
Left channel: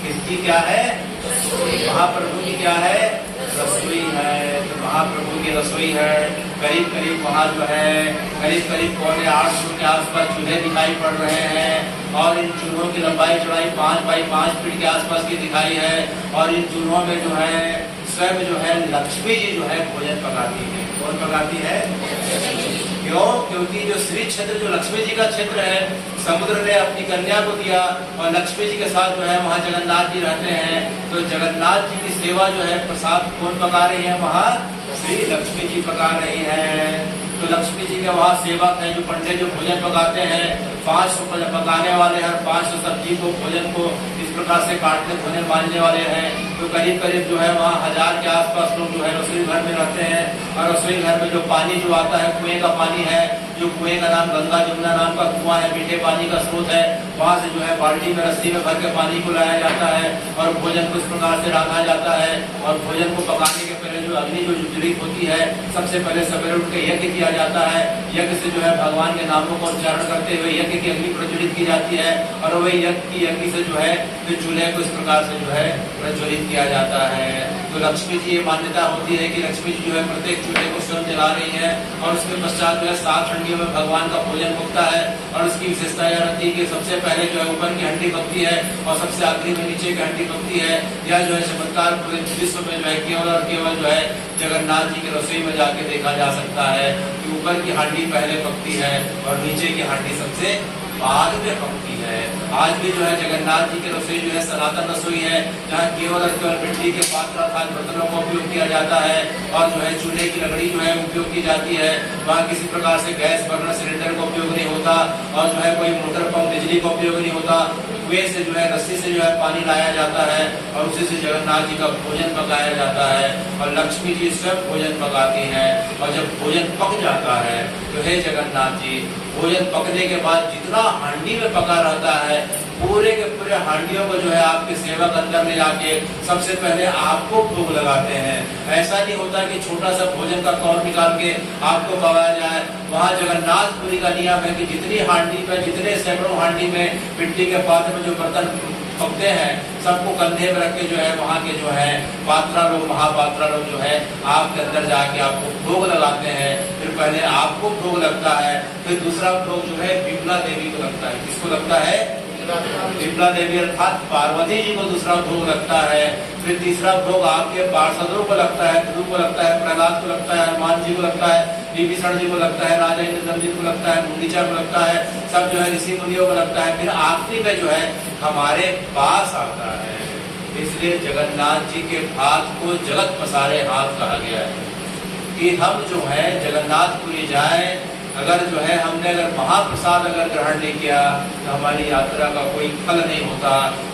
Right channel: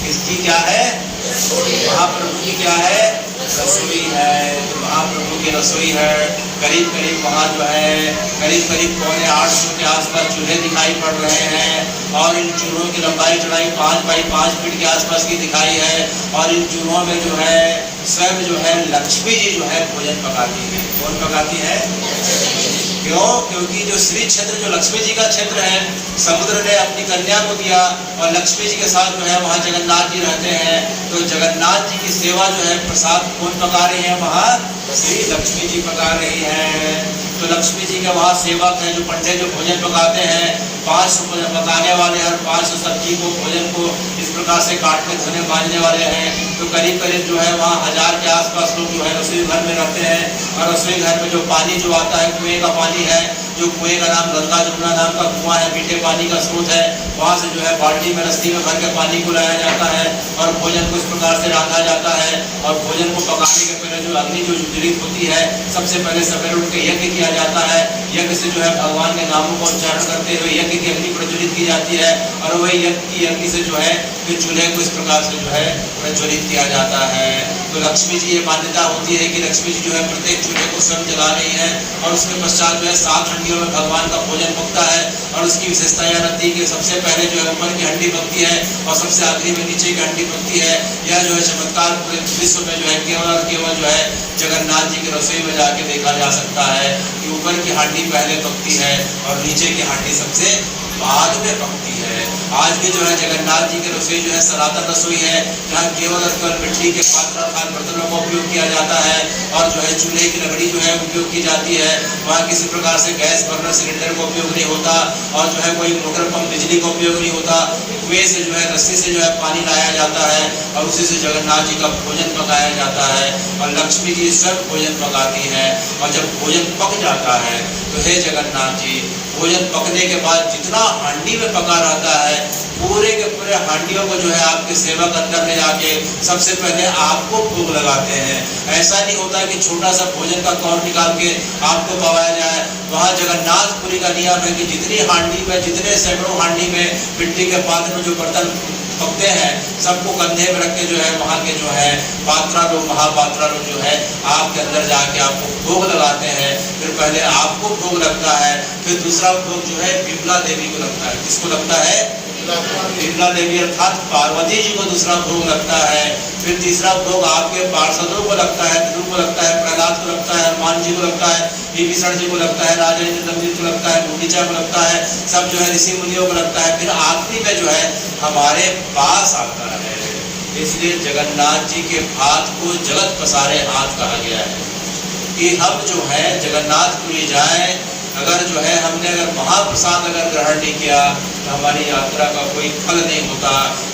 किसकी क्या है? महाप्रभु की क्या है? रसोई है। तो महाप्रभु की रसोई है। करीब करीब वहाँ जो है करीब करीब 750 के आसपास चूल्हे दिखाई पड़ रहे हैं और इन चूल्हों की लंबाई चौड़ाई 5 बाई 5 फीट के आसपास की दिखाई है और इन चूल्हों में जो है स्वयं जो है लक्ष्मी जी जो है भोजन पकाती है। कौन पकाती है? क्यों? क्योंकि जो श्री क्षेत्र जो लक्ष्मी जी का क्षेत्र है, समुद्र ने अपनी कन्या को दिया और लक्ष्मी जी के साथ जो है वहाँ जगन्नाथ जी रहते हैं, तो जगन्नाथ जी की सेवा जो है प्रसाद कौन पका रही है? वहाँ श्री लक्ष्मी जी पका रही हैं। तो लक्ष्मी जी के वहाँ सेवक हैं जो पंडित जो भोजन पकाते हैं, 500 भोजन पकाने वाले हर 500 सब्जी को भोजन को इस प्रकार से काटने धोने बांधने वाले हैं। तो करीब करीब जो है वहाँ 1000 के आसपास लोग जो है रसोई घर में रहते हैं और रसोई घर में जो पानी जो आता है कुएं का पानी है, जो कुएं का नाम गंगा जमुना नाम का कुआं है, मीठे पानी का स्रोत है, वहाँ से जो है बाल्टी में रस्सी में भर के पानी को लाया जाता है और भोजन को इस प्रकार से रांधा जाता है। और भोजन को पकाने के पहले जो अग्नि जो ज्वलित होती है, सबसे पहले सवेरे उठ के यज्ञ किया जाता है। यज्ञ से जो है भगवान के नामों को उच्चारण करते हुए यज्ञ की अग्नि प्रज्वलित की जाती है और वही यज्ञ से जो है फिर चूल्हे को इस प्रकार से जो है प्रज्वलित किया जाता है। तो लक्ष्मी जी ये मान्यता होती है कि लक्ष्मी जी जो है प्रत्येक चूल्हे को स्वयं जला रही है और उसके पश्चात जो है 7 हंडियों में भगवान का भोजन पकता है। और उसकी विशेषता यह रहती है कि सबसे पहले जो है ऊपर की हंडी पकती है और सबसे आखिरी में नीचे की हंडी पकती है। यह जो है चमत्कार पूरे विश्व में जो है केवल और केवल जो है जगन्नाथ जी की रसोई में जाके देखा जा सकता है कि ऊपर की हांडी पहले पकती है और नीचे की हांडी सबसे बाद में पकती है। आज भी जो है जगन्नाथ जी की रसोई जो है सनातन रसोई है, जहाँ केवल और केवल मिट्टी के पात्र अर्थात बर्तनों का उपयोग किया जाता है और जो है चूल्हे की लकड़ी जो है उपयोग की जाती है। वहाँ किसी प्रकार से गैस बर्नर सिलेंडर का उपयोग नहीं होता और जो है कोई मोटर पंप बिजली का उपयोग नहीं होता। कुएं से जो है रस्सी से जो है पानी लाया जाता है और उसी से जगन्नाथ जी का भोजन पकाया जाता है और लक्ष्मी जी स्वयं भोजन पकाती है। और जब भोजन पक जाता है तो हे जगन्नाथ जी, भोजन पकने के बाद जितना हांडी में पका रहता है पूरे के पूरे हांडियों को जो है आपके सेवक अंदर में जाके सबसे पहले आपको भोग लगाते हैं। ऐसा नहीं होता कि छोटा सा भोजन का कौर निकाल के आपको पकाया जाए। वहाँ जगन्नाथपुरी का नियम है कि जितनी हांडी में जितने सैकड़ों हांडी में मिट्टी के पात्र में जो बर्तन पकते हैं सबको कंधे में रख के जो है वहाँ के जो है पात्रा लोग महापात्रा लोग जो है आपके अंदर जाके आपको भोग लगाते हैं। फिर पहले आपको भोग लगता है, फिर दूसरा भोग जो है विमला देवी को लगता है। किसको लगता है? विमला देवी अर्थात पार्वती जी को दूसरा भोग लगता है। फिर तीसरा भोग आपके पार्षदों को लगता है, ध्रुव को लगता है, प्रहलाद को लगता है, हनुमान जी को लगता है, विभीषण जी को लगता है, राजा इंद्रदम्न को लगता है, मुनीचा को लगता है, सब जो है ऋषि मुनियों को लगता है। फिर आखिरी में जो है हमारे पास आता है। इसलिए जगन्नाथ जी के हाथ को जगत पसारे हाथ कहा गया है कि हम जो है जगन्नाथपुरी जाएं, अगर जो है हमने अगर महाप्रसाद अगर ग्रहण नहीं किया तो हमारी यात्रा का कोई फल नहीं होता।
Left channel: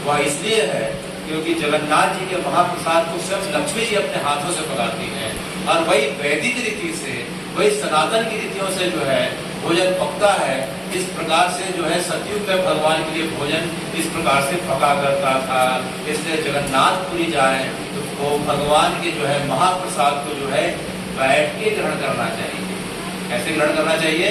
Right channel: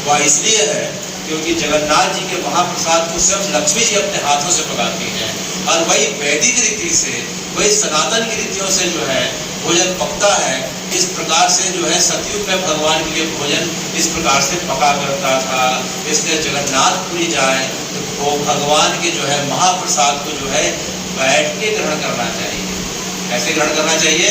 वह इसलिए है क्योंकि जगन्नाथ जी के महाप्रसाद को स्वयं लक्ष्मी जी अपने हाथों से पकाती हैं और वही वैदिक रीति से, वही सनातन की रीतियों से जो है भोजन पकता है। इस प्रकार से जो है सतयुग में भगवान के लिए भोजन इस प्रकार से पका करता था। इसलिए जगन्नाथपुरी जाए तो वो भगवान के जो है महाप्रसाद को जो है बैठ के ग्रहण करना चाहिए। कैसे ग्रहण करना चाहिए?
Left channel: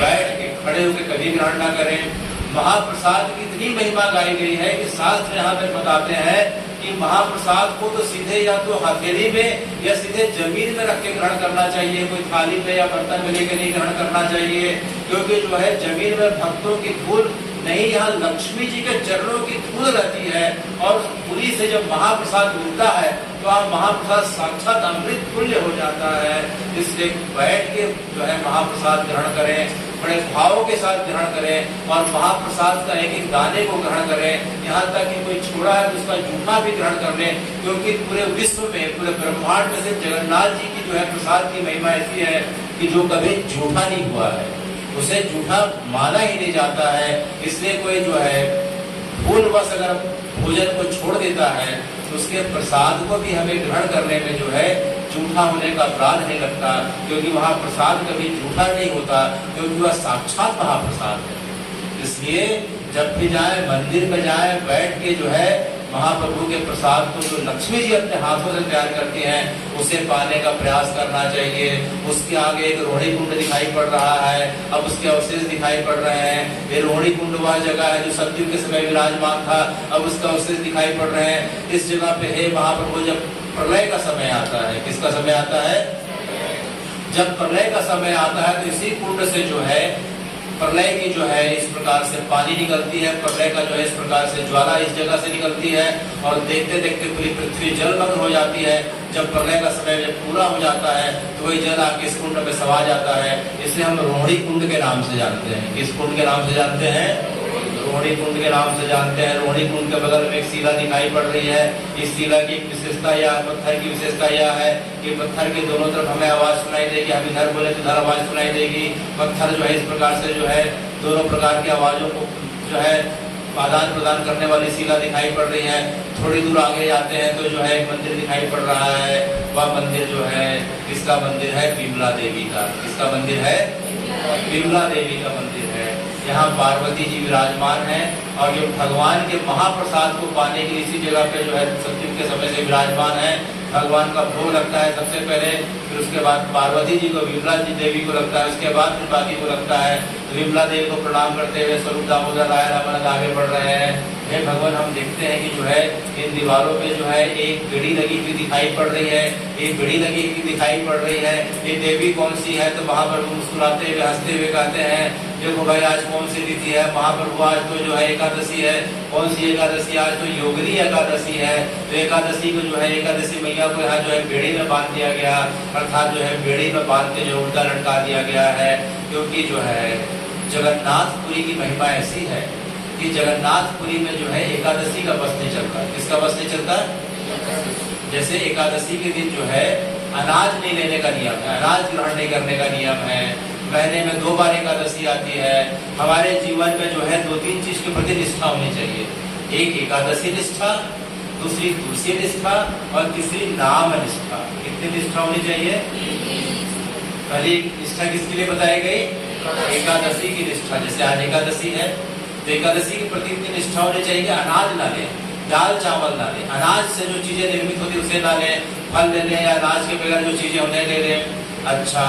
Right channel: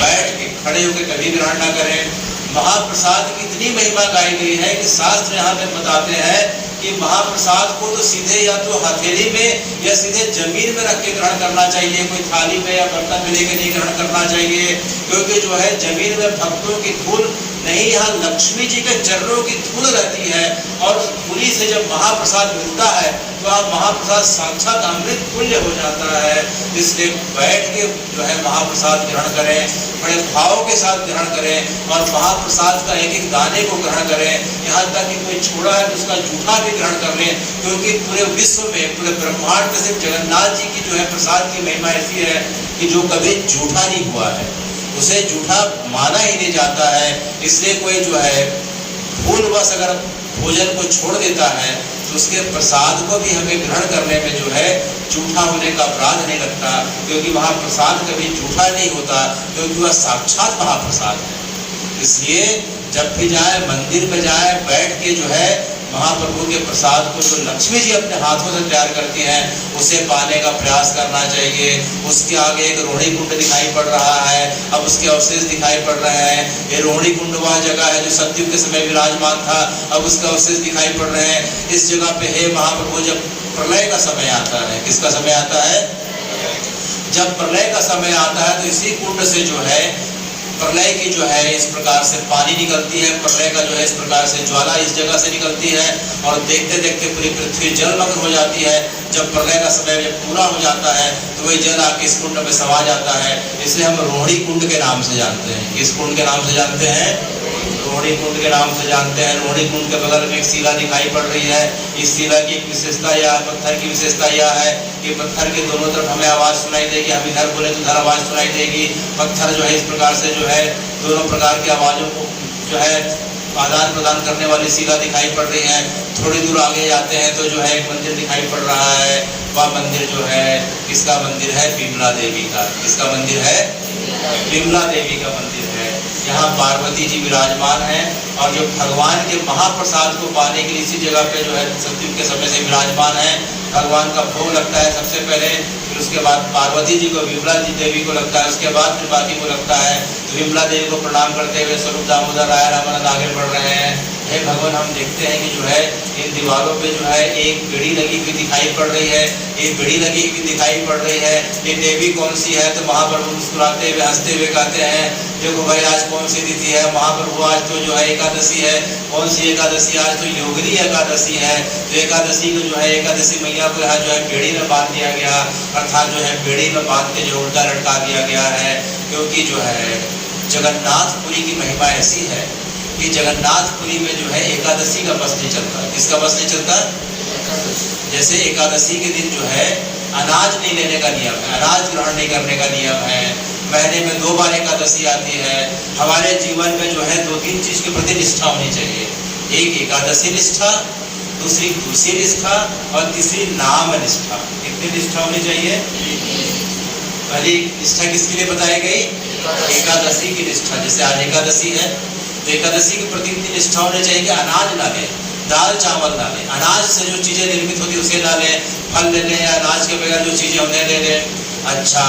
बैठ के, खड़े होकर कभी ग्रहण ना करें। महाप्रसाद की इतनी महिमा गाई गई है कि शास्त्र यहाँ पे बताते हैं कि महाप्रसाद को तो सीधे या तो हथेली में या सीधे जमीन में रख के ग्रहण करना चाहिए, कोई थाली में या बर्तन में लेकर नहीं ग्रहण करना चाहिए। क्योंकि जो है जमीन में भक्तों की धूल नहीं, यहाँ लक्ष्मी जी के चरणों की धूल रहती है और पुरी से जब महाप्रसाद मिलता है तो आप महाप्रसाद साक्षात अमृत तुल्य हो जाता है। इसलिए बैठ के जो है महाप्रसाद ग्रहण करें, बड़े भाव के साथ ग्रहण करें और महाप्रसाद का एक एक दाने को ग्रहण करें। यहाँ तक कि कोई छोड़ा है तो उसका जूठा भी ग्रहण कर लें, क्योंकि पूरे विश्व में पूरे ब्रह्मांड में सिर्फ जगन्नाथ जी की जो है प्रसाद की महिमा ऐसी है कि जो कभी जूठा नहीं हुआ है, उसे जूठा माना ही नहीं जाता है। इसलिए कोई जो है भूलवश अगर भोजन को छोड़ देता है तो उसके प्रसाद को भी हमें ग्रहण करने में जो है जूठा होने का अपराध नहीं लगता, क्योंकि महाप्रसाद कभी जूठा नहीं होता, क्योंकि वह साक्षात महाप्रसाद है। इसलिए जब भी जाए मंदिर में जाए, बैठ के जो है महाप्रभु के प्रसाद को जो लक्ष्मी जी अपने हाथों से तैयार करती हैं उसे पाने का प्रयास करना चाहिए। उसके आगे एक रोहिणी कुंड दिखाई पड़ रहा है, अब उसके अवशेष दिखाई पड़ रहे हैं। ये रोहिणी कुंड वह जगह है जो सतयुग के समय विराजमान था, अब उसका अवशेष दिखाई पड़ रहे हैं। इस जगह पे हे महाप्रभु जब प्रलय का समय आता है, किसका समय आता है? जब प्रलय का समय आता है तो इसी कुंड से जो है प्रलय की जो है इस प्रकार से पानी निकलती है, प्रलय का जो है इस प्रकार से ज्वाला इस जगह से निकलती है और देखते देखते पूरी पृथ्वी जलमग्न हो जाती है। जब प्रलय का समय जब पूरा हो जाता है तो वही जल आके इस कुंड में समा जाता है। इसे हम रोहिणी कुंड के नाम से जानते हैं। किस कुंड के नाम से जानते हैं? रोहिणी कुंड के नाम से जानते हैं। रोहिणी कुंड के बगल में एक शिला दिखाई पड़ रही है। इस शिला की विशेषता यह, पत्थर की विशेषता यह है कि पत्थर के दोनों तरफ हमें आवाज सुनाई देगी। हम इधर बोले तो उधर आवाज सुनाई देगी। पत्थर जो है इस प्रकार से जो है दोनों प्रकार की आवाजों को जो है आदान प्रदान करने वाली शिला दिखाई पड़ रही है। थोड़ी दूर आगे जाते हैं तो जो है एक मंदिर दिखाई पड़ रहा है। वह मंदिर जो है किसका मंदिर है? विमला देवी का। किसका मंदिर है? विमला देवी का मंदिर है। यहाँ पार्वती जी विराजमान हैं और जो भगवान के महाप्रसाद को पाने के लिए इसी जगह पे जो है सतयुग के समय से विराजमान है। भगवान का भोग लगता है सबसे पहले, फिर उसके बाद पार्वती जी को, विमला जी देवी को लगता है, उसके बाद फिर बाकी को लगता है। तो विमला देवी को प्रणाम करते हुए स्वरूप दामोदर राय रामानंद आगे बढ़ रहे हैं। हे भगवान, हम देखते हैं कि जो है इन दीवारों पे जो है एक बेड़ी लगी हुई दिखाई पड़ रही है। ये बेड़ी लगी हुई दिखाई पड़ रही है। ये देवी कौन सी है? तो महाप्रभु मुस्कुराते हुए हंसते हुए कहते हैं, देखो भाई आज कौन सी तिथि है? महाप्रभु आज तो जो है एकादशी है। कौन सी एकादशी? आज तो योगिनी एकादशी है। तो एकादशी को जो है एकादशी मैया को यहाँ जो है बेड़ी में बांध दिया गया, अर्थात जो है बेड़ी में बांध के जो उल्टा लटका दिया गया है। क्योंकि जो है जगन्नाथपुरी की महिमा ऐसी है कि जगन्नाथपुरी में जो है एकादशी का बस नहीं चलता। किसका बस नहीं चलता? जैसे एकादशी के दिन जो है अनाज नहीं लेने का नियम है, अनाज ग्रहण नहीं करने का नियम है। महीने में 2 बार एकादशी आती है। हमारे जीवन में जो है 2-3 चीज के प्रति निष्ठा होनी चाहिए। एक एकादशी निष्ठा, दूसरी तुलसी निष्ठा और तीसरी नाम निष्ठा। कितनी निष्ठा होनी चाहिए? पहली निष्ठा किसके लिए बताई गई? एकादशी की निष्ठा। जैसे आज एकादशी है तो एकादशी के प्रति इतनी निष्ठा होनी चाहिए कि अनाज ना लें, दाल चावल ना लें, अनाज से जो चीजें निर्मित होती है उसे ना लें, फल ले लें या अनाज के बगैर जो चीजें उन्हें ले लें। अच्छा,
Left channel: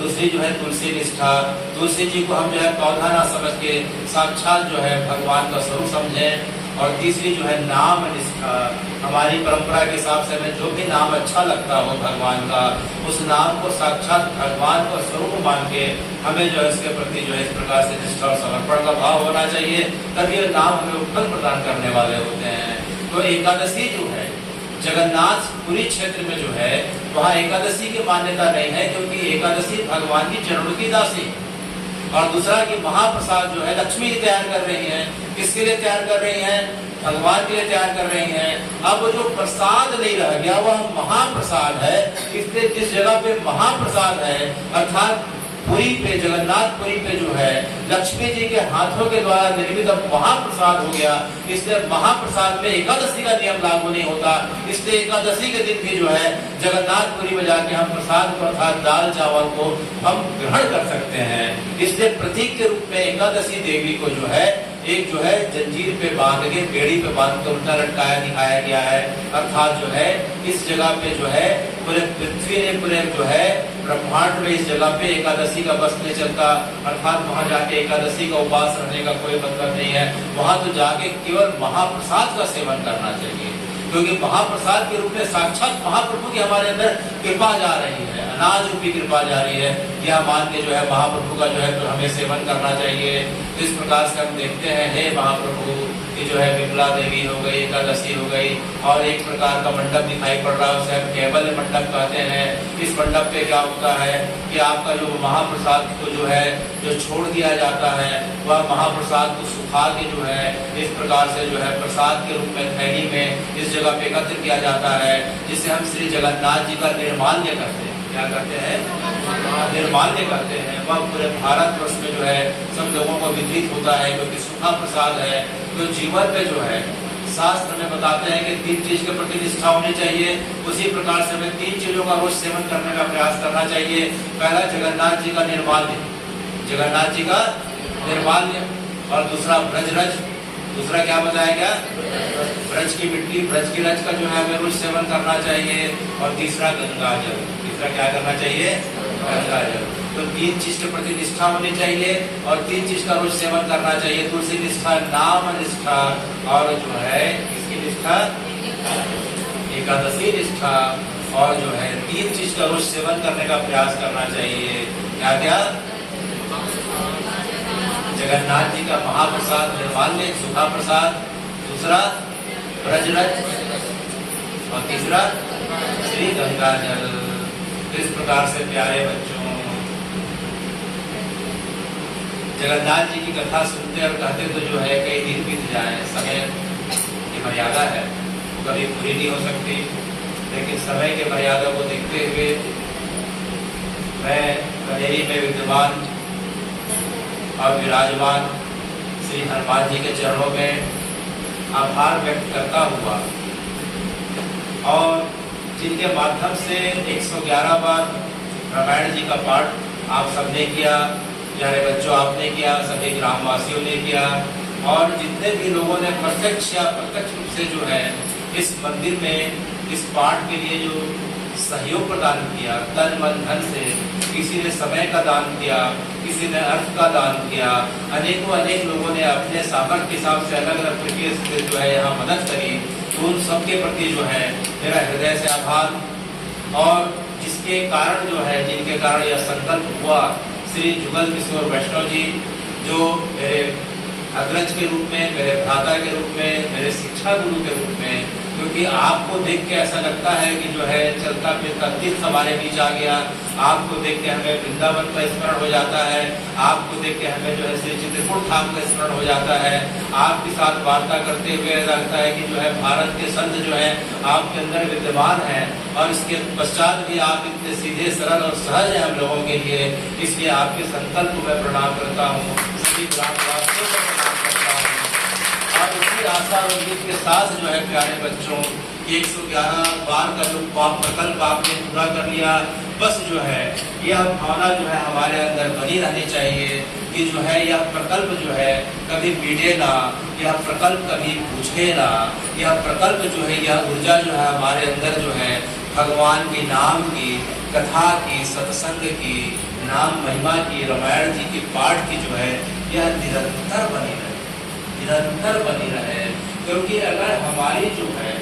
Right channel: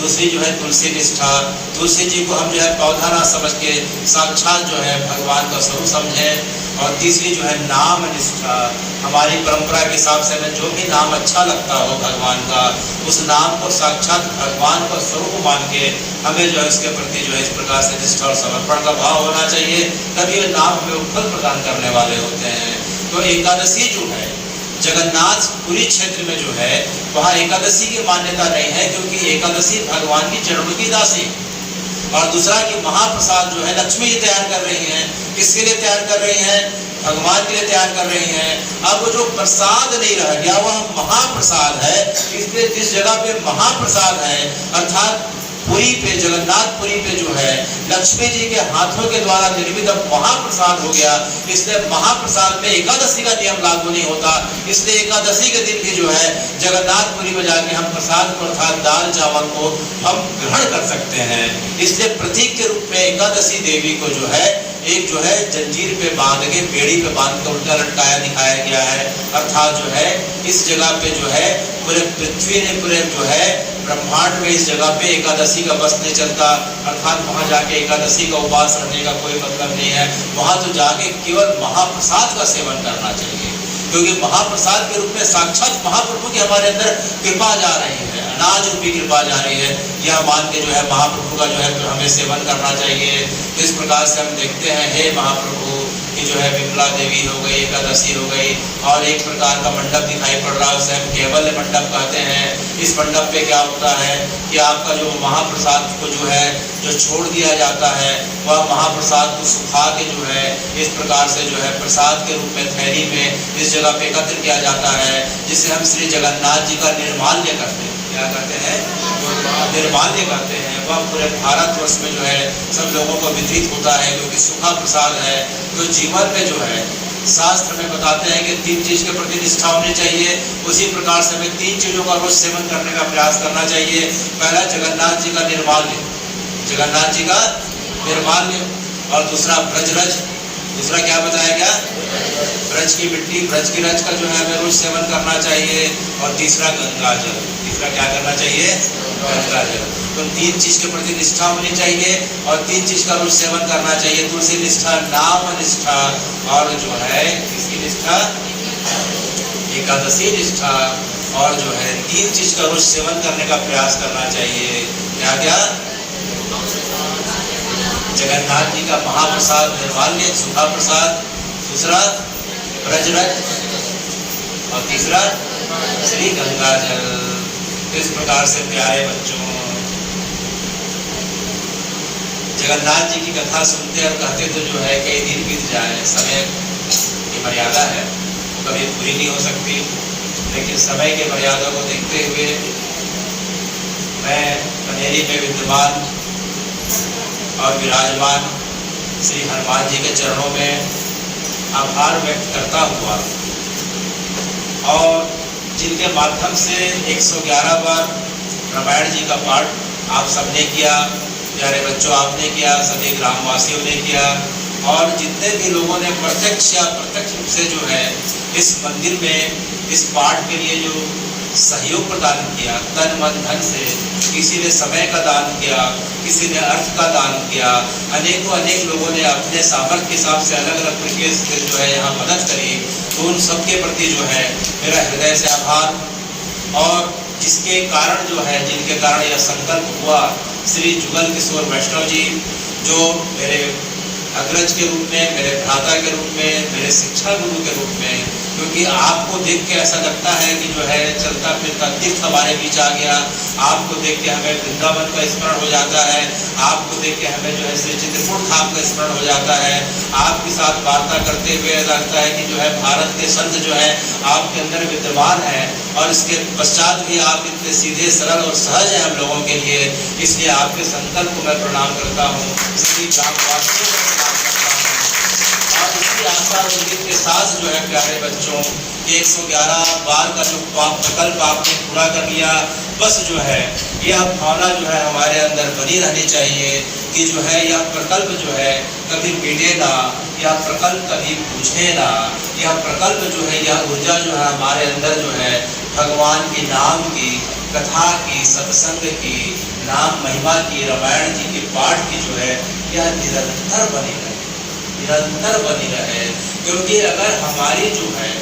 दूसरी जो है तुलसी निष्ठा। तुलसी जी को हम जो है पौधा ना समझ के साक्षात जो है भगवान का स्वरूप समझें। और तीसरी जो है नाम निष्ठा। हमारी परंपरा के हिसाब से हमें जो भी नाम अच्छा लगता हो भगवान का, उस नाम को साक्षात भगवान का स्वरूप मान के हमें जो है उसके प्रति जो है इस प्रकार से निष्ठा और समर्पण का भाव होना चाहिए। तभी ये नाम हमें उत्पन्न प्रदान करने वाले होते हैं। तो एकादशी जो है जगन्नाथपुरी क्षेत्र में जो है वहाँ एकादशी की मान्यता नहीं है, क्योंकि एकादशी भगवान की जन्म की दासी। और दूसरा कि महाप्रसाद जो है लक्ष्मी जी तैयार कर रही हैं। किसके लिए तैयार कर रही हैं? भगवान के लिए तैयार कर रही हैं। अब वो जो प्रसाद नहीं रह गया वह महाप्रसाद है। इसलिए जिस जगह पे महाप्रसाद है, अर्थात पुरी पे, जगन्नाथपुरी पे जो है लक्ष्मी जी के हाथों के द्वारा निर्मित अब महाप्रसाद हो गया। इसलिए महाप्रसाद में एकादशी का नियम लागू नहीं होता। इसलिए एकादशी के दिन भी जो है जगन्नाथपुरी में जाके हम प्रसाद अर्थात दाल चावल को हम ग्रहण कर सकते हैं। इसलिए प्रतीक के रूप में एकादशी देवी को जो है एक जो है जंजीर पे बांध के, बेड़ी पे बांध कर उल्टा लटकाया दिखाया गया है। अर्थात जो है इस जगह पे जो है पूरे पृथ्वी ने, पूरे जो है ब्रह्मांड में इस जगह पे एकादशी का बस नहीं चलता। अर्थात वहां जाके एकादशी का उपवास करने का कोई मतलब नहीं है। वहां तो जाके केवल महाप्रसाद का सेवन करना चाहिए, क्योंकि महाप्रसाद के रूप में साक्षात महाप्रभु की हमारे अंदर कृपा जा रही है, अनाज रूपी कृपा जा रही है। यह मान के जो है महाप्रभु का जो है तो हमें सेवन करना चाहिए। इस प्रकार से हम देखते हैं, हे महाप्रभु की जो है विमला देवी हो गई, एकादशी हो गई, और एक प्रकार का मंडप दिखाई पड़ रहा है, उसे हम केवल मंडप कहते हैं। इस मंडप पे क्या होता है कि आपका जो महाप्रसाद को जो है जो छोड़ दिया जाता है, वह महाप्रसाद को सुखा के जो है इस प्रकार से जो है प्रसाद के रूप में थैली में इस जगह पे एकत्र किया जाता है, जिसे हम श्री जगन्नाथ जी का निर्माल्य करते हैं। क्या करते हैं? निर्माल्य करते हैं। वह पूरे भारतवर्ष में जो है सब लोगों को वितरित होता है, क्योंकि सूखा प्रसाद है। तो जीवन में जो है शास्त्र में बताते हैं कि 3 चीज के प्रति निष्ठा होनी चाहिए। उसी प्रकार से हमें 3 चीजों का रोज सेवन करने का प्रयास करना चाहिए। पहला जगन्नाथ जी का निर्माल्य, जगन्नाथ जी का निर्माल्य, और दूसरा ब्रजरज, दूसरा क्या बताया गया? ब्रज की मिट्टी, ब्रज की रज का जो है हमें रोज सेवन करना चाहिए। और तीसरा गंगा जल, तीसरा क्या करना चाहिए? गंगा जल। तो 3 चीज के प्रति निष्ठा होनी चाहिए और 3 चीज का रोज सेवन करना चाहिए। तुलसी निष्ठा, नाम निष्ठा, और जो है किसकी निष्ठा? एकादशी निष्ठा। और जो है 3 चीज का रोज सेवन करने का प्रयास करना चाहिए। क्या क्या? जगन्नाथ जी का महाप्रसाद निर्माल्य सूखा प्रसाद, दूसरा ब्रजरथ, और तीसरा श्री गंगा जल। इस प्रकार से प्यारे बच्चों, जगन्नाथ जी की कथा सुनते और कहते तो जो है कई दिन बीत जाए, समय की मर्यादा है वो कभी पूरी नहीं हो सकती, लेकिन समय के मर्यादा को देखते हुए मैं बनेरी में विद्यमान और विराजमान श्री हनुमान जी के चरणों में आभार व्यक्त करता हुआ, और जिनके माध्यम से 111 बार रामायण जी का पाठ आप सबने किया, प्यारे बच्चों आपने किया, सभी ग्रामवासियों ने किया, और जितने भी लोगों ने प्रत्यक्ष या अप्रत्यक्ष रूप से जो है इस मंदिर में इस पाठ के लिए जो सहयोग प्रदान किया, तन मन धन से, किसी ने समय का दान किया, किसी ने अर्थ का दान किया, अनेकों अनेक लोगों ने अपने सामर्थ्य के हिसाब से अलग अलग तरीके से जो है यहाँ मदद करी, तो उन सबके प्रति जो है मेरा हृदय से आभार। और जिसके कारण जो है, जिनके कारण यह संकल्प हुआ, श्री जुगल किशोर वैष्णव जी, जो मेरे अग्रज के रूप में, मेरे भ्राता के रूप में, मेरे शिक्षा गुरु के रूप में, क्योंकि आपको देख के ऐसा लगता है कि जो है चलता फिरता तीर्थ हमारे बीच आ गया, आपको देख के हमें वृंदावन का स्मरण हो जाता है, आपको देख के हमें जो है श्री चित्रकूट धाम का स्मरण हो जाता है, आपके साथ वार्ता करते हुए लगता है कि जो है भारत के संत जो है आपके अंदर विद्यमान है, और इसके पश्चात भी आप इतने सीधे सरल और सहज हैं हम लोगों के लिए। इसलिए आपके संकल्प को मैं प्रणाम करता हूँ, सभी ग्रामवासियों को प्रणाम करता हूँ, और उसी आशा और उम्मीद के साथ जो है प्यारे बच्चों, 111 बार का जो प्रकल्प आपने पूरा कर लिया, बस जो है यह भावना जो है हमारे अंदर बनी रहनी चाहिए कि जो है यह प्रकल्प जो है कभी मिटे ना, यह प्रकल्प कभी बुझे ना, यह प्रकल्प जो है, यह ऊर्जा जो है हमारे अंदर जो है भगवान के नाम की, कथा की, सत्संग की, नाम महिमा की, रामायण जी के पाठ की जो है यह निरंतर बनी रहे, निरंतर बनी रहे। क्योंकि अगर हमारी जो है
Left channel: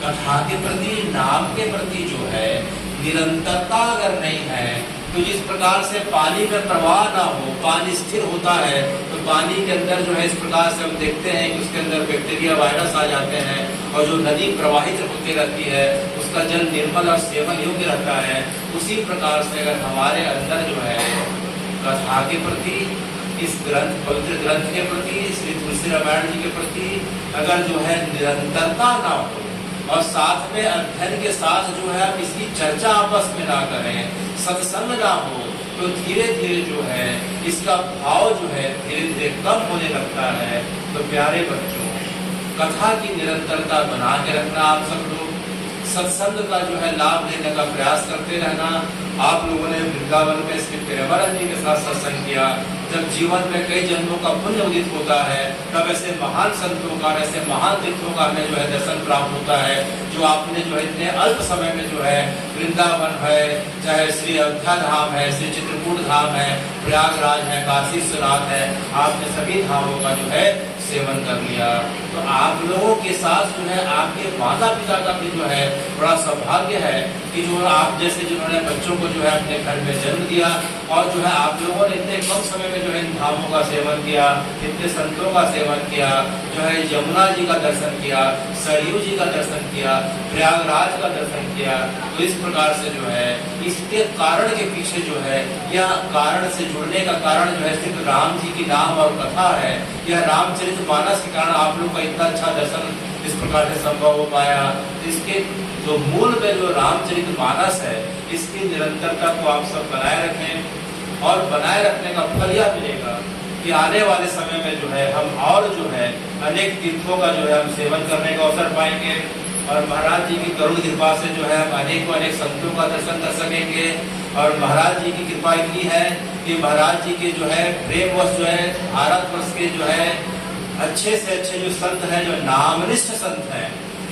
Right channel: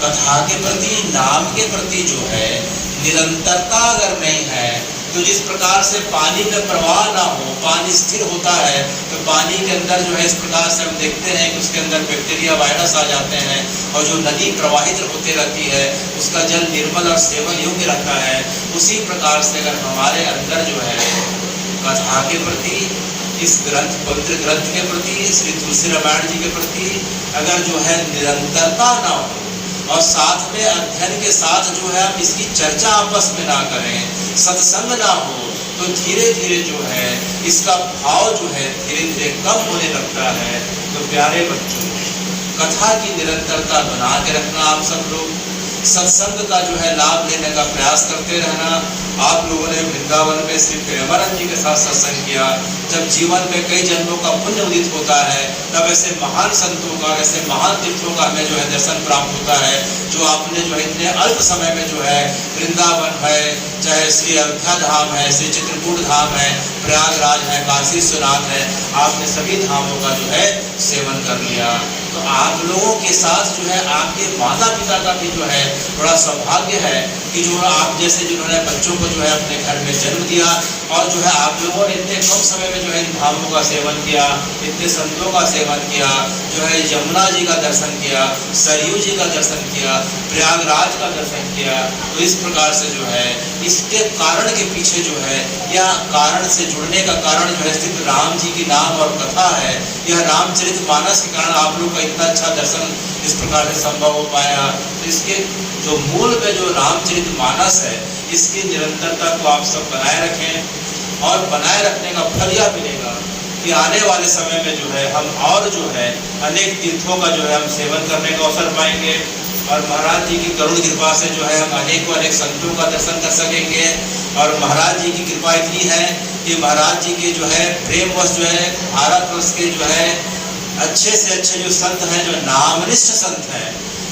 कथा के प्रति, नाम के प्रति जो है निरंतरता अगर नहीं है, तो जिस प्रकार से पानी का प्रवाह ना हो, पानी स्थिर होता है, तो पानी के अंदर जो है इस प्रकार से हम देखते हैं कि उसके अंदर बैक्टीरिया, वायरस आ जाते हैं, और जो नदी प्रवाहित होती रहती है उसका जल निर्मल और सेवन योग्य रहता है। उसी प्रकार से अगर हमारे अंदर जो है कथा के प्रति, इस ग्रंथ, पवित्र ग्रंथ के प्रति, श्री तुलसी रामायण जी के प्रति अगर जो है निरंतरता ना हो, और साथ में अध्ययन के साथ जो है हम इसकी चर्चा आपस में ना करें, सत्संग ना हो, तो धीरे धीरे जो है इसका भाव जो है धीरे धीरे कम होने लगता है। तो प्यारे बच्चों, कथा की निरंतरता बना के रखना, आप सब लोग सत्संग का जो है लाभ लेने का प्रयास करते रहना। आप लोगों ने वृंदावन में श्री प्रेमानंद जी के साथ सत्संग किया, जब जीवन में कई जन्मों का पुण्य उदित होता है, तब ऐसे महान संतों का, ऐसे महान तीर्थों का हमें जो है दर्शन प्राप्त होता है, जो आपने जो है इतने अल्प समय में जो है वृंदावन है, चाहे श्री अयोध्या धाम है, श्री चित्रकूट धाम है, प्रयागराज है, काशी विश्वनाथ है, आपने सभी धामों का जो है सेवन कर लिया। तो आप लोगों के साथ जो है आपके माता पिता का भी जो है बड़ा सौभाग्य है कि जो आप जैसे जिन्होंने बच्चों को जो है अपने घर में जन्म दिया, और जो है आप लोगों ने इतने कम समय में जो है इन धामों का सेवन किया, इतने संतों का सेवन किया, जो है यमुना जी का दर्शन किया, सरयू जी का दर्शन किया, प्रयागराज का दर्शन किया। तो इस प्रकार से जो है इसके कारण के पीछे जो है, या कारण से जुड़ने का कारण जो है सिर्फ राम जी की नाम और कथा है, यह रामचरितमानस के कारण आप लोग का इतना अच्छा दर्शन इस प्रकार से संभव हो पाया। तो इसके जो मूल में जो रामचरितमानस है, इसकी निरंतरता को आप सब बनाए रखें, और बनाए रखने का फल यह मिलेगा कि आने वाले समय में जो है हम और जो है अनेक तीर्थों का जो है हम सेवन करने का अवसर पाएंगे, और महाराज जी की करुण कृपा से जो है हम अनेक संतों का दर्शन कर सकेंगे। और महाराज जी की कृपा इतनी है कि महाराज जी के जो है प्रेमवश जो है भारतवर्ष के जो है अच्छे से अच्छे जो संत हैं, जो नामनिष्ठ संत हैं,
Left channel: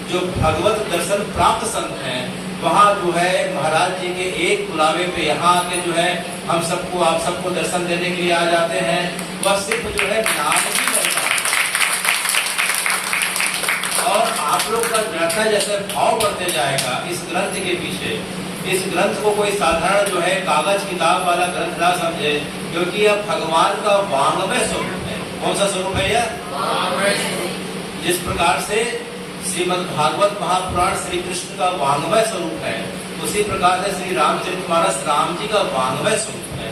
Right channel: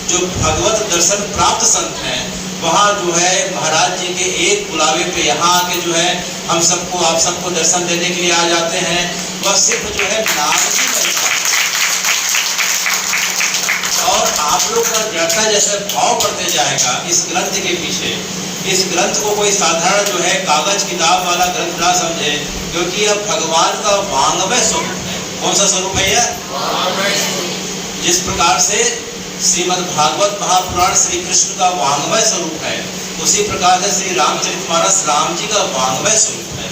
जो भगवत दर्शन प्राप्त संत हैं, वहाँ जो है महाराज जी के एक बुलावे पे यहाँ आके जो है हम सबको, आप सबको दर्शन देने के लिए आ जाते हैं। वह सिर्फ जो है नाम ही नहीं, और आप श्लोक का जैसा जैसे भाव बढ़ते जाएगा इस ग्रंथ के पीछे, इस ग्रंथ को कोई साधारण जो है कागज किताब वाला ग्रंथ ना समझे, क्योंकि यह भगवान का वांग्मय स्वरूप है। कौन सा स्वरूप है यह? जिस प्रकार से श्रीमद् भागवत महापुराण श्री कृष्ण का वांग्मय स्वरूप है, उसी प्रकार से श्री रामचरितमानस राम जी का वांग्मय स्वरूप है।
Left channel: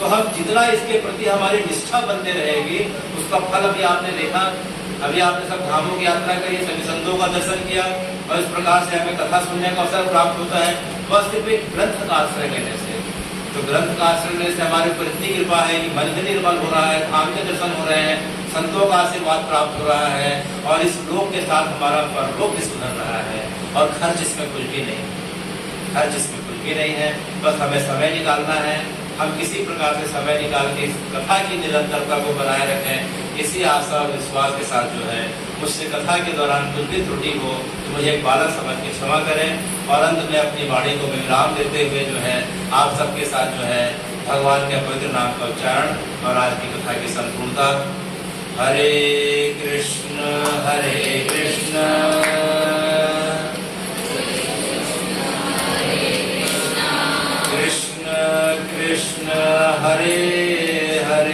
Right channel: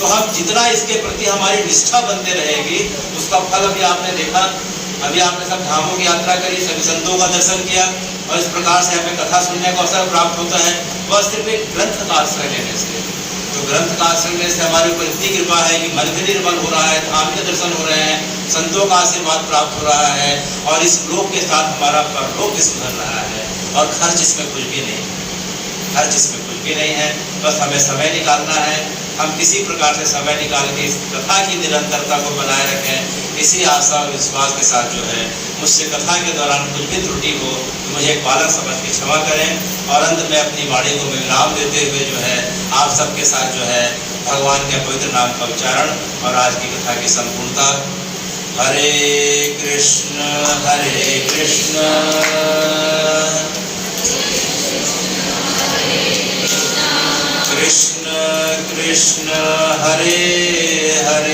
तो हम जितना इसके प्रति हमारी निष्ठा बनते रहेगी, उसका फल अभी आपने देखा। अभी आपने सब धामों की यात्रा करी, सभी संतों का दर्शन किया, और इस प्रकार से हमें कथा सुनने का अवसर प्राप्त होता है, बस सिर्फ एक ग्रंथ का आश्रय लेने से। तो ग्रंथ का आश्रय लेने से हमारे ऊपर इतनी कृपा है कि मन भी निर्मल हो रहा है, धाम के दर्शन हो रहे हैं, संतों का आशीर्वाद प्राप्त हो रहा है, और इस लोक के साथ हमारा परलोक भी सुधर रहा है, और खर्च इसमें कुछ भी नहीं, खर्च इसमें कुछ भी नहीं है। बस हमें समय निकालना है। हम किसी प्रकार से समय निकाल के इस कथा की निरंतरता को बनाए रखें। इसी आशा और विश्वास के साथ जो है, मुझसे कथा के दौरान कुछ भी त्रुटि हो तो मुझे एक बालक समझ के क्षमा करें। और अंत में अपनी वाणी को मैं विराम देते हुए जो है आप सबके साथ जो है भगवान के पवित्र नाम का उच्चारण और आज की कथा की संपूर्णता। हरे कृष्ण कृष्ण कृष्ण हरे हरे,